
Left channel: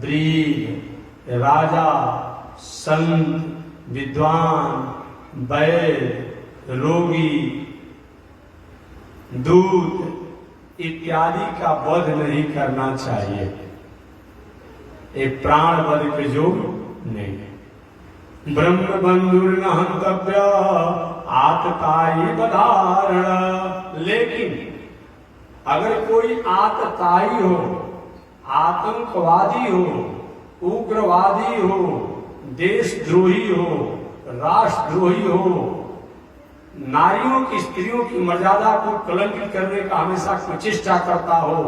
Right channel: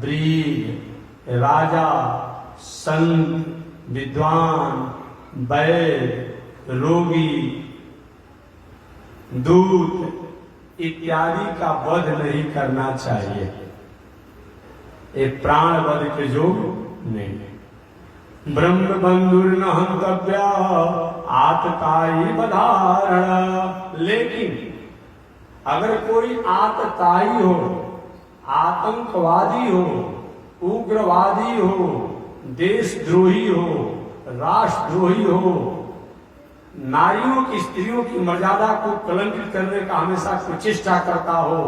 ब्रीद, राजा, संत, विद्वान, वैद, रोगी, दूत इत्यादि का वध नहीं करना चाहिए। एक प्राण वध के योग नहीं। ब्रह्म बंधुर्न हंतव्या आतताई बधारणा। लेकिन अगर कोई आतताई हो, आतंकवादी हो, उग्रवादी हो, देशद्रोही हो, राष्ट्रद्रोही हो, नारियों की, स्त्रियों की मर्यादा को कलंकित करने का हमेशा प्रचेष्टा करता हो,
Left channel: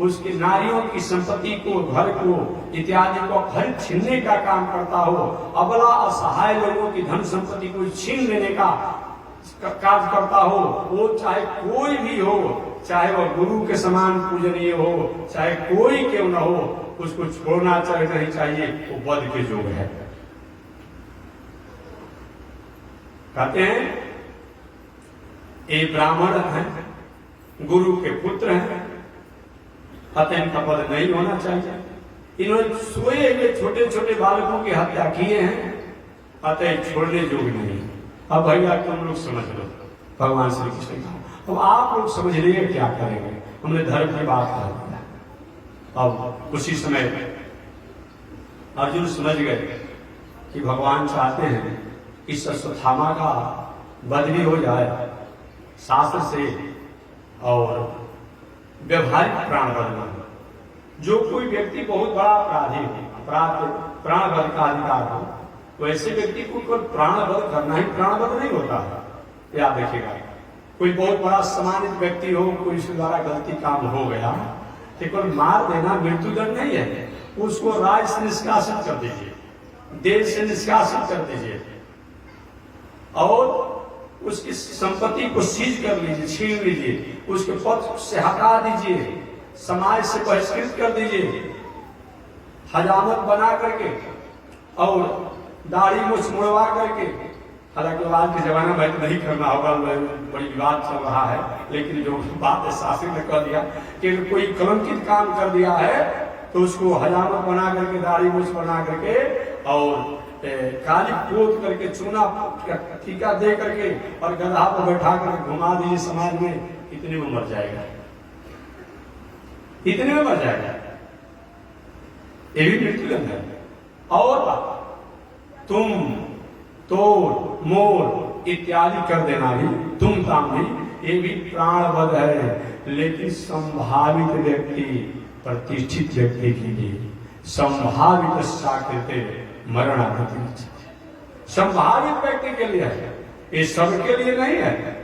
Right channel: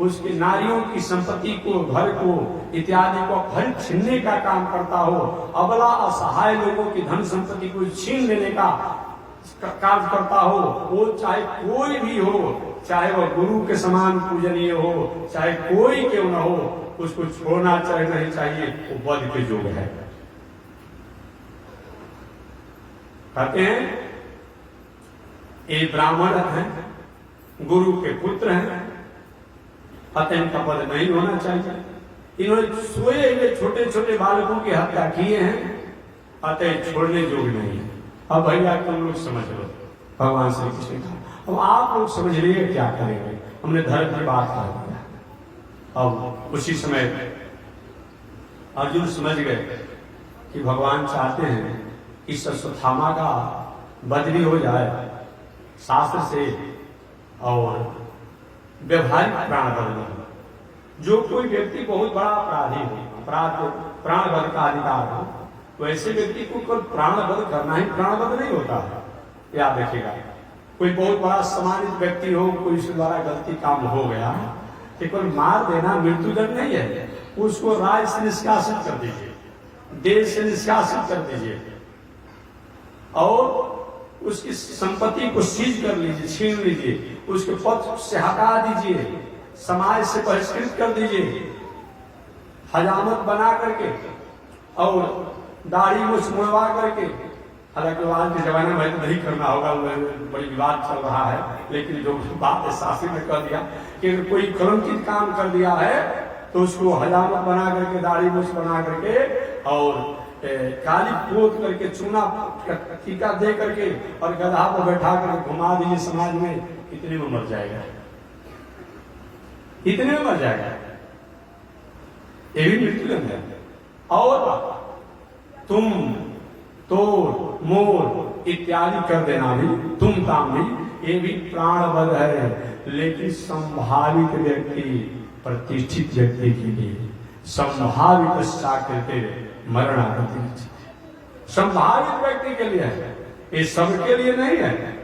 उसकी नारियों की संपत्ति को, घर को इत्यादि को खरीद छीनने का काम करता हो, अबला असहाय लोगों की धन संपत्ति को छीन लेने का कार्य करता हो, वो चाहे कोई भी हो, चाहे वह गुरु के समान पूजनीय हो, चाहे कोई क्यों न हो, उसको छोड़ना नहीं चाहिए। वो वध के योग है। कहते हैं ये ब्राह्मण हैं, गुरु के पुत्र हैं, अतः इनका वध नहीं होना चाहिए। इन्होंने सोए हुए छोटे छोटे बालकों की हत्या किए हैं, अतः छोड़ने योग्य नहीं है। अब भैया तुम लोग समझ लो, भगवान श्री कृष्ण का। अब आप लोग समझ लीजिए क्या करेंगे। हमने धर्म की बात कर दिया। अब उसी समय अर्जुन समझ गए कि भगवान चाहते हैं इस अश्वत्थामा का बदली हो जाए शास्त्र से और व्यवहारिक प्राण बदल। जो कोई व्यक्ति बहुत बड़ा अपराधी हो, अपराध प्राण वध का अधिकार हो, वैसे व्यक्ति को केवल प्राण वध करना ही प्राण वध नहीं होता है। याद देखिएगा, कोई बहुत बड़ा सम्मानित व्यक्ति हो, कोई उसके द्वारा गलती काम हो गया, केवल मार देना मृत्युदंड नहीं है। उसको राज से निष्कासित कर दीजिए, देश से निष्कासित कर दीजिए और उसकी संपत्ति को सीज कर लीजिए, छीन लीजिए, उसके पद से हटा दीजिए, समाज से बहिष्कृत कर दीजिए, हजामत बना करके और दाढ़ी मुछ मुड़वा करके। हालांकि आज के जमाने में नहीं करना होगा, बड़ी विवाद चल रहा है, लेकिन जो बात है शास्त्री ने कर दिया कि कोई कलंकित काम कर दिया है तो उसको हजामत बना करके, दाढ़ी मुछ बना करके और काली पोत करके, चूना टीका दे करके और गधा पर बैठा करके घुमा दीजिए समाज में, इतने में मर जाएगा, इतने में मर जाएगा। ये भी मृत्युदंड है। और तुम, तोड़, मोड़ इत्यादि कर देना भी, तुम ताम भी, ये भी प्राण वध है। लेकिन संभावित व्यक्ति, प्रतिष्ठित व्यक्ति के लिए संभावित साकृत्य मरणागति, संभावित व्यक्ति के लिए है, ये सबके लिए नहीं है।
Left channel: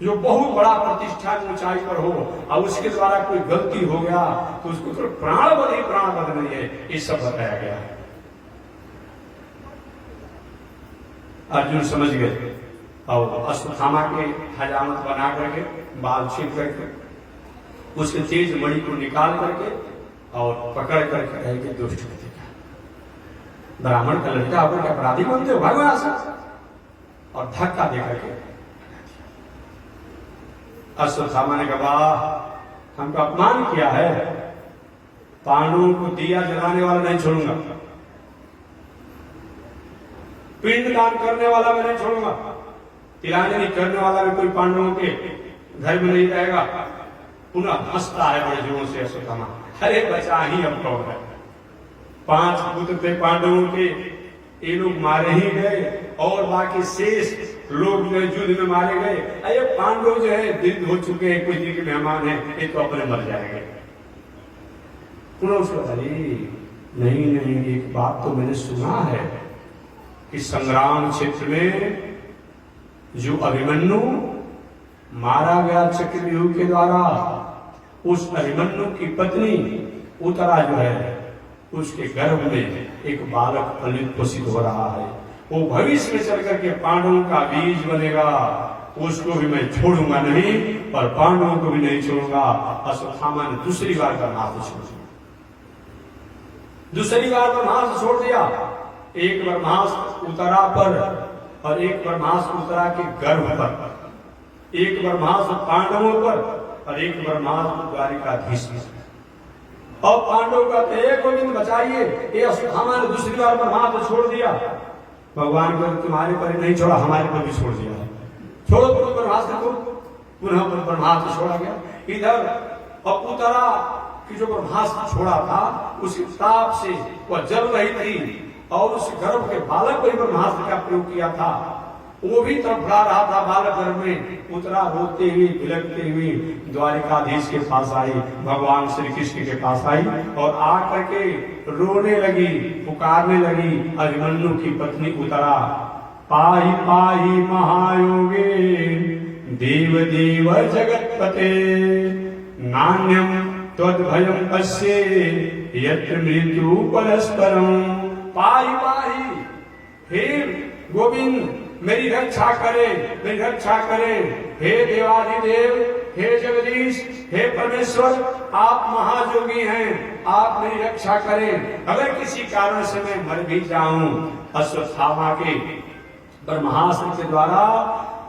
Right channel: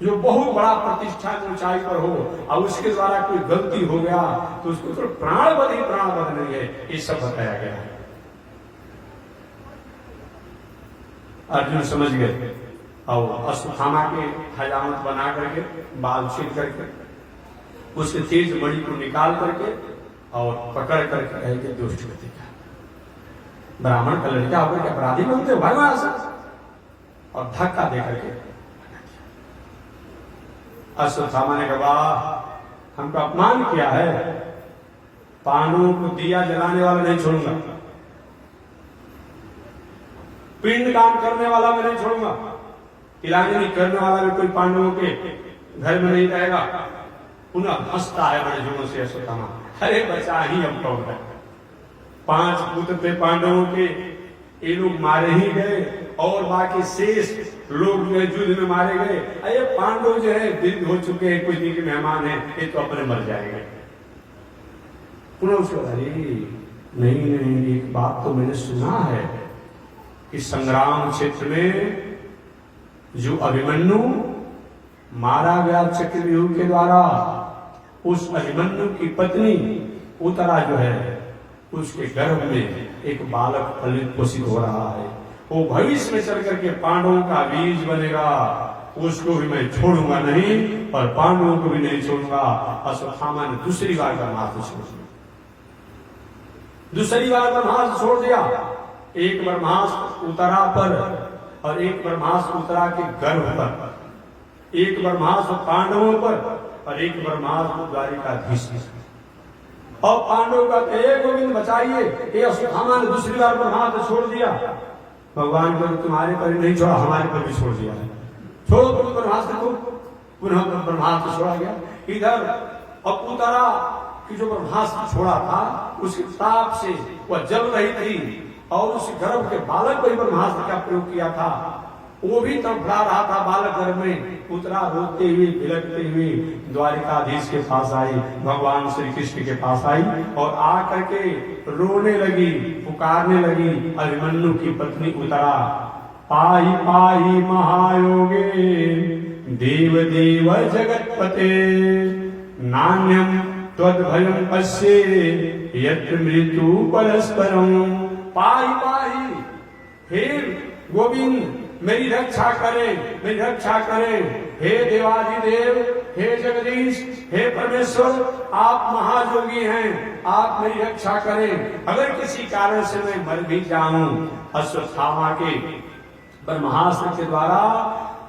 जो बहुत बड़ा प्रतिष्ठा की ऊंचाई पर हो और उसके द्वारा कोई गलती हो गया तो उसको तो प्राणवध ही प्राणवध नहीं है, ये सब बताया गया है। अर्जुन समझ गए और अश्वत्थामा के हजामत बना करके, बाल छीन करके, उसके तेज मणि को निकाल करके और पकड़ करके कहे कि दुष्ट व्यक्ति का, ब्राह्मण का लड़का होकर के अपराधी बनते हो भाई से, और धक्का दे करके अश्वत्थामा ने कहा हमको अपमान किया है, पांडवों को दिया जलाने वाला नहीं छोड़ूंगा, पिंड दान करने वाला मैं नहीं छोड़ूंगा, तिलांजलि करने वाला भी कोई पांडवों के घर में नहीं रहेगा। पुनः हंसता है बड़े जोरों से अश्वत्थामा, अरे बचा ही हम कौन है, 5 पुत्र थे पांडवों के, ये लोग मारे ही गए और बाकी शेष लोग जो युद्ध में मारे गए। अरे पांडव जो है वृद्ध हो चुके हैं, कुछ दिन के मेहमान हैं, ये तो अपने मर जाएंगे। पुनः उसको अरे नहीं, एक बात तो मैंने सुना है कि संग्राम क्षेत्र में जो अभिमन्यु मारा गया चक्रव्यूह के द्वारा, उस अभिमन्यु की पत्नी उत्तरा जो है, उसके गर्भ में एक बालक फलित पोषित हो रहा है। वो भविष्य में चल करके पांडवों का बीज बनेगा, उसको भी मैं छोड़ूंगा नहीं और पांडवों को भी नहीं छोड़ूंगा। अश्वत्थामा ने दूसरी बार ब्रह्मास्त्र छोड़ दिया, दूसरी बार ब्रह्मास्त्र छोड़ दिया। एक ब्रह्मास्त्र उत्तरा पर और एक ब्रह्मास्त्र उत्तरा के गर्भ पर, एक ब्रह्मास्त्र पांडवों पर और एक ब्रह्मास्त्र द्वारिकाधीश पर। और पांडव कहते हैं गोविंद बचाइए, ये अश्वत्थामा ने दूसरी बार ब्रह्मास्त्र छोड़ दिया। भगवान को तुम्हारे पर नहीं छोड़ा, हमारे पर भी छोड़ दिया है, छोड़ो तुम ब्रह्मास्त्र को। पुनः ब्रह्मास्त्र छोड़ा गया। इधर अब उत्तरा की जो ब्रह्मास्त्र छोड़ा था, उसी ताप से वह जल रही थी और उस गर्भ के बालक पर ब्रह्मास्त्र का प्रयोग किया था। वो भी तड़फड़ा रहा था बालक गर्भ में। उत्तरा रोते हुए बिलखते हुए द्वारिकाधीश के पास आई, भगवान श्री कृष्ण के पास आई और आकर के रोने लगी, पुकारने लगी। अभिमन्यु की पत्नी उत्तरा, पाहि पाहि महायोगे देव देव जगतपते, नान्यम त्वद्भयं पश्ये यत्र मृत्यु परस्परम। पाहि पाहि, हे गोविंद मेरी रक्षा करे, मेरी रक्षा करे। हे देवाधिदेव, हे जगदीश, हे परमेश्वर, आप महायोगी हैं, आप मेरी रक्षा करें। अगर किसी कारण से मैं मर भी जाऊं अश्वत्थामा के ब्रह्मास्त्र के द्वारा,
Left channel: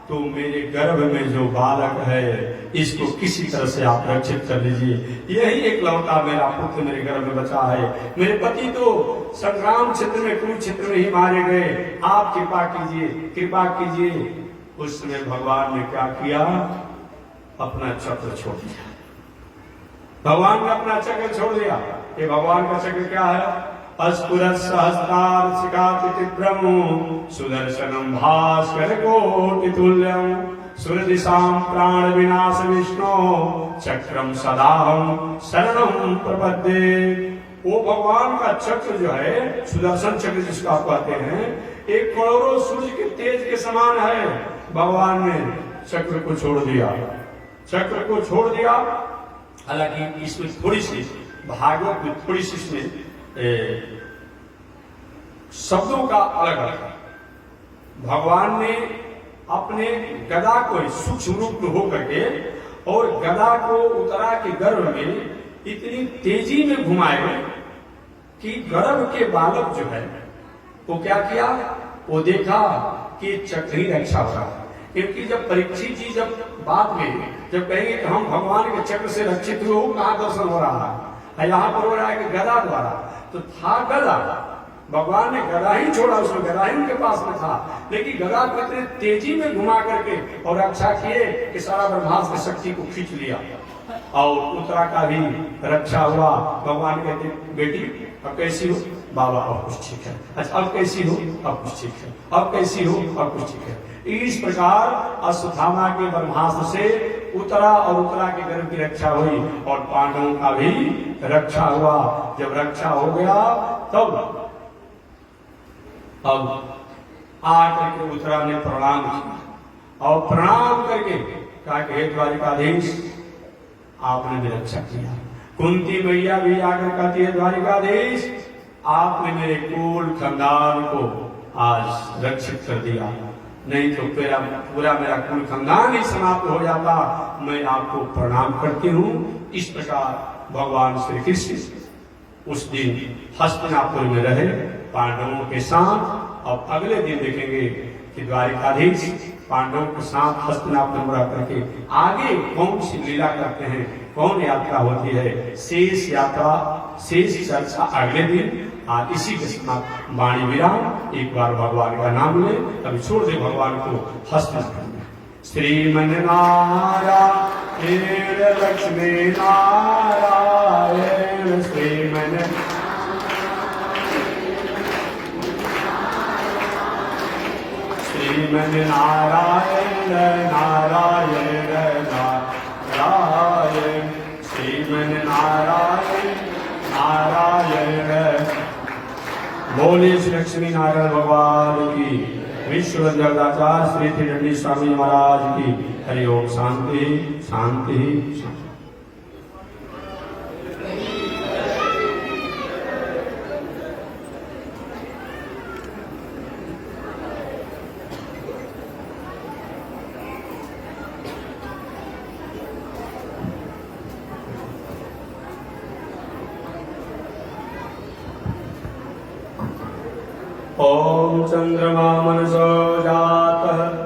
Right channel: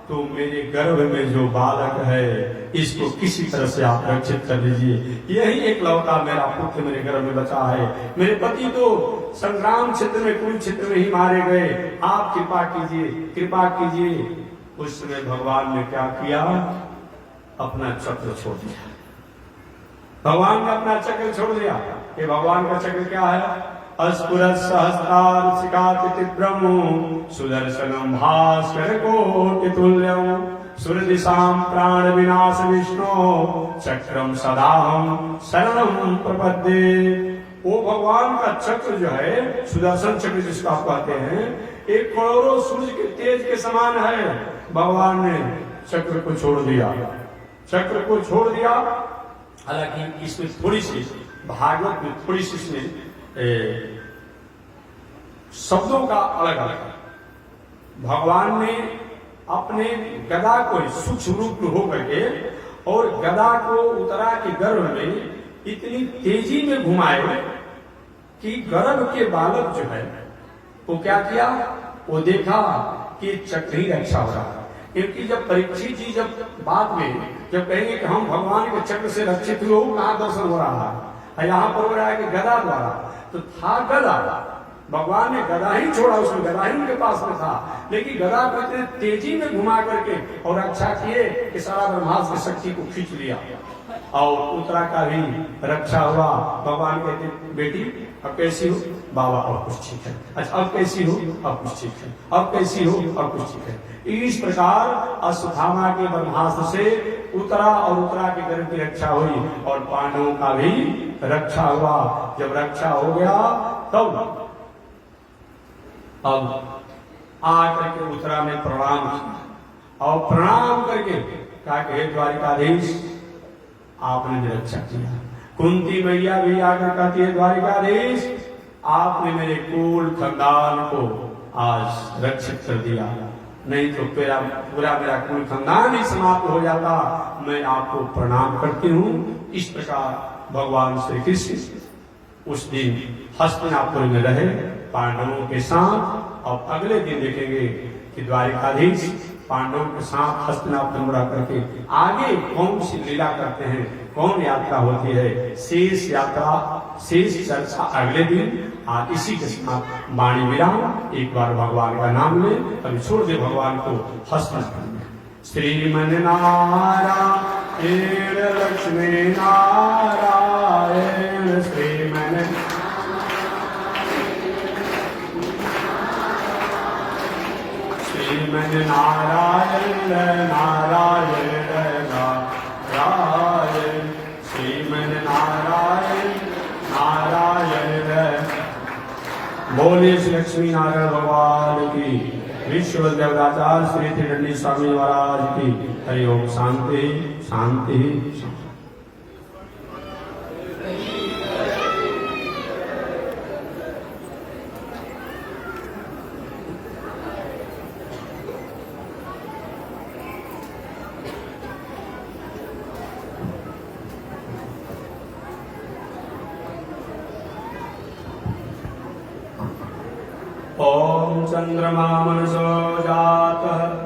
तो मेरे गर्भ में जो बालक है इसको किसी तरह से आप रक्षित कर लीजिए। यही एक लौता मेरा पुत्र मेरे गर्भ में बचा है। मेरे पति तो संग्राम क्षेत्र में, कुरुक्षेत्र में ही मारे गए। आप कृपा कीजिए, कृपा कीजिए। उस समय भगवान ने क्या किया? अपना चक्र छोड़ दिया। भगवान ने अपना चक्र छोड़ दिया। ये भगवान का चक्र क्या है? अस्फुरत् सहस्रार शिखातिब्रह्म सुदर्शनम भास्कर कोटितुल्यम सुरदिशां प्राण विनाश विष्णु चक्रम सदाहम शरणम प्रपद्ये। वो भगवान का चक्र जो है, सुदर्शन चक्र जिसको आप कहते हैं, एक करोड़ों सूर्य के तेज के समान है। भगवान ने चक्र को छोड़ दिया, चक्र को छोड़ दिया। हालांकि इसमें थोड़ी सी भागवत में थोड़ी सी इसमें शब्दों का अलग अलग है। भगवान ने अपने गदा को सूक्ष्म रूप में होकर के और गदा को उत्तरा के गर्भ में इतनी तेजी में घुमाए कि गर्भ के बालक जो है वो क्या किया? वो देखा कि चक्र ही रक्षा हो रहा है। क्योंकि जब परीक्षित जी जब बाद में जब कहेंगे कि हम भगवान के चक्र से रक्षित हुए, वो कहाँ दर्शन हो रहा है? यहाँ पर हो रहा है कि गदा द्वारा। तो था गदा, भगवान ने गदा ही छोड़ा, उसमें गदा ही उनके पास में था, लेकिन गदा को इतने तेजी में घुमा करके और रक्षा किए कि सारा ब्रह्मास्त्र शक्ति को खींच लिया और उत्तरा का भी रक्षा हुआ। भगवान कहते बेटी अब कैसी हो? बाबा अब कुछ ठीक है। अच्छा अब कैसी हो? अब कुछ ठीक है। अब कैसी हो? अब कुछ ठीक है। इस प्रकार अश्वत्थामा के ब्रह्मास्त्र से उत्तरा और उत्तरा के गर्भ की रक्षा हुई और पांडवों का भी रक्षा हुआ। जब रक्षा हो गया तब अब आकर के उत्तरा ने प्रणाम किया और प्रणाम करके कहा कि हे द्वारिकाधीश, आपने मेरी रक्षा किया। कुंती मैया भी आकर कहती है, द्वारिकाधीश आपने मेरे कुल खानदान को आज रक्षित कर दिया, नहीं तो पूरा मेरा कुल खानदान ही समाप्त हो जाता। मैं आपको प्रणाम करती हूँ। इस प्रकार भगवान श्री कृष्ण उस दिन हस्तिनापुर में रहे पांडवों के साथ, और अगले दिन देखेंगे कि द्वारिकाधीश पांडवों के साथ हस्तिनापुर में रह करके आगे कौन सी लीला करते हैं, कौन यात्रा होती है, शेष यात्रा, शेष चर्चा अगले दिन। आज इसी के साथ वाणी विराम। एक बार भगवान का नाम ले, अभी छोड़ दे भगवान को हस्तिनापुर में। श्रीमन नारायण लक्ष्मी नारायण श्रीमन श्रीमन नारायण नारायण नारायण श्रीमन नारायण बोलिए श्री लक्ष्मी नारायण भगवान की। विश्व जगदाचार्य श्री त्रिदंडी स्वामी महाराज की। हरि ओम। शांति शांति शांति। ओम चंद्रमा मनसो जातः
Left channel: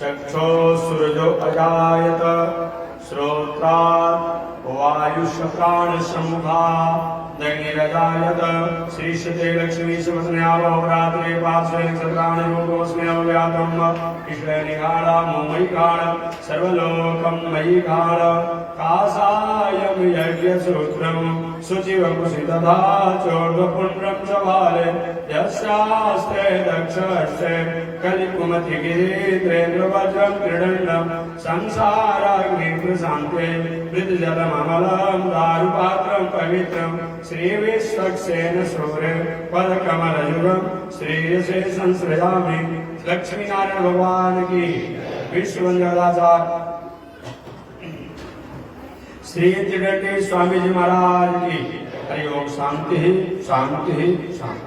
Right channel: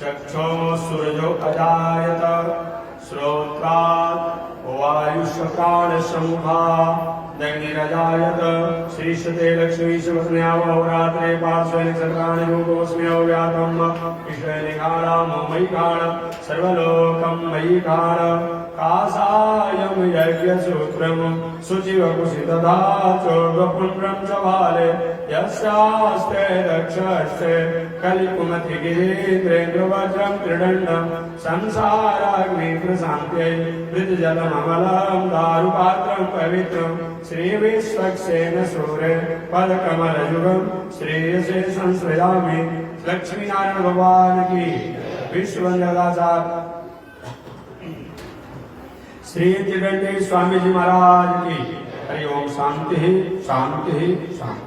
चक्षो सूरजो अजायत श्रोत्रात् वायुष प्राण समुखा दग्निरजायत श्रीशते लक्ष्मी शुभस्न्यावहोरात्रे पार्श्वे नक्षत्राणि रूपमस्मि अव्यातम् ईश्वरनिगाढा मोमयिकाढ सर्वलोकं मयिकाढ कासायं यज्ञसूत्रम् शुचिवकुशितधा चोर्ध्वपुण्ड्रं च वाले यस्यास्ते दक्षस्ते कलिकुमतिगिरीन्द्रेन्द्रवज्रं त्रिदण्डं संसाराग्निप्रशान्ते मृतजलममलं दारुपात्रं पवित्रं श्रीविश्वक्सेन सूरे पदकमलयुगं श्रेयसे संश्रयामि। लक्ष्मीनारायण भगवान की। विश्व जगदाचार्य श्री त्रिदंडी स्वामी जी महाराज की। हरि ओम। शांति शांति शांति।